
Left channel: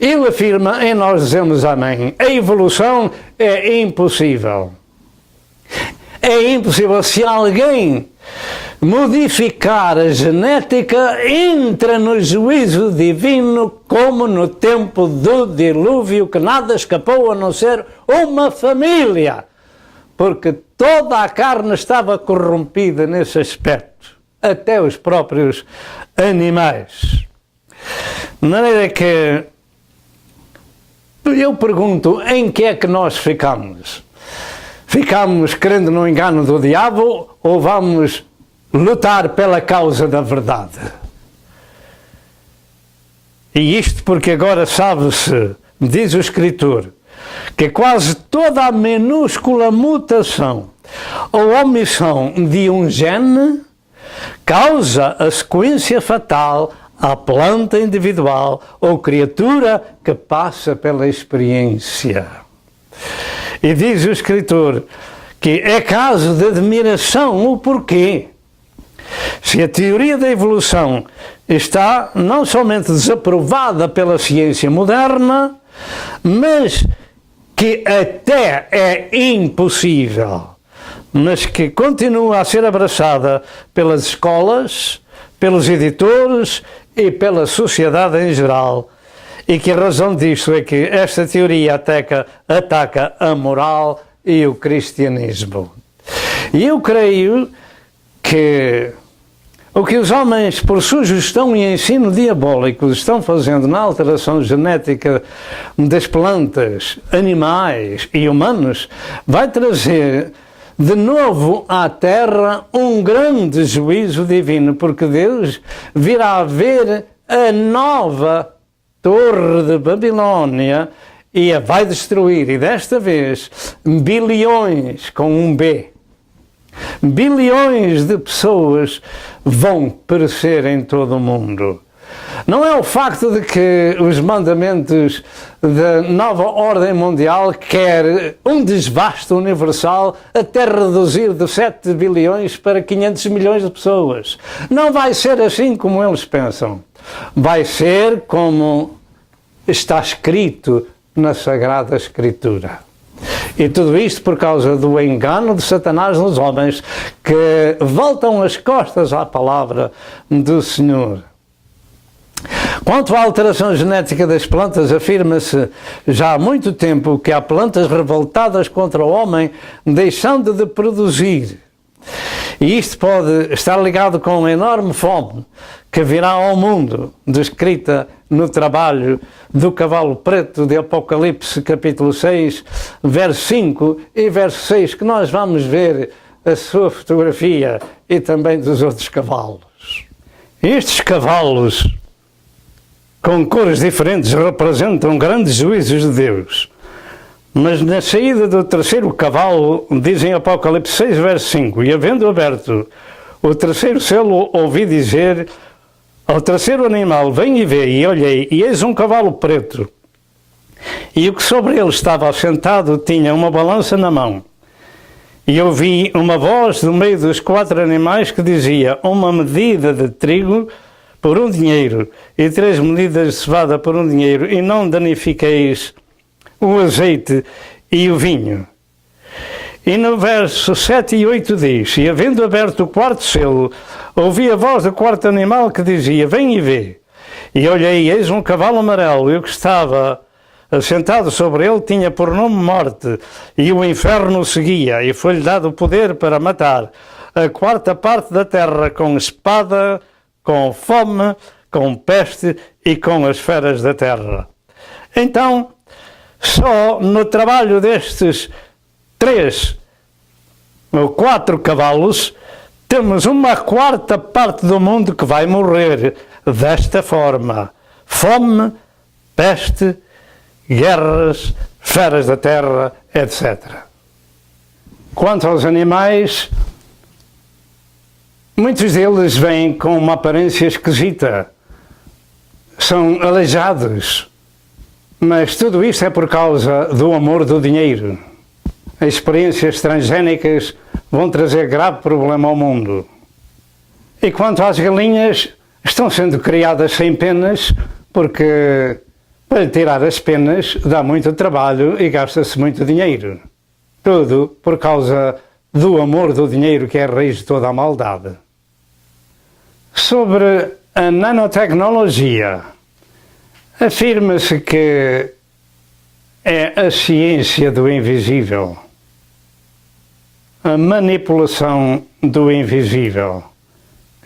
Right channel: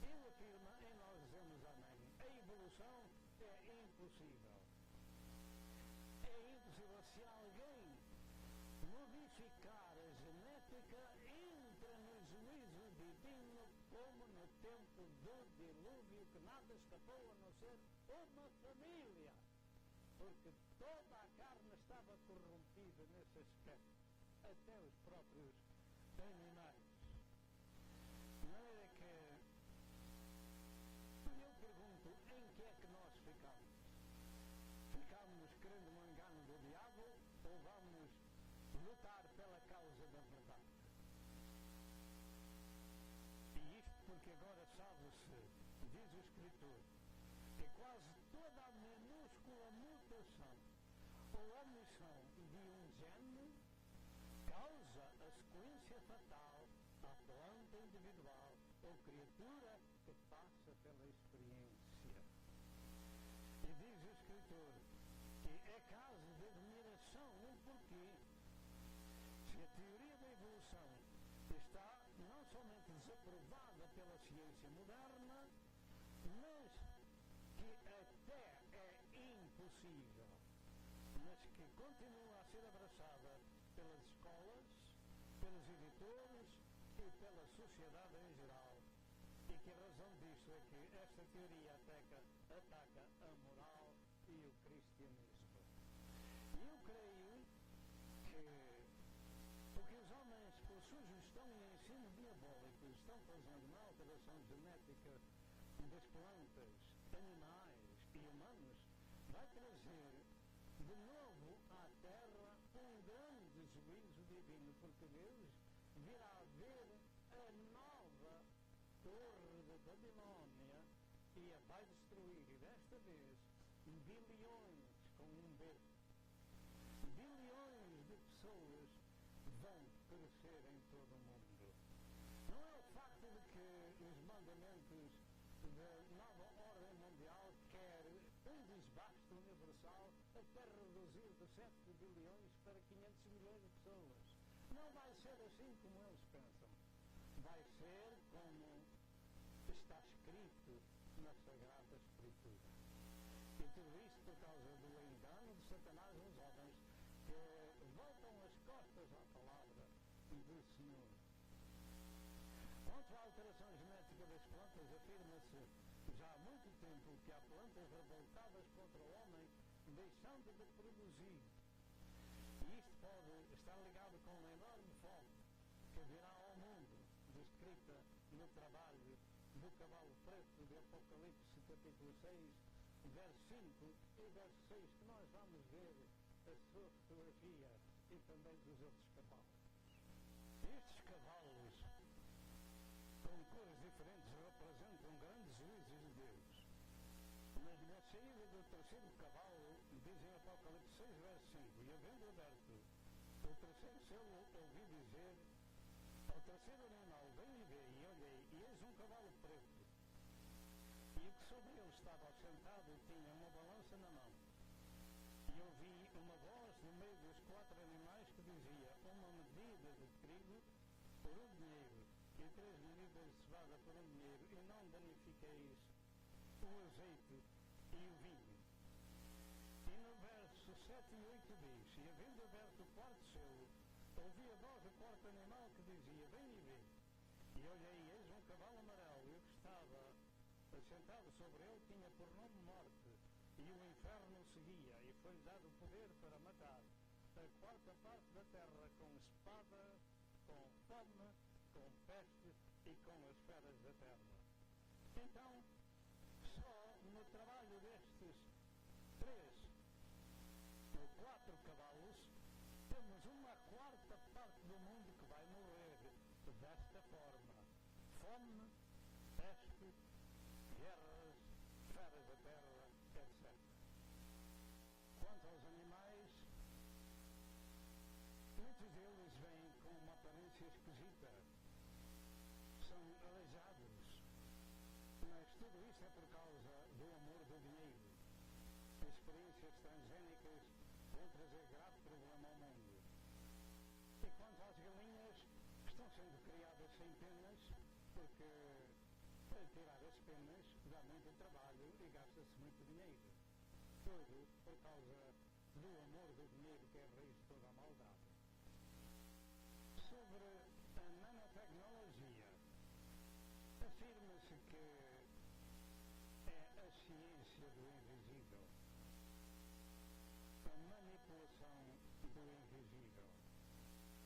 Ele afirma, e nós dizemos amém, a evolução é impossível. É impossível. Se alguém modificar a genética, entra no juízo divino, como no tempo do dilúvio, que nada escapou a não ser uma família, porque toda a carne estava corrompida nesse aspecto, até os próprios animais. De maneira que eu pergunto, em que é que nós ficamos? Ficamos crendo no engano do diabo ou vamos lutar pela causa da verdade? E isto porque agora sabe-se, diz o Escritor, que quase toda a minúscula mutação ou omissão de um gene causa a sequência fatal à planta individual ou criatura que passa pela experiência. E diz o Escritor que é caso de admiração o porquê. Se a teoria da evolução está não somente desaprovada pela ciência moderna, mas que até é impossível, mas que continua a ser abraçada pelas escolas, pelos editores e pela sociedade em geral, e que a razão disto é que esta teoria ataca a moral e o cristianismo. E eu creio que o que os homens, por sugestão e ensino diabólicos, estão fazendo na alteração genética das plantas, animais e humanos, vai trazer de novo à Terra um grande juízo divino, porque Deus virá a ver a nova Torre de Babilónia e a vai destruir, e desta vez bilhões com um B. Bilhões de pessoas vão perecer em todo o mundo. Não é o facto de que os mandamentos da nova ordem mundial quer um desvaste universal até reduzir de 7 bilhões para 500 milhões de pessoas. Não vai ser assim como eles pensam. Vai ser como está escrito na Sagrada Escritura. E tudo isto por causa do engano de Satanás nos homens, que voltam as costas à palavra do Senhor. Quanto à alteração genética das plantas, afirma-se já há muito tempo que há plantas revoltadas contra o homem, deixando de produzir. E isto pode estar ligado com a enorme fome que virá ao mundo, descrita no trabalho do cavalo preto de Apocalipse, capítulo 6, verso 5 e verso 6, que nós vamos ver a sua fotografia e também dos outros cavalos. Estes cavalos, com cores diferentes, representam grandes juízos de Deus. Mas na saída do terceiro cavalo, diz em Apocalipse 6, verso 5, e havendo aberto o terceiro selo, ouvi dizer ao terceiro animal, vem e vê, e olhei, e eis um cavalo preto. E o que sobre ele estava assentado tinha uma balança na mão. E ouvi uma voz do meio dos 4 animais que dizia, uma medida de trigo por 1 dinheiro, e 3 medidas de cevada por 1 dinheiro, e não danifiqueis o azeite e o vinho. E no verso 7 e 8 diz, e havendo aberto o 4º selo, ouvi a voz do 4º animal que dizia, vem e vê. E olhei, eis um cavalo amarelo, e o que estava assentado sobre ele tinha por nome Morte, e o inferno o seguia, e foi-lhe dado o poder para matar a 4ª parte da terra com espada, com fome, com peste e com as feras da terra. Então, só no trabalho destes 3 ou 4 cavalos, temos uma 4ª parte do mundo que vai morrer desta forma. Fome, peste, guerras, feras da terra, etc. Quanto aos animais, muitos deles vêm com uma aparência esquisita. São aleijados. Mas tudo isto é por causa do amor do dinheiro. As experiências transgénicas vão trazer grave problema ao mundo. E quanto às galinhas, estão sendo criadas sem penas, porque para tirar as penas dá muito trabalho e gasta-se muito dinheiro. Tudo por causa do amor do dinheiro, que é a raiz de toda a maldade. Sobre a nanotecnologia, afirma-se que é a ciência do invisível, a manipulação do invisível.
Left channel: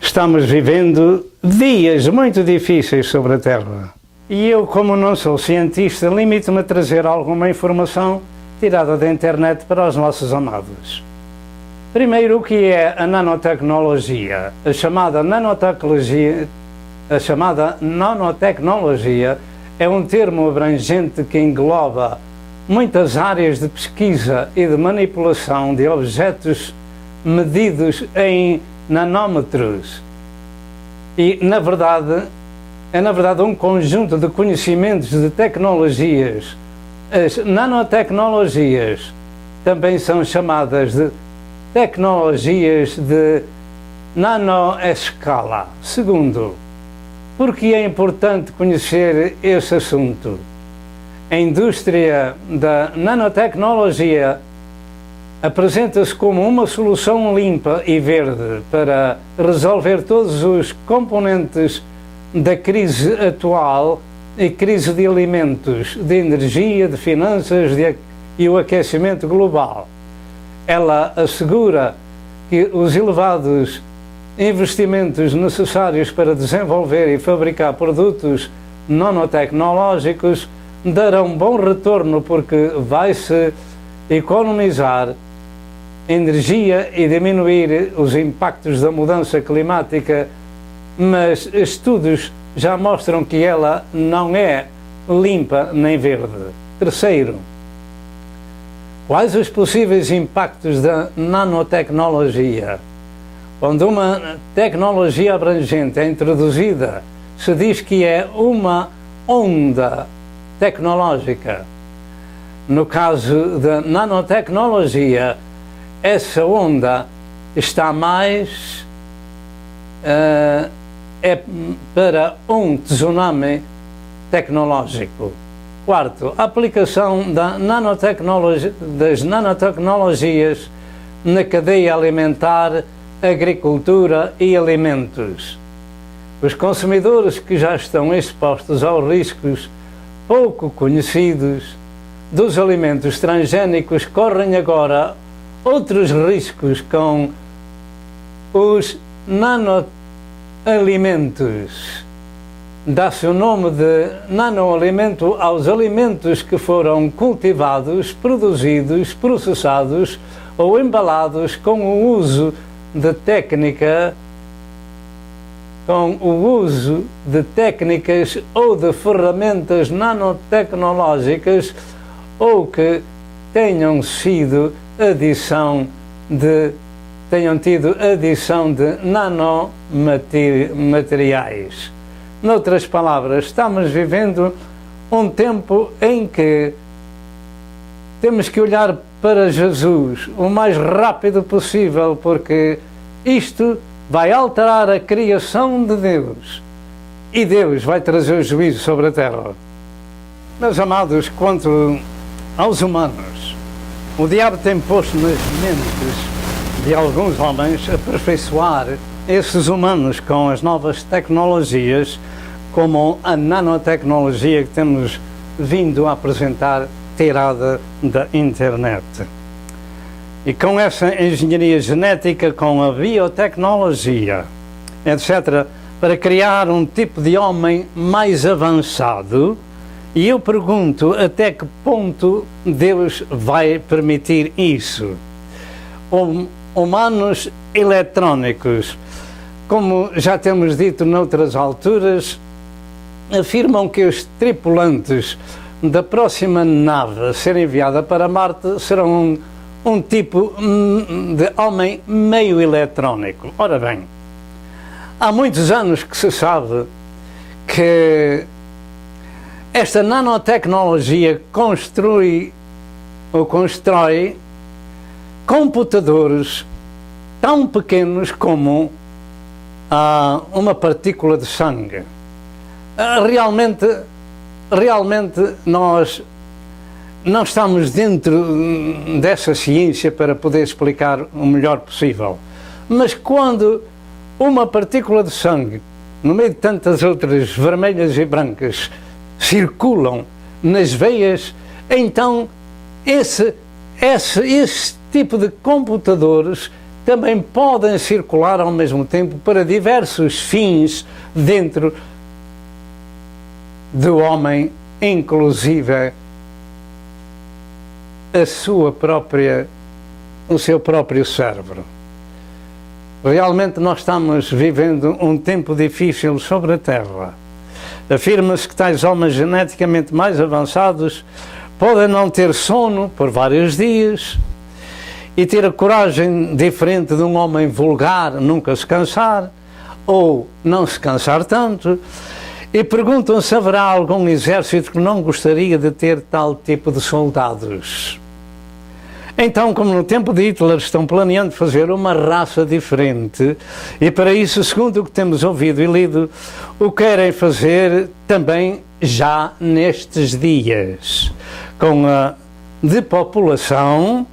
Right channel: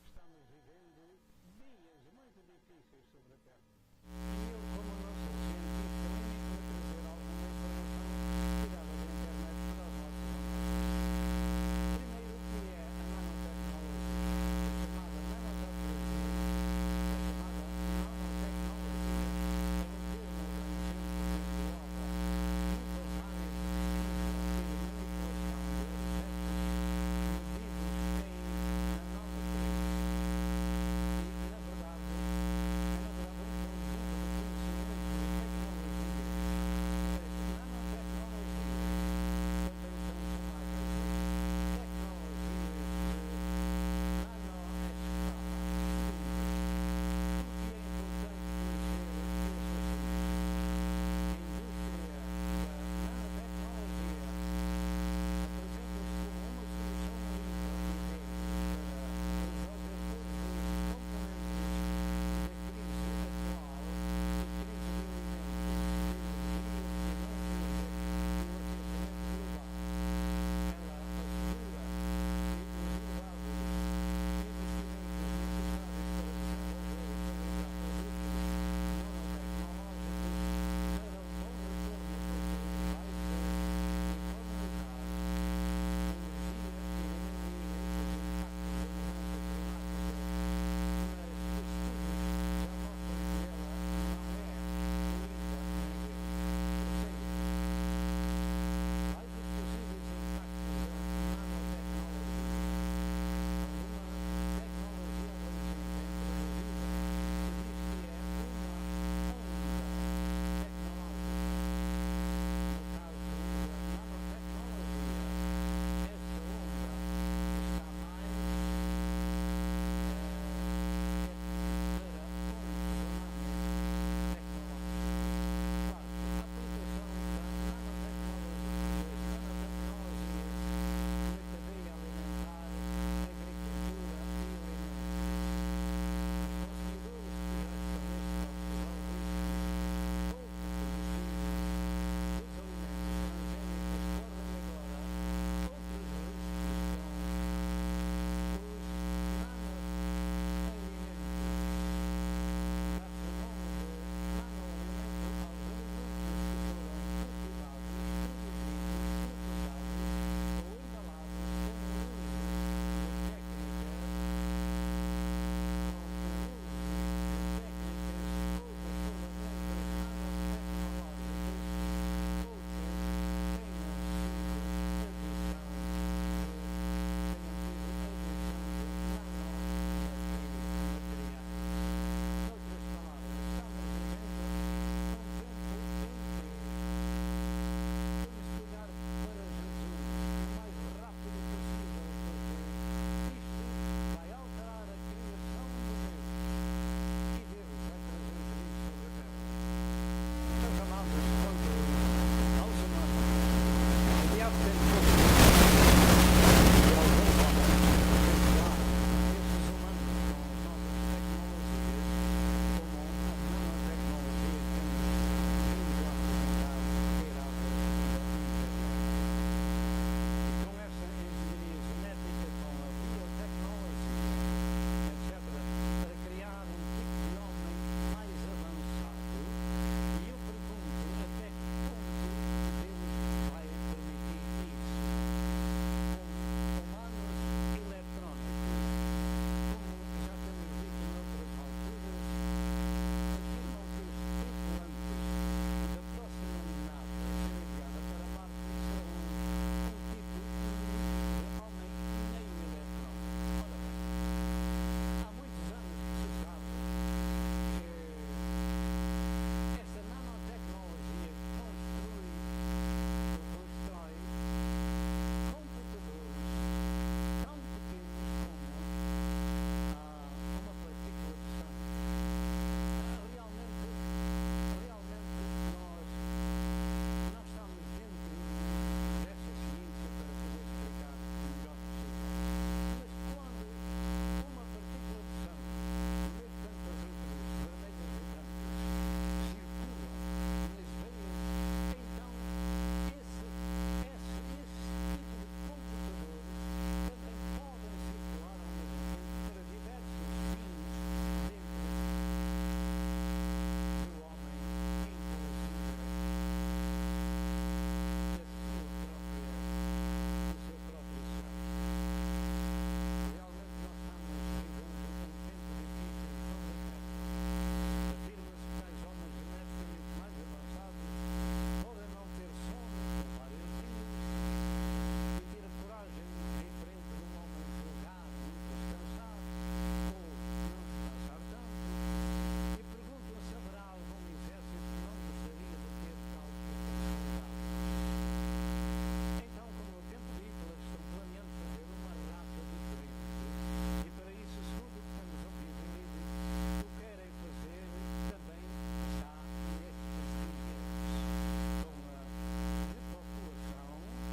Estamos vivendo dias muito difíceis sobre a Terra. E eu, como não sou cientista, limito-me a trazer alguma informação tirada da internet para os nossos amados. Primeiro, o que é a nanotecnologia? A chamada nanotecnologia é um termo abrangente que engloba muitas áreas de pesquisa e de manipulação de objetos medidos em nanómetros. E, na verdade, é um conjunto de conhecimentos de tecnologias. As nanotecnologias também são chamadas de tecnologias de nanoescala. Segundo, porque é importante conhecer esse assunto? A indústria da nanotecnologia apresenta-se como uma solução limpa e verde para resolver todos os componentes da crise atual e crise de alimentos, de energia, de finanças e o aquecimento global. Ela assegura que os elevados investimentos necessários para desenvolver e fabricar produtos nanotecnológicos darão bom retorno, porque vai-se economizar energia e diminuir os impactos da mudança climática, mas estudos já mostram que ela não é limpa nem verde. Terceiro, quais os possíveis impactos da nanotecnologia? Quando uma tecnologia abrangente é introduzida, se diz que é uma onda tecnológica. No caso da nanotecnologia, essa onda está mais para um tsunami tecnológico. Quarto, a aplicação das nanotecnologias na cadeia alimentar, agricultura e alimentos. Os consumidores que já estão expostos aos riscos pouco conhecidos dos alimentos transgénicos correm agora outros riscos com os nanoalimentos. Dá-se o nome de nanoalimento aos alimentos que foram cultivados, produzidos, processados ou embalados com o uso de técnicas ou de ferramentas nanotecnológicas, ou que tenham tido adição de nanomateriais. Noutras palavras, estamos vivendo um tempo em que temos que olhar para Jesus o mais rápido possível, porque isto vai alterar a criação de Deus e Deus vai trazer o juízo sobre a terra. Meus amados, quanto aos humanos, o diabo tem posto nas mentes de alguns homens aperfeiçoar esses humanos com as novas tecnologias, como a nanotecnologia que temos vindo a apresentar, tirada da internet. E com essa engenharia genética, com a biotecnologia, etc., para criar um tipo de homem mais avançado. E eu pergunto, até que ponto Deus vai permitir isso? Humanos eletrónicos, como já temos dito noutras alturas, afirmam que os tripulantes da próxima nave a ser enviada para Marte serão um tipo de homem meio eletrónico. Ora bem, há muitos anos que se sabe que esta nanotecnologia constrói computadores tão pequenos como a uma partícula de sangue. Realmente nós não estamos dentro dessa ciência para poder explicar o melhor possível. Mas quando uma partícula de sangue, no meio de tantas outras vermelhas e brancas, circulam nas veias, então esse tipo de computadores também podem circular ao mesmo tempo para diversos fins dentro do homem, inclusive o seu próprio cérebro. Realmente nós estamos vivendo um tempo difícil sobre a Terra. Afirma-se que tais homens geneticamente mais avançados podem não ter sono por vários dias e ter a coragem diferente de um homem vulgar, nunca se cansar ou não se cansar tanto. E perguntam se haverá algum exército que não gostaria de ter tal tipo de soldados. Então, como no tempo de Hitler, estão planeando fazer uma raça diferente e para isso, segundo o que temos ouvido e lido, o querem fazer também já nestes dias, com a depopulação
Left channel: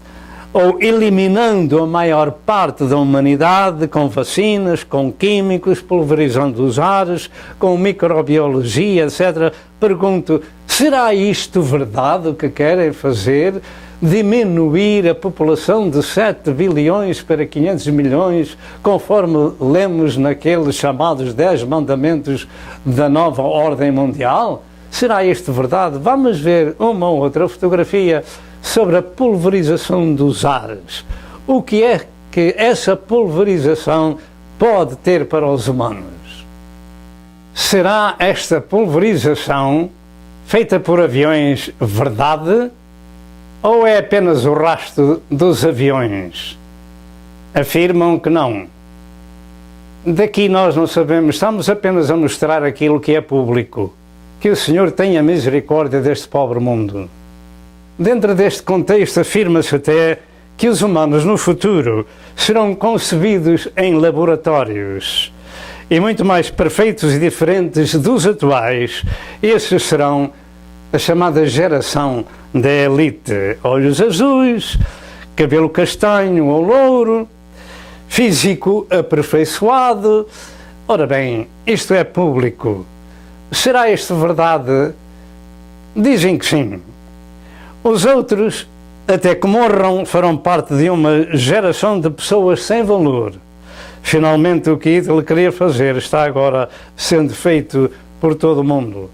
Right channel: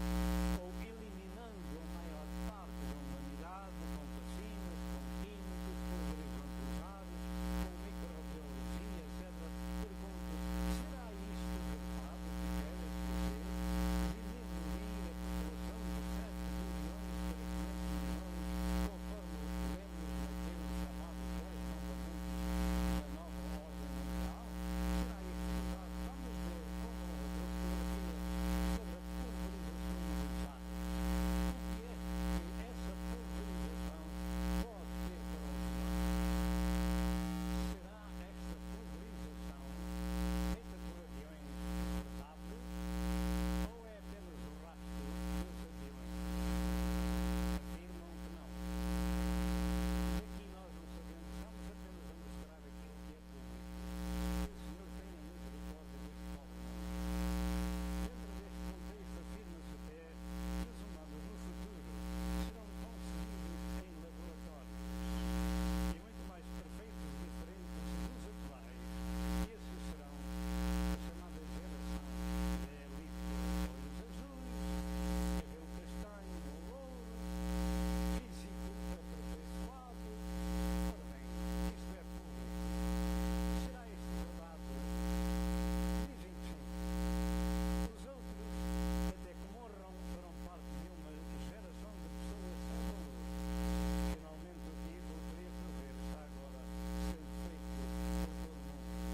ou eliminando a maior parte da humanidade com vacinas, com químicos, pulverizando os ares, com microbiologia, etc. Pergunto, será isto verdade o que querem fazer? Diminuir a população de 7 bilhões para 500 milhões, conforme lemos naqueles chamados 10 mandamentos da nova ordem mundial? Será isto verdade? Vamos ver uma ou outra fotografia sobre a pulverização dos ares. O que é que essa pulverização pode ter para os humanos? Será esta pulverização feita por aviões verdade? Ou é apenas o rastro dos aviões? Afirmam que não. Daqui nós não sabemos, estamos apenas a mostrar aquilo que é público. Que o Senhor tenha misericórdia deste pobre mundo. Dentro deste contexto, afirma-se até que os humanos no futuro serão concebidos em laboratórios e muito mais perfeitos e diferentes dos atuais. Esses serão a chamada geração da elite. Olhos azuis, cabelo castanho ou louro, físico aperfeiçoado. Ora bem, isto é público. Será isto verdade? Dizem que sim. Os outros, até que morram, farão parte de uma geração de pessoas sem valor. Finalmente, o que Hitler queria fazer está agora sendo feito por todo o mundo.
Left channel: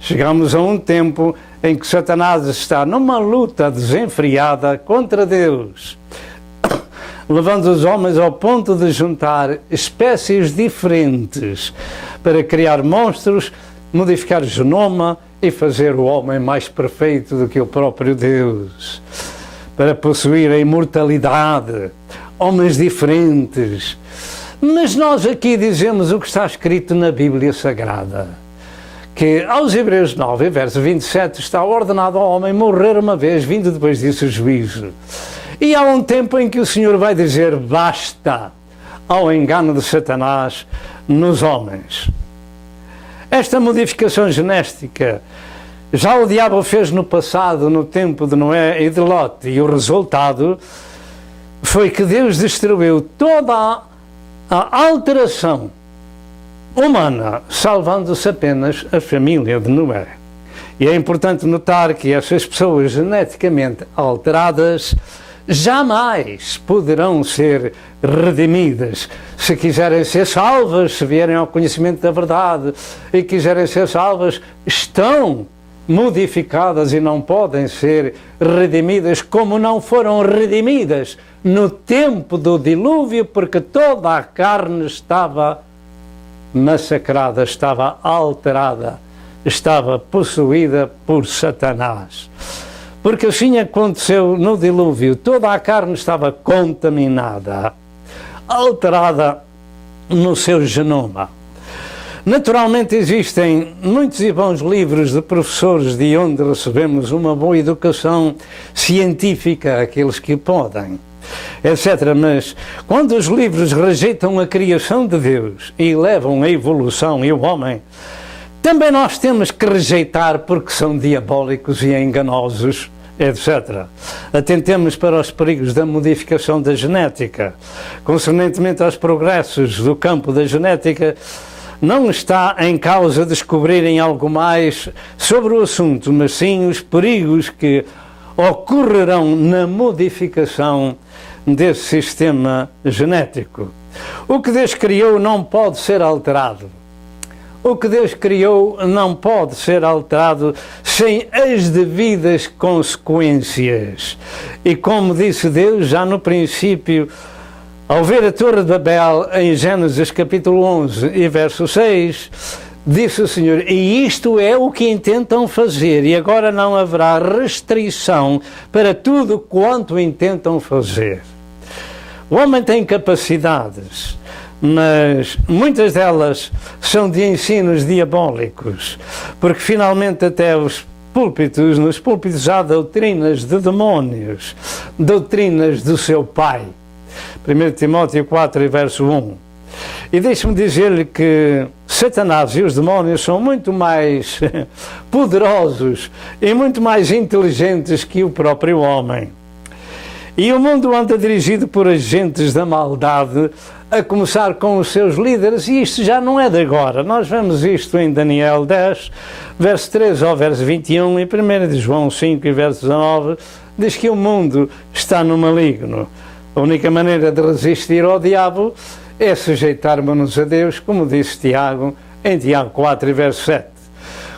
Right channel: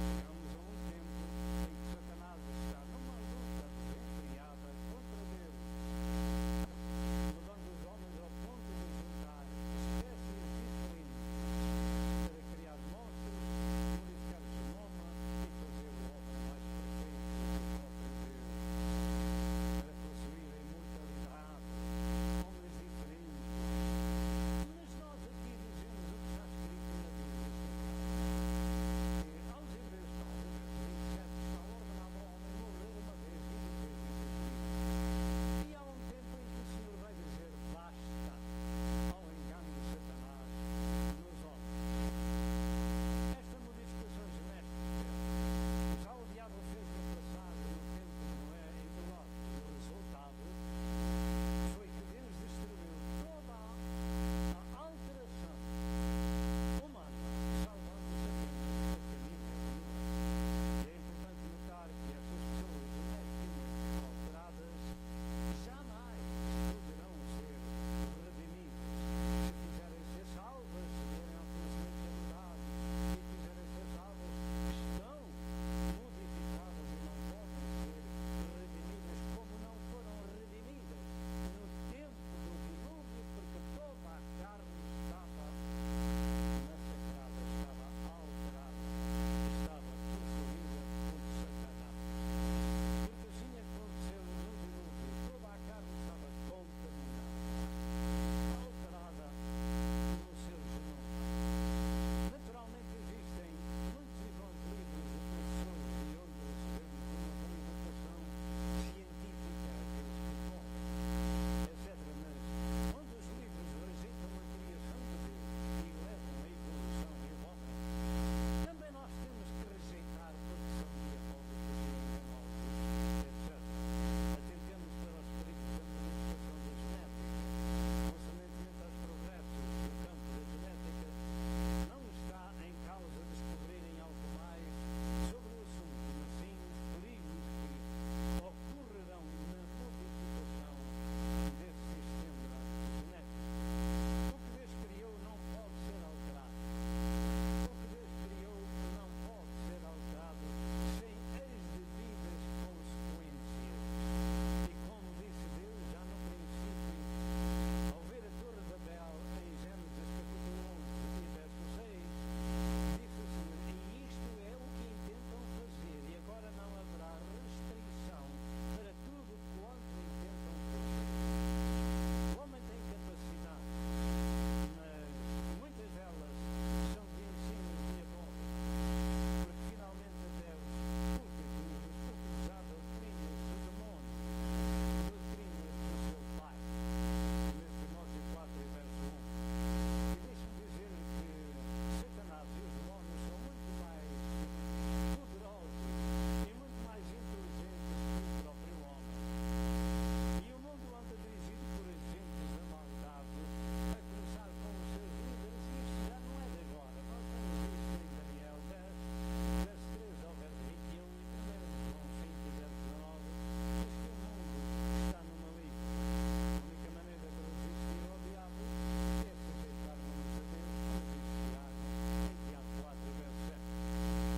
Chegamos a um tempo em que Satanás está numa luta desenfreada contra Deus, levando os homens ao ponto de juntar espécies diferentes para criar monstros, modificar o genoma e fazer o homem mais perfeito do que o próprio Deus, para possuir a imortalidade, homens diferentes. Mas nós aqui dizemos o que está escrito na Bíblia Sagrada, que aos Hebreus 9, verso 27, está ordenado ao homem morrer uma vez, vindo depois disso o juízo. E há um tempo em que o Senhor vai dizer basta ao engano de Satanás nos homens. Esta modificação genética já o diabo fez no passado, no tempo de Noé e de Lot, e o resultado foi que Deus destruiu toda a alteração humana, salvando-se apenas a família de Noé. E é importante notar que essas pessoas geneticamente alteradas jamais poderão ser redimidas. Se quiserem ser salvas, se vierem ao conhecimento da verdade e quiserem ser salvas, estão modificadas e não podem ser redimidas como não foram redimidas no tempo do dilúvio, porque toda a carne estava massacrada, estava alterada, estava possuída por Satanás. Porque assim aconteceu no dilúvio, toda a carne estava contaminada, alterada no seu genoma. Naturalmente existem muitos e bons livros de professores de onde recebemos uma boa educação científica, aqueles que podem. etc. Mas quando os livros rejeitam a criação de Deus e levam a evolução e o homem, também nós temos que rejeitar porque são diabólicos e enganosos, etc. Atentemos para os perigos da modificação da genética. Concernentemente aos progressos do campo da genética, não está em causa descobrirem algo mais sobre o assunto, mas sim os perigos que ocorrerão na modificação desse sistema genético. O que Deus criou não pode ser alterado. O que Deus criou não pode ser alterado sem as devidas consequências. E como disse Deus já no princípio, ao ver a Torre de Babel, em Gênesis capítulo 11 e verso 6, disse o Senhor, e isto é o que intentam fazer, e agora não haverá restrição para tudo quanto intentam fazer. O homem tem capacidades, mas muitas delas são de ensinos diabólicos, porque finalmente até nos púlpitos há doutrinas de demónios, doutrinas do seu pai. 1 Timóteo 4 e verso 1. E deixe-me dizer-lhe que Satanás e os demónios são muito mais poderosos e muito mais inteligentes que o próprio homem. E o mundo anda dirigido por agentes da maldade, a começar com os seus líderes, e isto já não é de agora. Nós vemos isto em Daniel 10, verso 13 ao verso 21, e 1 de João 5 e verso 19, diz que o mundo está no maligno. A única maneira de resistir ao diabo é sujeitarmos-nos a Deus, como disse Tiago, em Tiago 4 e verso 7.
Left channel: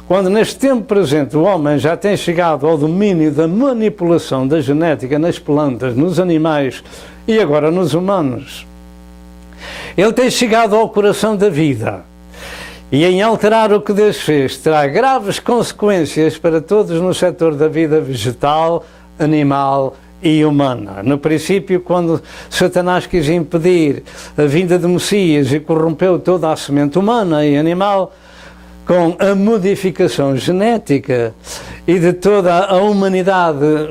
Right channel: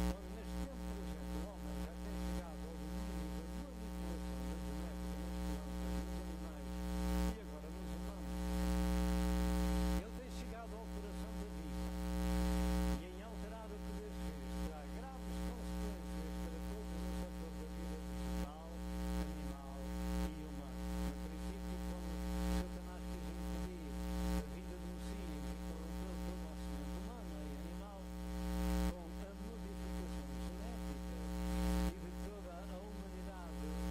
Quando neste tempo presente o homem já tem chegado ao domínio da manipulação da genética nas plantas, nos animais e agora nos humanos, ele tem chegado ao coração da vida. E em alterar o que Deus fez, terá graves consequências para todos no setor da vida vegetal, animal e humana. No princípio, quando Satanás quis impedir a vinda de Messias e corrompeu toda a semente humana e animal, com a modificação genética e de toda a humanidade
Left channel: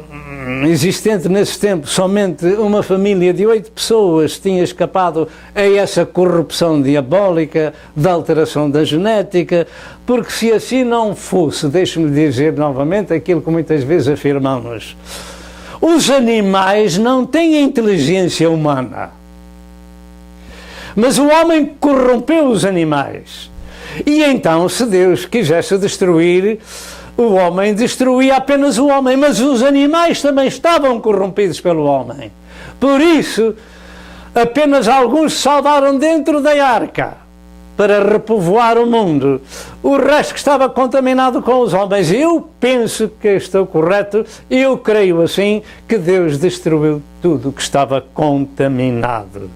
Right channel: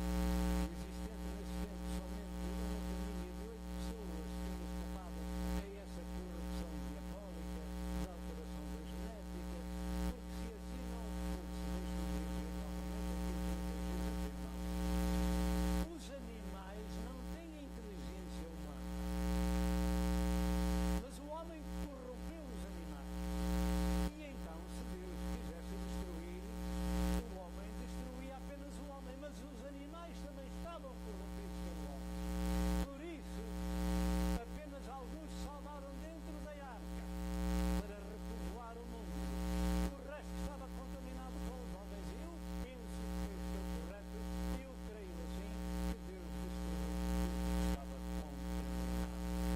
existente nesse tempo, somente uma família de 8 pessoas tinha escapado a essa corrupção diabólica da alteração da genética, porque se assim não fosse, deixe-me dizer novamente aquilo que muitas vezes afirmamos, os animais não têm inteligência humana, mas o homem corrompeu os animais. E então, se Deus quisesse destruir o homem, destruía apenas o homem, mas os animais também estavam corrompidos pelo homem. Por isso, apenas alguns salvaram dentro da arca para repovoar o mundo. O resto que estava contaminado com os homens. Eu penso que estou correto, eu creio assim, que Deus destruiu tudo que estava contaminado.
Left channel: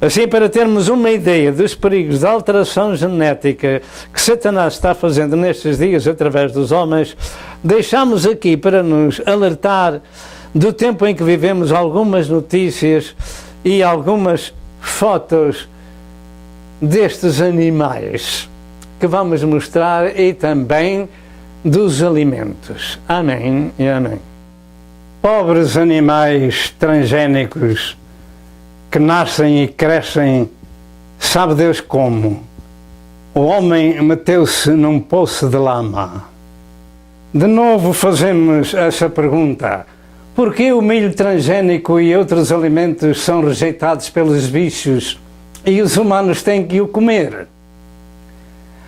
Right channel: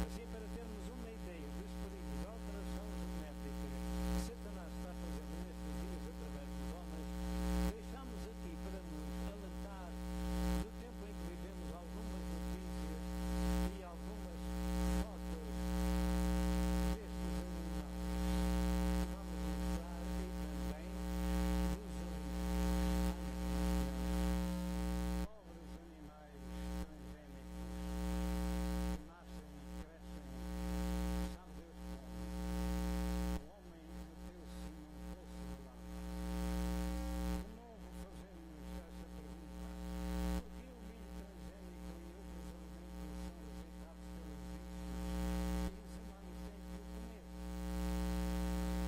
Assim, para termos uma ideia dos perigos da alteração genética que Satanás está fazendo nestes dias através dos homens, deixamos aqui para nos alertar do tempo em que vivemos algumas notícias e algumas fotos destes animais que vamos mostrar e também dos alimentos. Amém e amém. Pobres animais transgénicos que nascem e crescem, sabe Deus como. O homem meteu-se num poço de lama. De novo fazemos essa pergunta: por que o milho transgénico e outros alimentos são rejeitados pelos bichos e os humanos têm que o comer?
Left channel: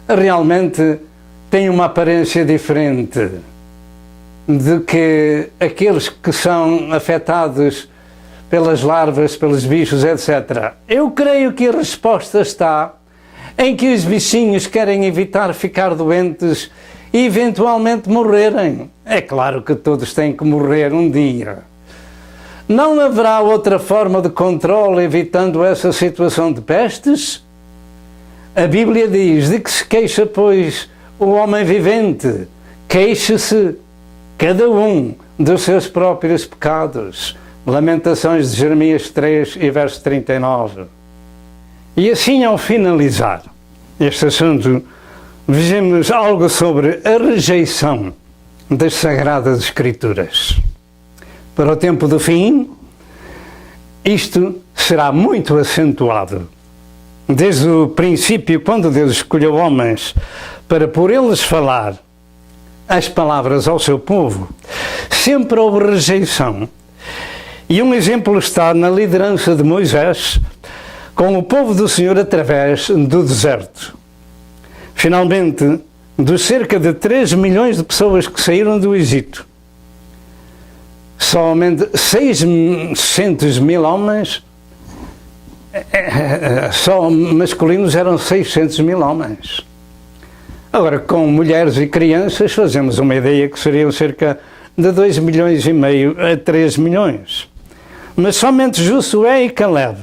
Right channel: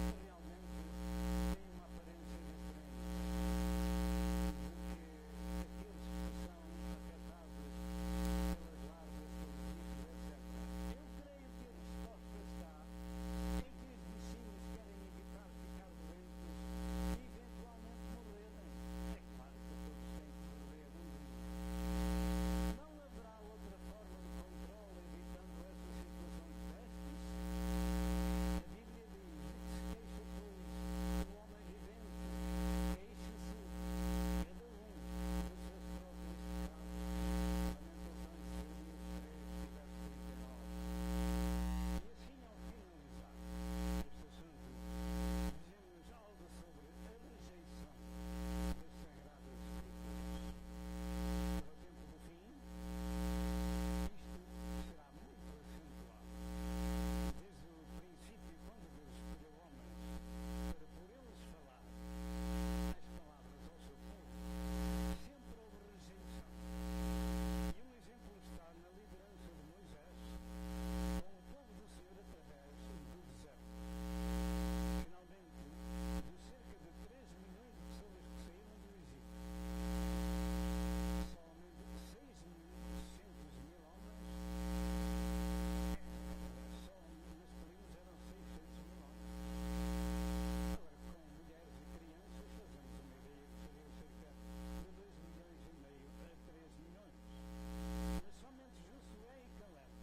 Realmente tem uma aparência diferente de que aqueles que são afetados pelas larvas, pelos bichos, etc. Eu creio que a resposta está em que os bichinhos querem evitar ficar doentes e eventualmente morrerem. É claro que todos têm que morrer um dia. Não haverá outra forma de controle evitando essa situação de pestes? A Bíblia diz: de que se queixa, pois, o homem vivente? Queixe-se cada um dos seus próprios pecados. Lamentações de Jeremias 3 e verso 39. E assim, ao finalizar este assunto, vejamos algo sobre a rejeição das Sagradas Escrituras. Para o tempo do fim, isto será muito acentuado. Desde o princípio, quando Deus escolheu homens para por eles falar as palavras ao seu povo, sempre houve rejeição. E um exemplo está na liderança de Moisés com o povo do Senhor através do deserto. Finalmente, dos cerca de 3 milhões de pessoas que saíram do Egito, somente 600 mil homens, só masculinos eram 600 mil homens. Agora, com mulheres e crianças, fazemos uma ideia que seriam cerca de 2 milhões e meio a 3 milhões. Mas somente Josué e Caleb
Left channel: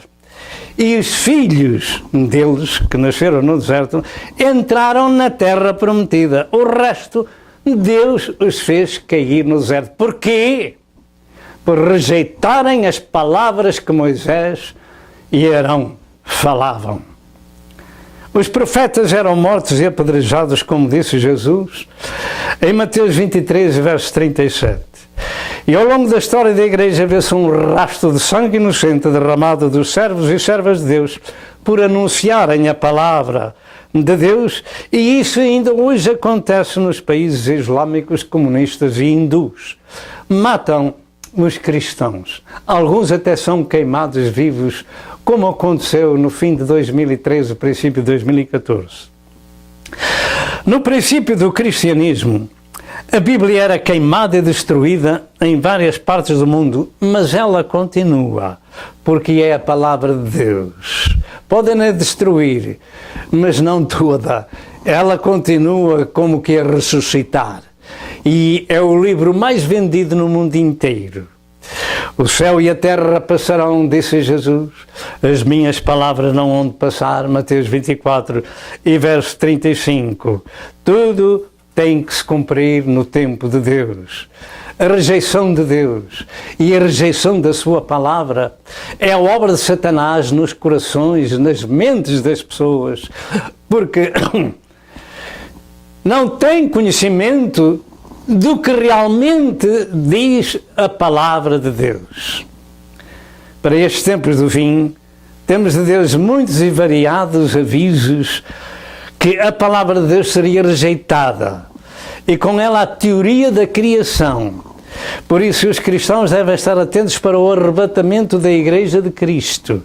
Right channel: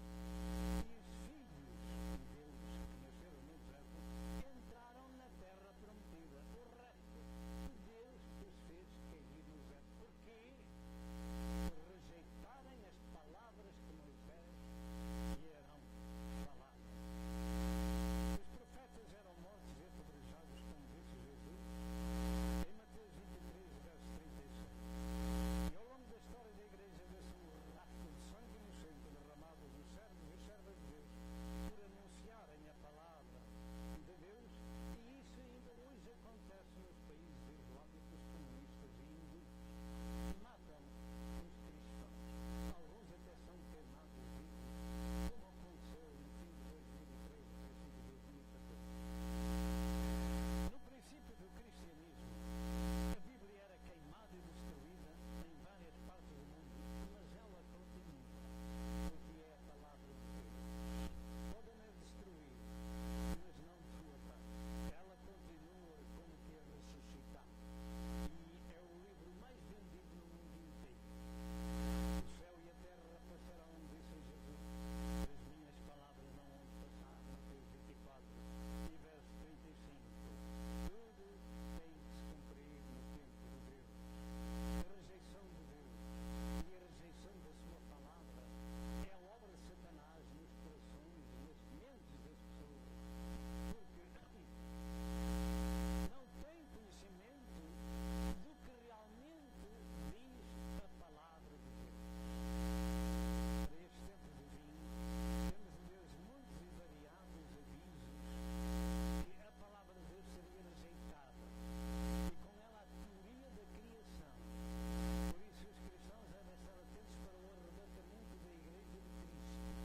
e os filhos deles, que nasceram no deserto, entraram na terra prometida. O resto, Deus os fez cair no deserto. Porquê? Por rejeitarem as palavras que Moisés e Arão falavam. Os profetas eram mortos e apedrejados, como disse Jesus, em Mateus 23, verso 37. E ao longo da história da Igreja vê-se um rastro de sangue inocente derramado dos servos e servas de Deus por anunciarem a palavra de Deus, e isso ainda hoje acontece nos países islâmicos, comunistas e hindus. Matam os cristãos. Alguns até são queimados vivos, como aconteceu no fim de 2013, princípio de 2014. No princípio do cristianismo, a Bíblia era queimada e destruída em várias partes do mundo, mas ela continua, porque é a palavra de Deus. Podem-na destruir, mas não toda. Ela continua como que a ressuscitar. E é o livro mais vendido no mundo inteiro. O céu e a terra passarão, disse Jesus, as minhas palavras não hão de passar, Mateus 24 e verso 35. Tudo tem que se cumprir no tempo de Deus. A rejeição de Deus e a rejeição da sua palavra é a obra de Satanás nos corações, nas mentes das pessoas, porque não tem conhecimento do que realmente diz a palavra de Deus. Para estes tempos do fim, temos de Deus muitos e variados avisos que a palavra de Deus seria rejeitada, e com ela a teoria da criação. Por isso os cristãos devem estar atentos para o arrebatamento da Igreja de Cristo.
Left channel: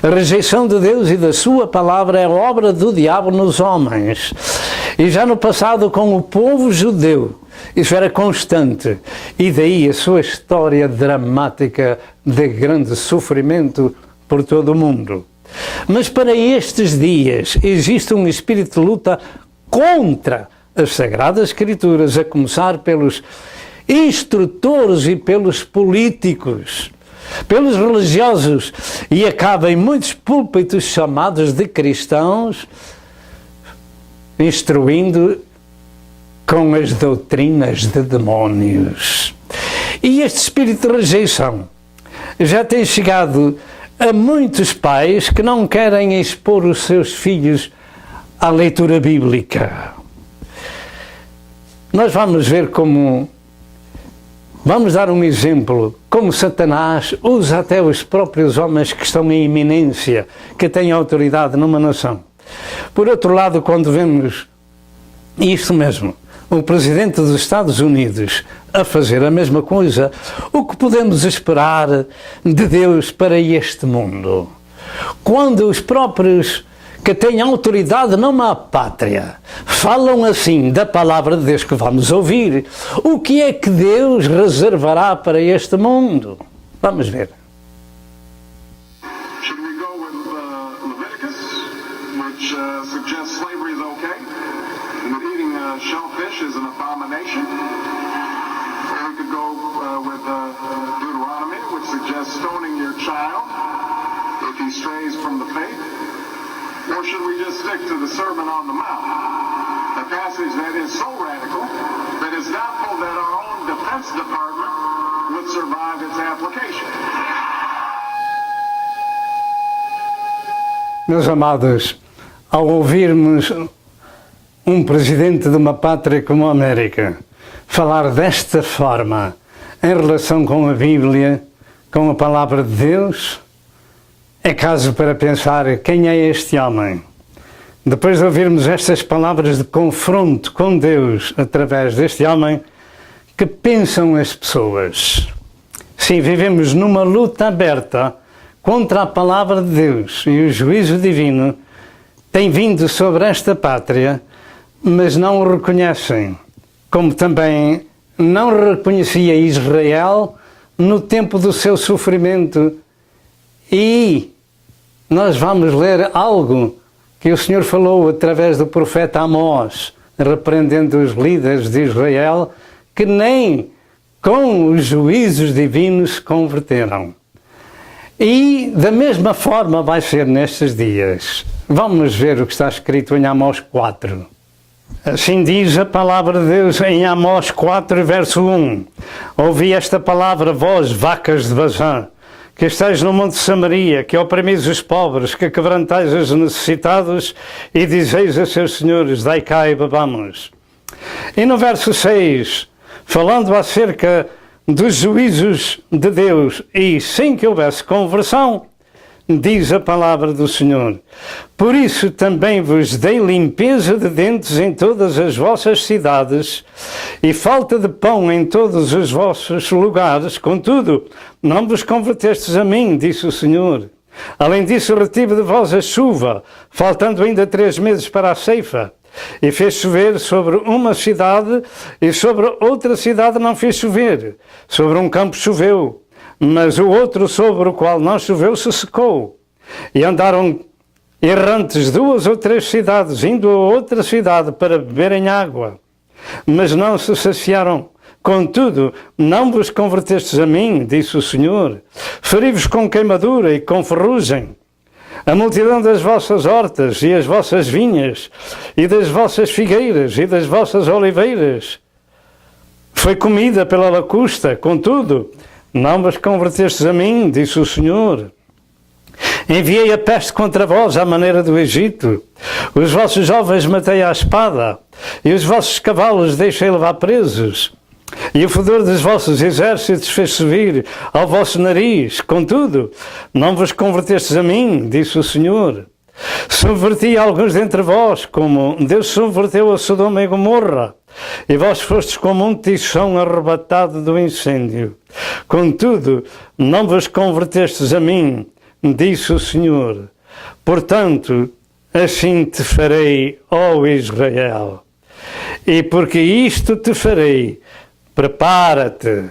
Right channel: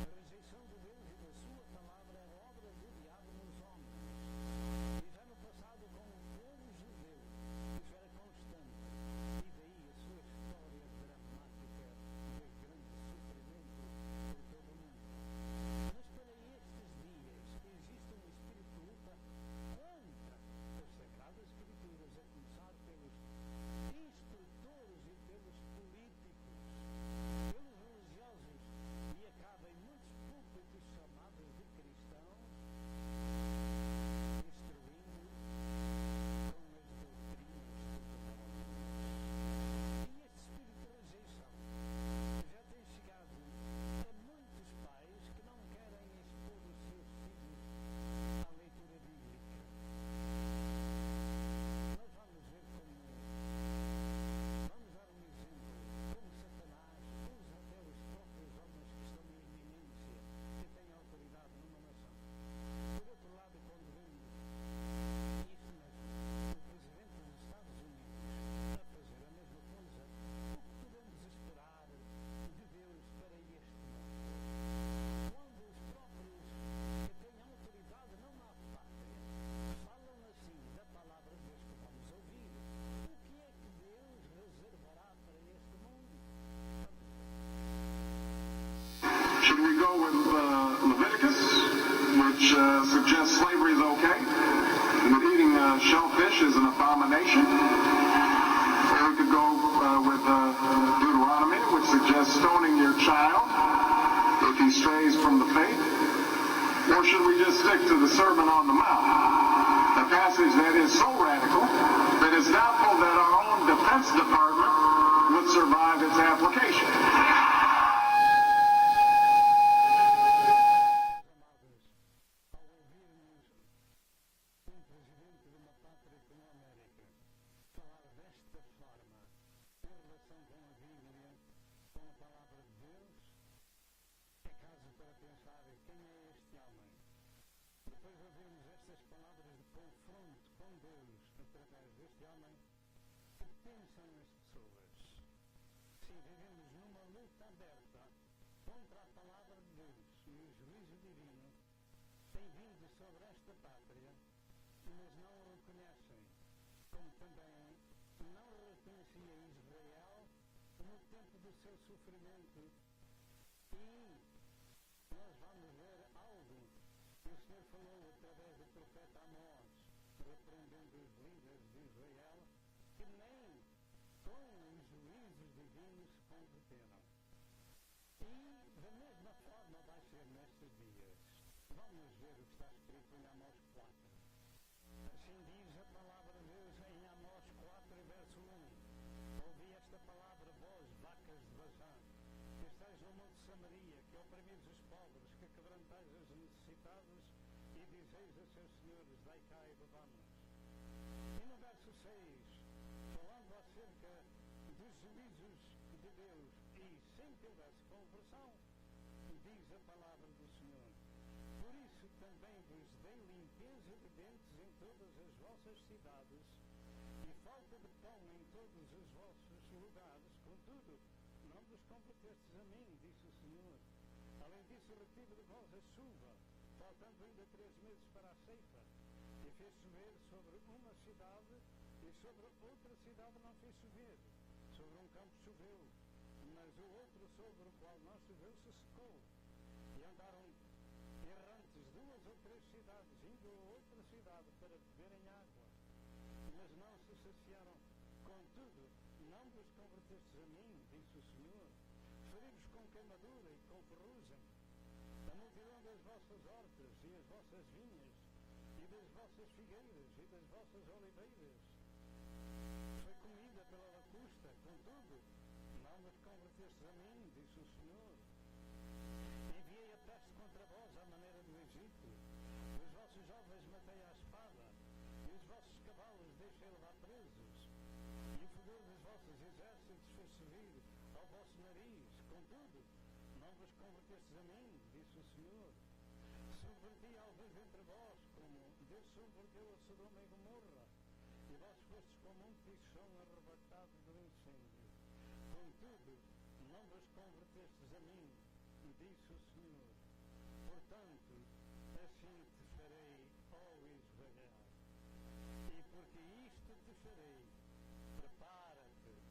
A rejeição de Deus e da sua palavra é obra do diabo nos homens. E já no passado com o povo judeu, isso era constante. E daí a sua história dramática de grande sofrimento por todo o mundo. Mas para estes dias existe um espírito de luta contra as Sagradas Escrituras, a começar pelos instrutores e pelos políticos, pelos religiosos, e acaba em muitos púlpitos chamados de cristãos, instruindo com as doutrinas de demónios. E este espírito de rejeição já tem chegado a muitos pais que não querem expor os seus filhos à leitura bíblica. Nós vamos ver como, vamos dar um exemplo, como Satanás usa até os próprios homens que estão em iminência, que têm autoridade numa nação. Por outro lado, quando vemos isto mesmo, o presidente dos Estados Unidos a fazer a mesma coisa, o que podemos esperar de Deus para este mundo? Quando os próprios que têm autoridade numa pátria falam assim da palavra de Deus que vamos ouvir, o que é que Deus reservará para este mundo? Vamos ver. Should we go with Leviticus, which suggests slavery is okay, and that eating shellfish is an abomination? Or we could go with Deuteronomy, which suggests stoning your child if he strays from the faith? Or should we just stick to the Sermon on the Mount, a passage that is so radical that it's doubtful that our own Defense Department would survive its application? Meus amados, ao ouvirmos um presidente de uma pátria como a América falar desta forma em relação com a Bíblia, com a palavra de Deus, é caso para pensar quem é este homem. Depois de ouvirmos estas palavras de confronto com Deus através deste homem, que pensam as pessoas? Sim, vivemos numa luta aberta contra a palavra de Deus e o juízo divino tem vindo sobre esta pátria, mas não o reconhecem, como também não reconhecia Israel no tempo do seu sofrimento. E nós vamos ler algo que o Senhor falou através do profeta Amós, repreendendo os líderes de Israel, que nem com os juízos divinos se converteram. E da mesma forma vai ser nestes dias. Vamos ver o que está escrito em Amós 4. Assim diz a palavra de Deus em Amós 4, verso 1. Ouvi esta palavra, vós, vacas de Bazã, que estáis no monte de Samaria, que oprimis os pobres, que quebrantais os necessitados, e dizeis a seus senhores, dai cá e bebamos. E no verso 6, falando acerca dos juízos de Deus, e sem que houvesse conversão, diz a palavra do Senhor: por isso também vos dei limpeza de dentes em todas as vossas cidades, e falta de pão em todos os vossos lugares, contudo, não vos convertestes a mim, disse o Senhor. Além disso, retive de vós a chuva, faltando ainda 3 meses para a ceifa, e fez chover sobre uma cidade, e sobre outra cidade não fez chover. Sobre um campo choveu, mas o outro sobre o qual não choveu se secou. E andaram errantes 2 ou 3 cidades, indo a outra cidade para beberem água, mas não se saciaram. Contudo, não vos convertestes a mim, disse o Senhor. Feri-vos com queimadura e com ferrugem. A multidão das vossas hortas e as vossas vinhas, e das vossas figueiras e das vossas oliveiras foi comida pela lacusta. Contudo, não vos convertestes a mim, disse o Senhor. Enviei a peste contra vós à maneira do Egito. Os vossos jovens matei à espada, e os vossos cavalos deixei levar presos. E o fedor dos vossos exércitos fez subir ao vosso nariz. Contudo, não vos convertestes a mim, disse o Senhor. Subverti alguns dentre vós, como Deus subverteu a Sodoma e Gomorra, e vós fostes como um tição arrebatado do incêndio. Contudo, não vos convertestes a mim, disse o Senhor. Portanto, assim te farei, ó Israel. E porque isto te farei, prepara-te,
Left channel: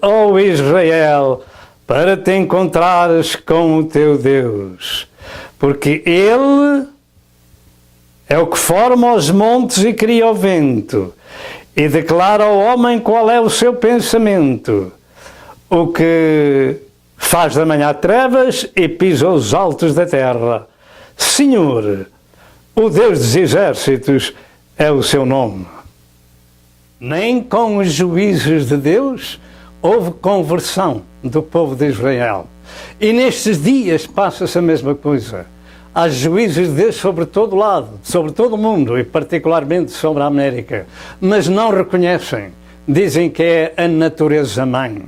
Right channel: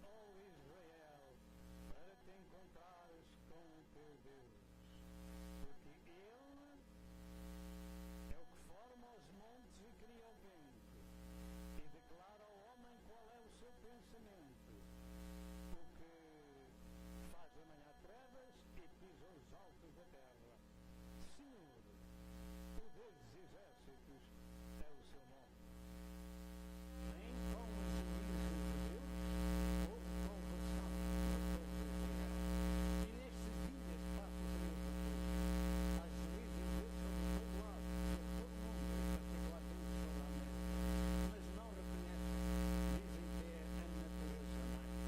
ó Israel, para te encontrares com o teu Deus, porque Ele é o que forma os montes e cria o vento, e declara ao homem qual é o seu pensamento, o que faz da manhã trevas e pisa os altos da terra. Senhor, o Deus dos exércitos é o seu nome. Nem com os juízos de Deus houve conversão do povo de Israel. E nestes dias passa-se a mesma coisa. Há juízos de Deus sobre todo lado, sobre todo o mundo, e particularmente sobre a América. Mas não reconhecem. Dizem que é a natureza-mãe.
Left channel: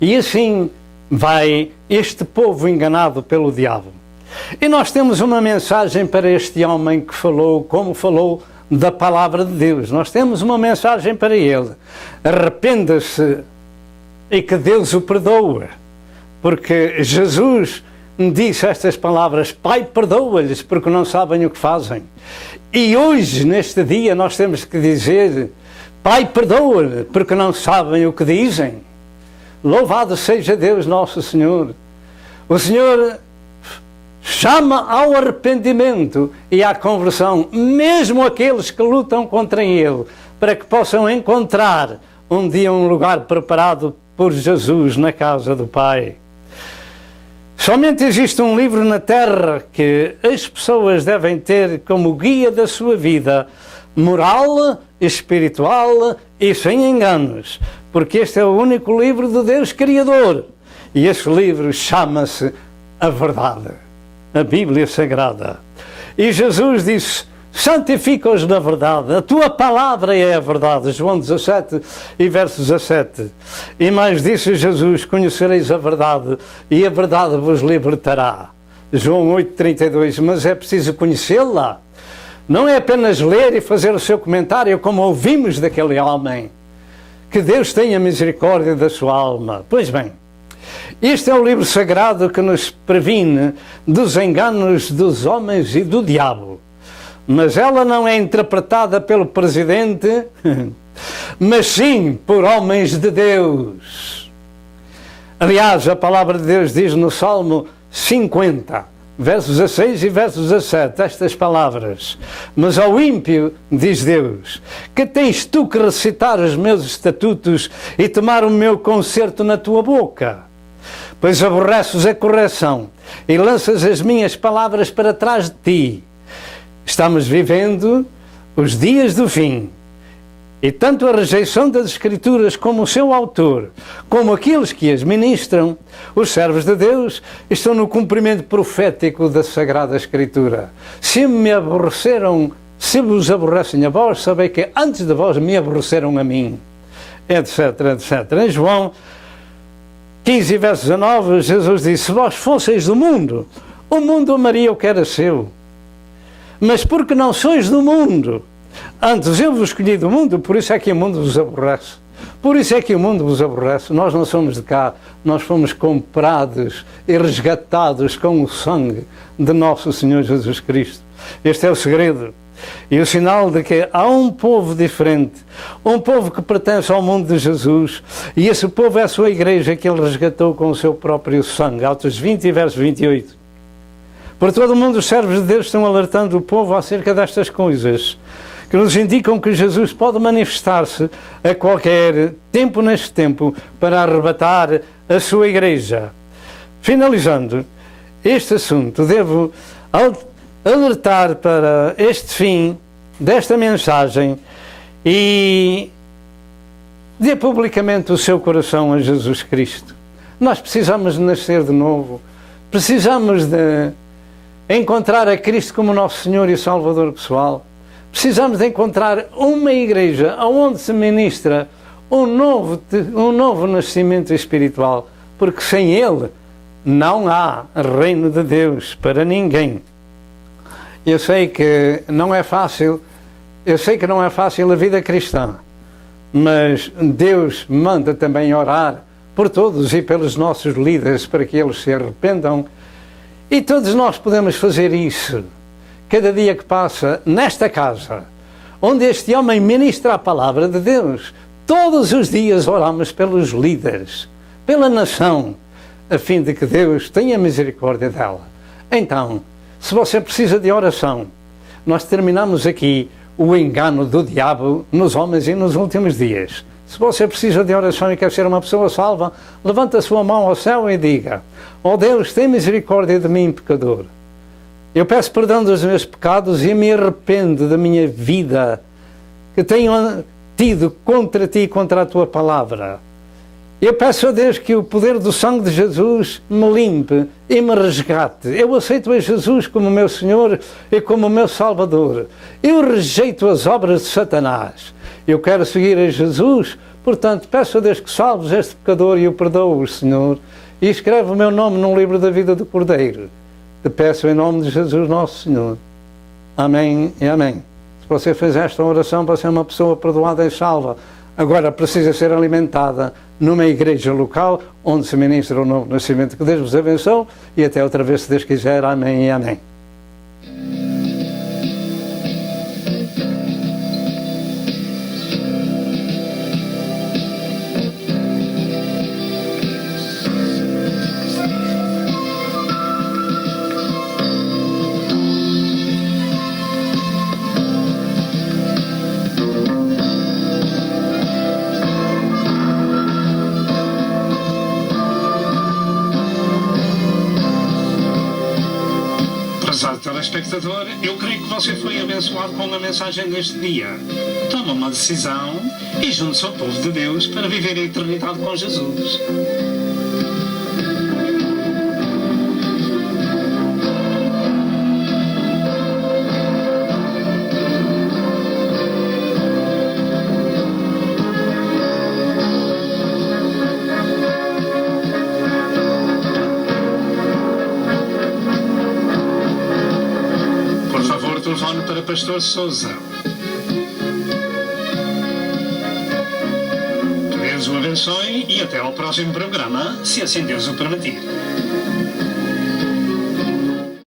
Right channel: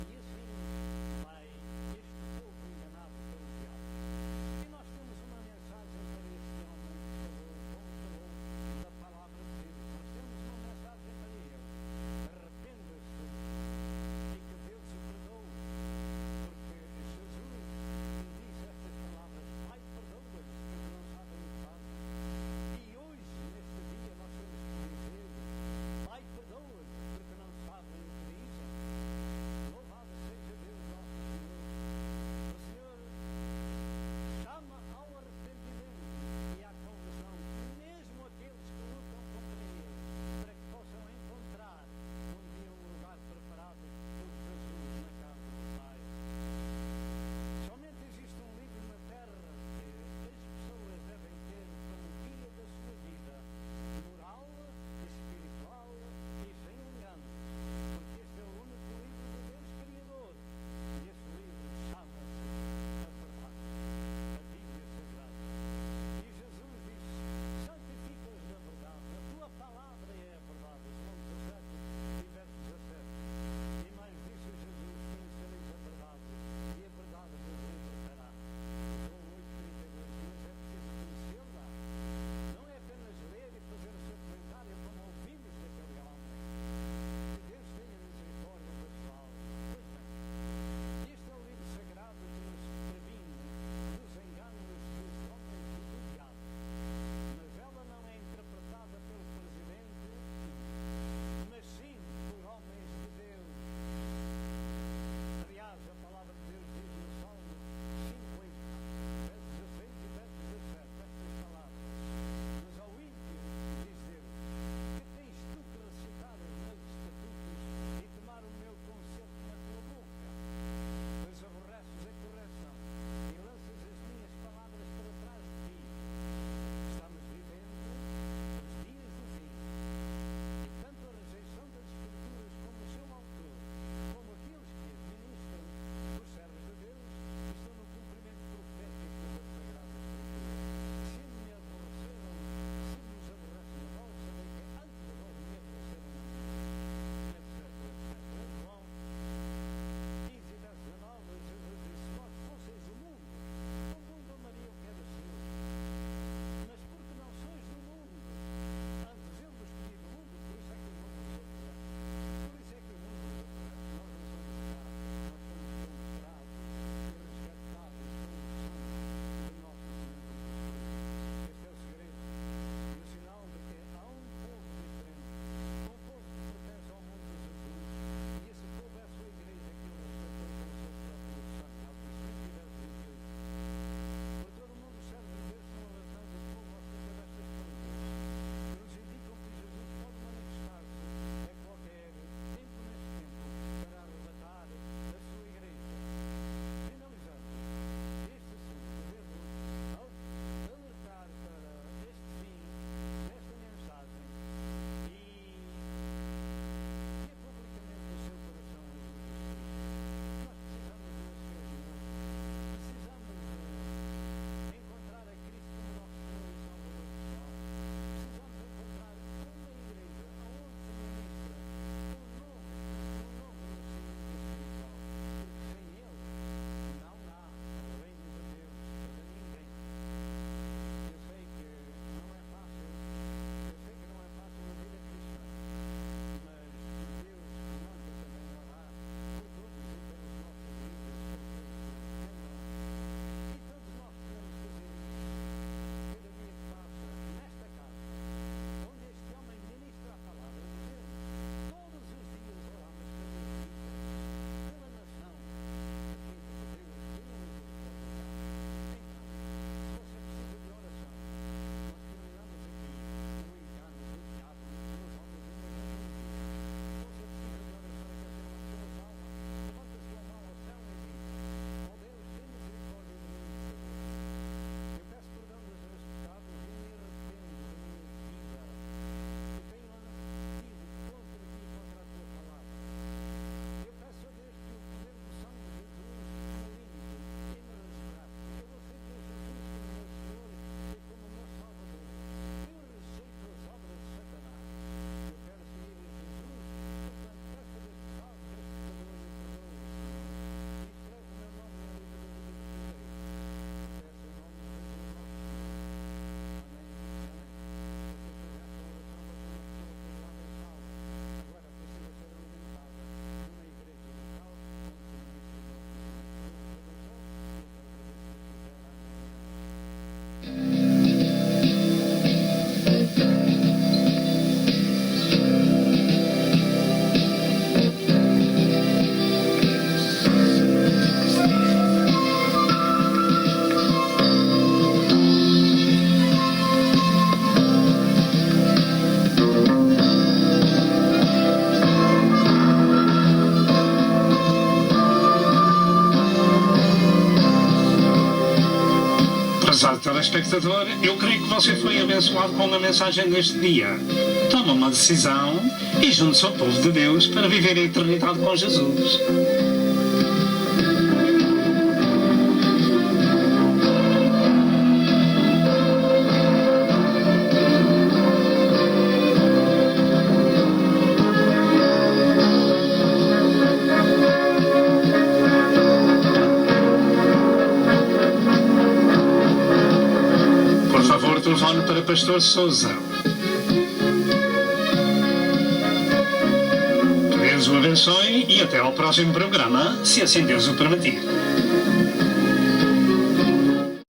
E assim vai este povo enganado pelo diabo. E nós temos uma mensagem para este homem que falou, como falou, da palavra de Deus. Nós temos uma mensagem para ele: arrependa-se e que Deus o perdoe, porque Jesus disse estas palavras: Pai, perdoa-lhes porque não sabem o que fazem. E hoje, neste dia, nós temos que dizer: Pai, perdoa-lhe porque não sabem o que dizem. Louvado seja Deus nosso Senhor. O Senhor chama ao arrependimento e à conversão, mesmo aqueles que lutam contra Ele, para que possam encontrar um dia um lugar preparado por Jesus na casa do Pai. Somente existe um livro na Terra que as pessoas devem ter como guia da sua vida, moral, espiritual e sem enganos, porque este é o único livro de Deus Criador. E esse livro chama-se a Verdade, a Bíblia Sagrada. E Jesus disse: santifica-os na verdade, a tua palavra é a verdade. João 17 e verso 17. E mais disse Jesus, conhecereis a verdade e a verdade vos libertará. João 8,32. Mas é preciso conhecê-la. Não é apenas ler e fazer o seu comentário como ouvimos daquele homem. Que Deus tenha misericórdia da sua alma. Pois bem, este é o livro sagrado que nos previne dos enganos dos homens e do diabo. Mas ela não é interpretada pelo presidente, mas sim por homens de Deus. Aliás, a palavra de Deus diz no Salmo 50, versos 16 e versos 17, estas palavras. Mas ao ímpio, diz Deus, que tens tu que recitar os meus estatutos e tomar o meu concerto na tua boca? Pois aborreces a correção e lanças as minhas palavras para trás de ti. Estamos vivendo os dias do fim. E tanto a rejeição das Escrituras como o seu autor, como aqueles que as ministram, os servos de Deus, estão no cumprimento profético da Sagrada Escritura. Se vos aborrecem a vós, sabei que antes de vós me aborreceram a mim. Etc, etc. Em João 15, verso 19, Jesus disse, se vós fosseis do mundo, o mundo amaria o que era seu. Mas porque não sois do mundo, antes eu vos escolhi do mundo, por isso é que o mundo vos aborrece. Por isso é que o mundo vos aborrece. Nós não somos de cá, nós fomos comprados e resgatados com o sangue de nosso Senhor Jesus Cristo. Este é o segredo e o sinal de que há um povo diferente, um povo que pertence ao mundo de Jesus, e esse povo é a sua igreja que ele resgatou com o seu próprio sangue. Atos 20, verso 28. Por todo o mundo os servos de Deus estão alertando o povo acerca destas coisas, que nos indicam que Jesus pode manifestar-se a qualquer tempo neste tempo para arrebatar a sua igreja. Finalizando este assunto, devo alertar para este fim desta mensagem e dê publicamente o seu coração a Jesus Cristo. Nós precisamos de nascer de novo, precisamos de encontrar a Cristo como nosso Senhor e Salvador pessoal. Precisamos de encontrar uma igreja onde se ministra um novo nascimento espiritual, porque sem Ele não há reino de Deus para ninguém. Eu sei que não é fácil a vida cristã, mas Deus manda também orar por todos e pelos nossos líderes para que eles se arrependam. E todos nós podemos fazer isso, cada dia que passa, nesta casa, onde este homem ministra a palavra de Deus. Todos os dias oramos pelos líderes, pela nação, a fim de que Deus tenha misericórdia dela. Então, se você precisa de oração, nós terminamos aqui o engano do diabo nos homens e nos últimos dias. Se você precisa de oração e quer ser uma pessoa salva, levanta a sua mão ao céu e diga: ó Deus, tem misericórdia de mim, pecador. Eu peço perdão dos meus pecados e me arrependo da minha vida que tenho tido contra ti e contra a tua palavra. Eu peço a Deus que o poder do sangue de Jesus me limpe e me resgate. Eu aceito a Jesus como meu Senhor e como meu Salvador. Eu rejeito as obras de Satanás. Eu quero seguir a Jesus, portanto peço a Deus que salves este pecador e o perdoe, Senhor, e escreve o meu nome num livro da vida do Cordeiro. Te peço em nome de Jesus nosso Senhor. Amém e amém. Se você fez esta oração para ser uma pessoa perdoada e salva, agora precisa ser alimentada numa igreja local onde se ministra o novo nascimento. Que Deus vos abençoe e até outra vez, se Deus quiser. Amém e amém. Prezado telespectador, eu creio que você foi abençoado com a mensagem deste dia. Toma uma decisão e junte-se ao povo de Deus para viver a eternidade com Jesus. telefone para Pastor Sousa. Que Deus o abençoe e até ao próximo programa, se assim Deus o permitir.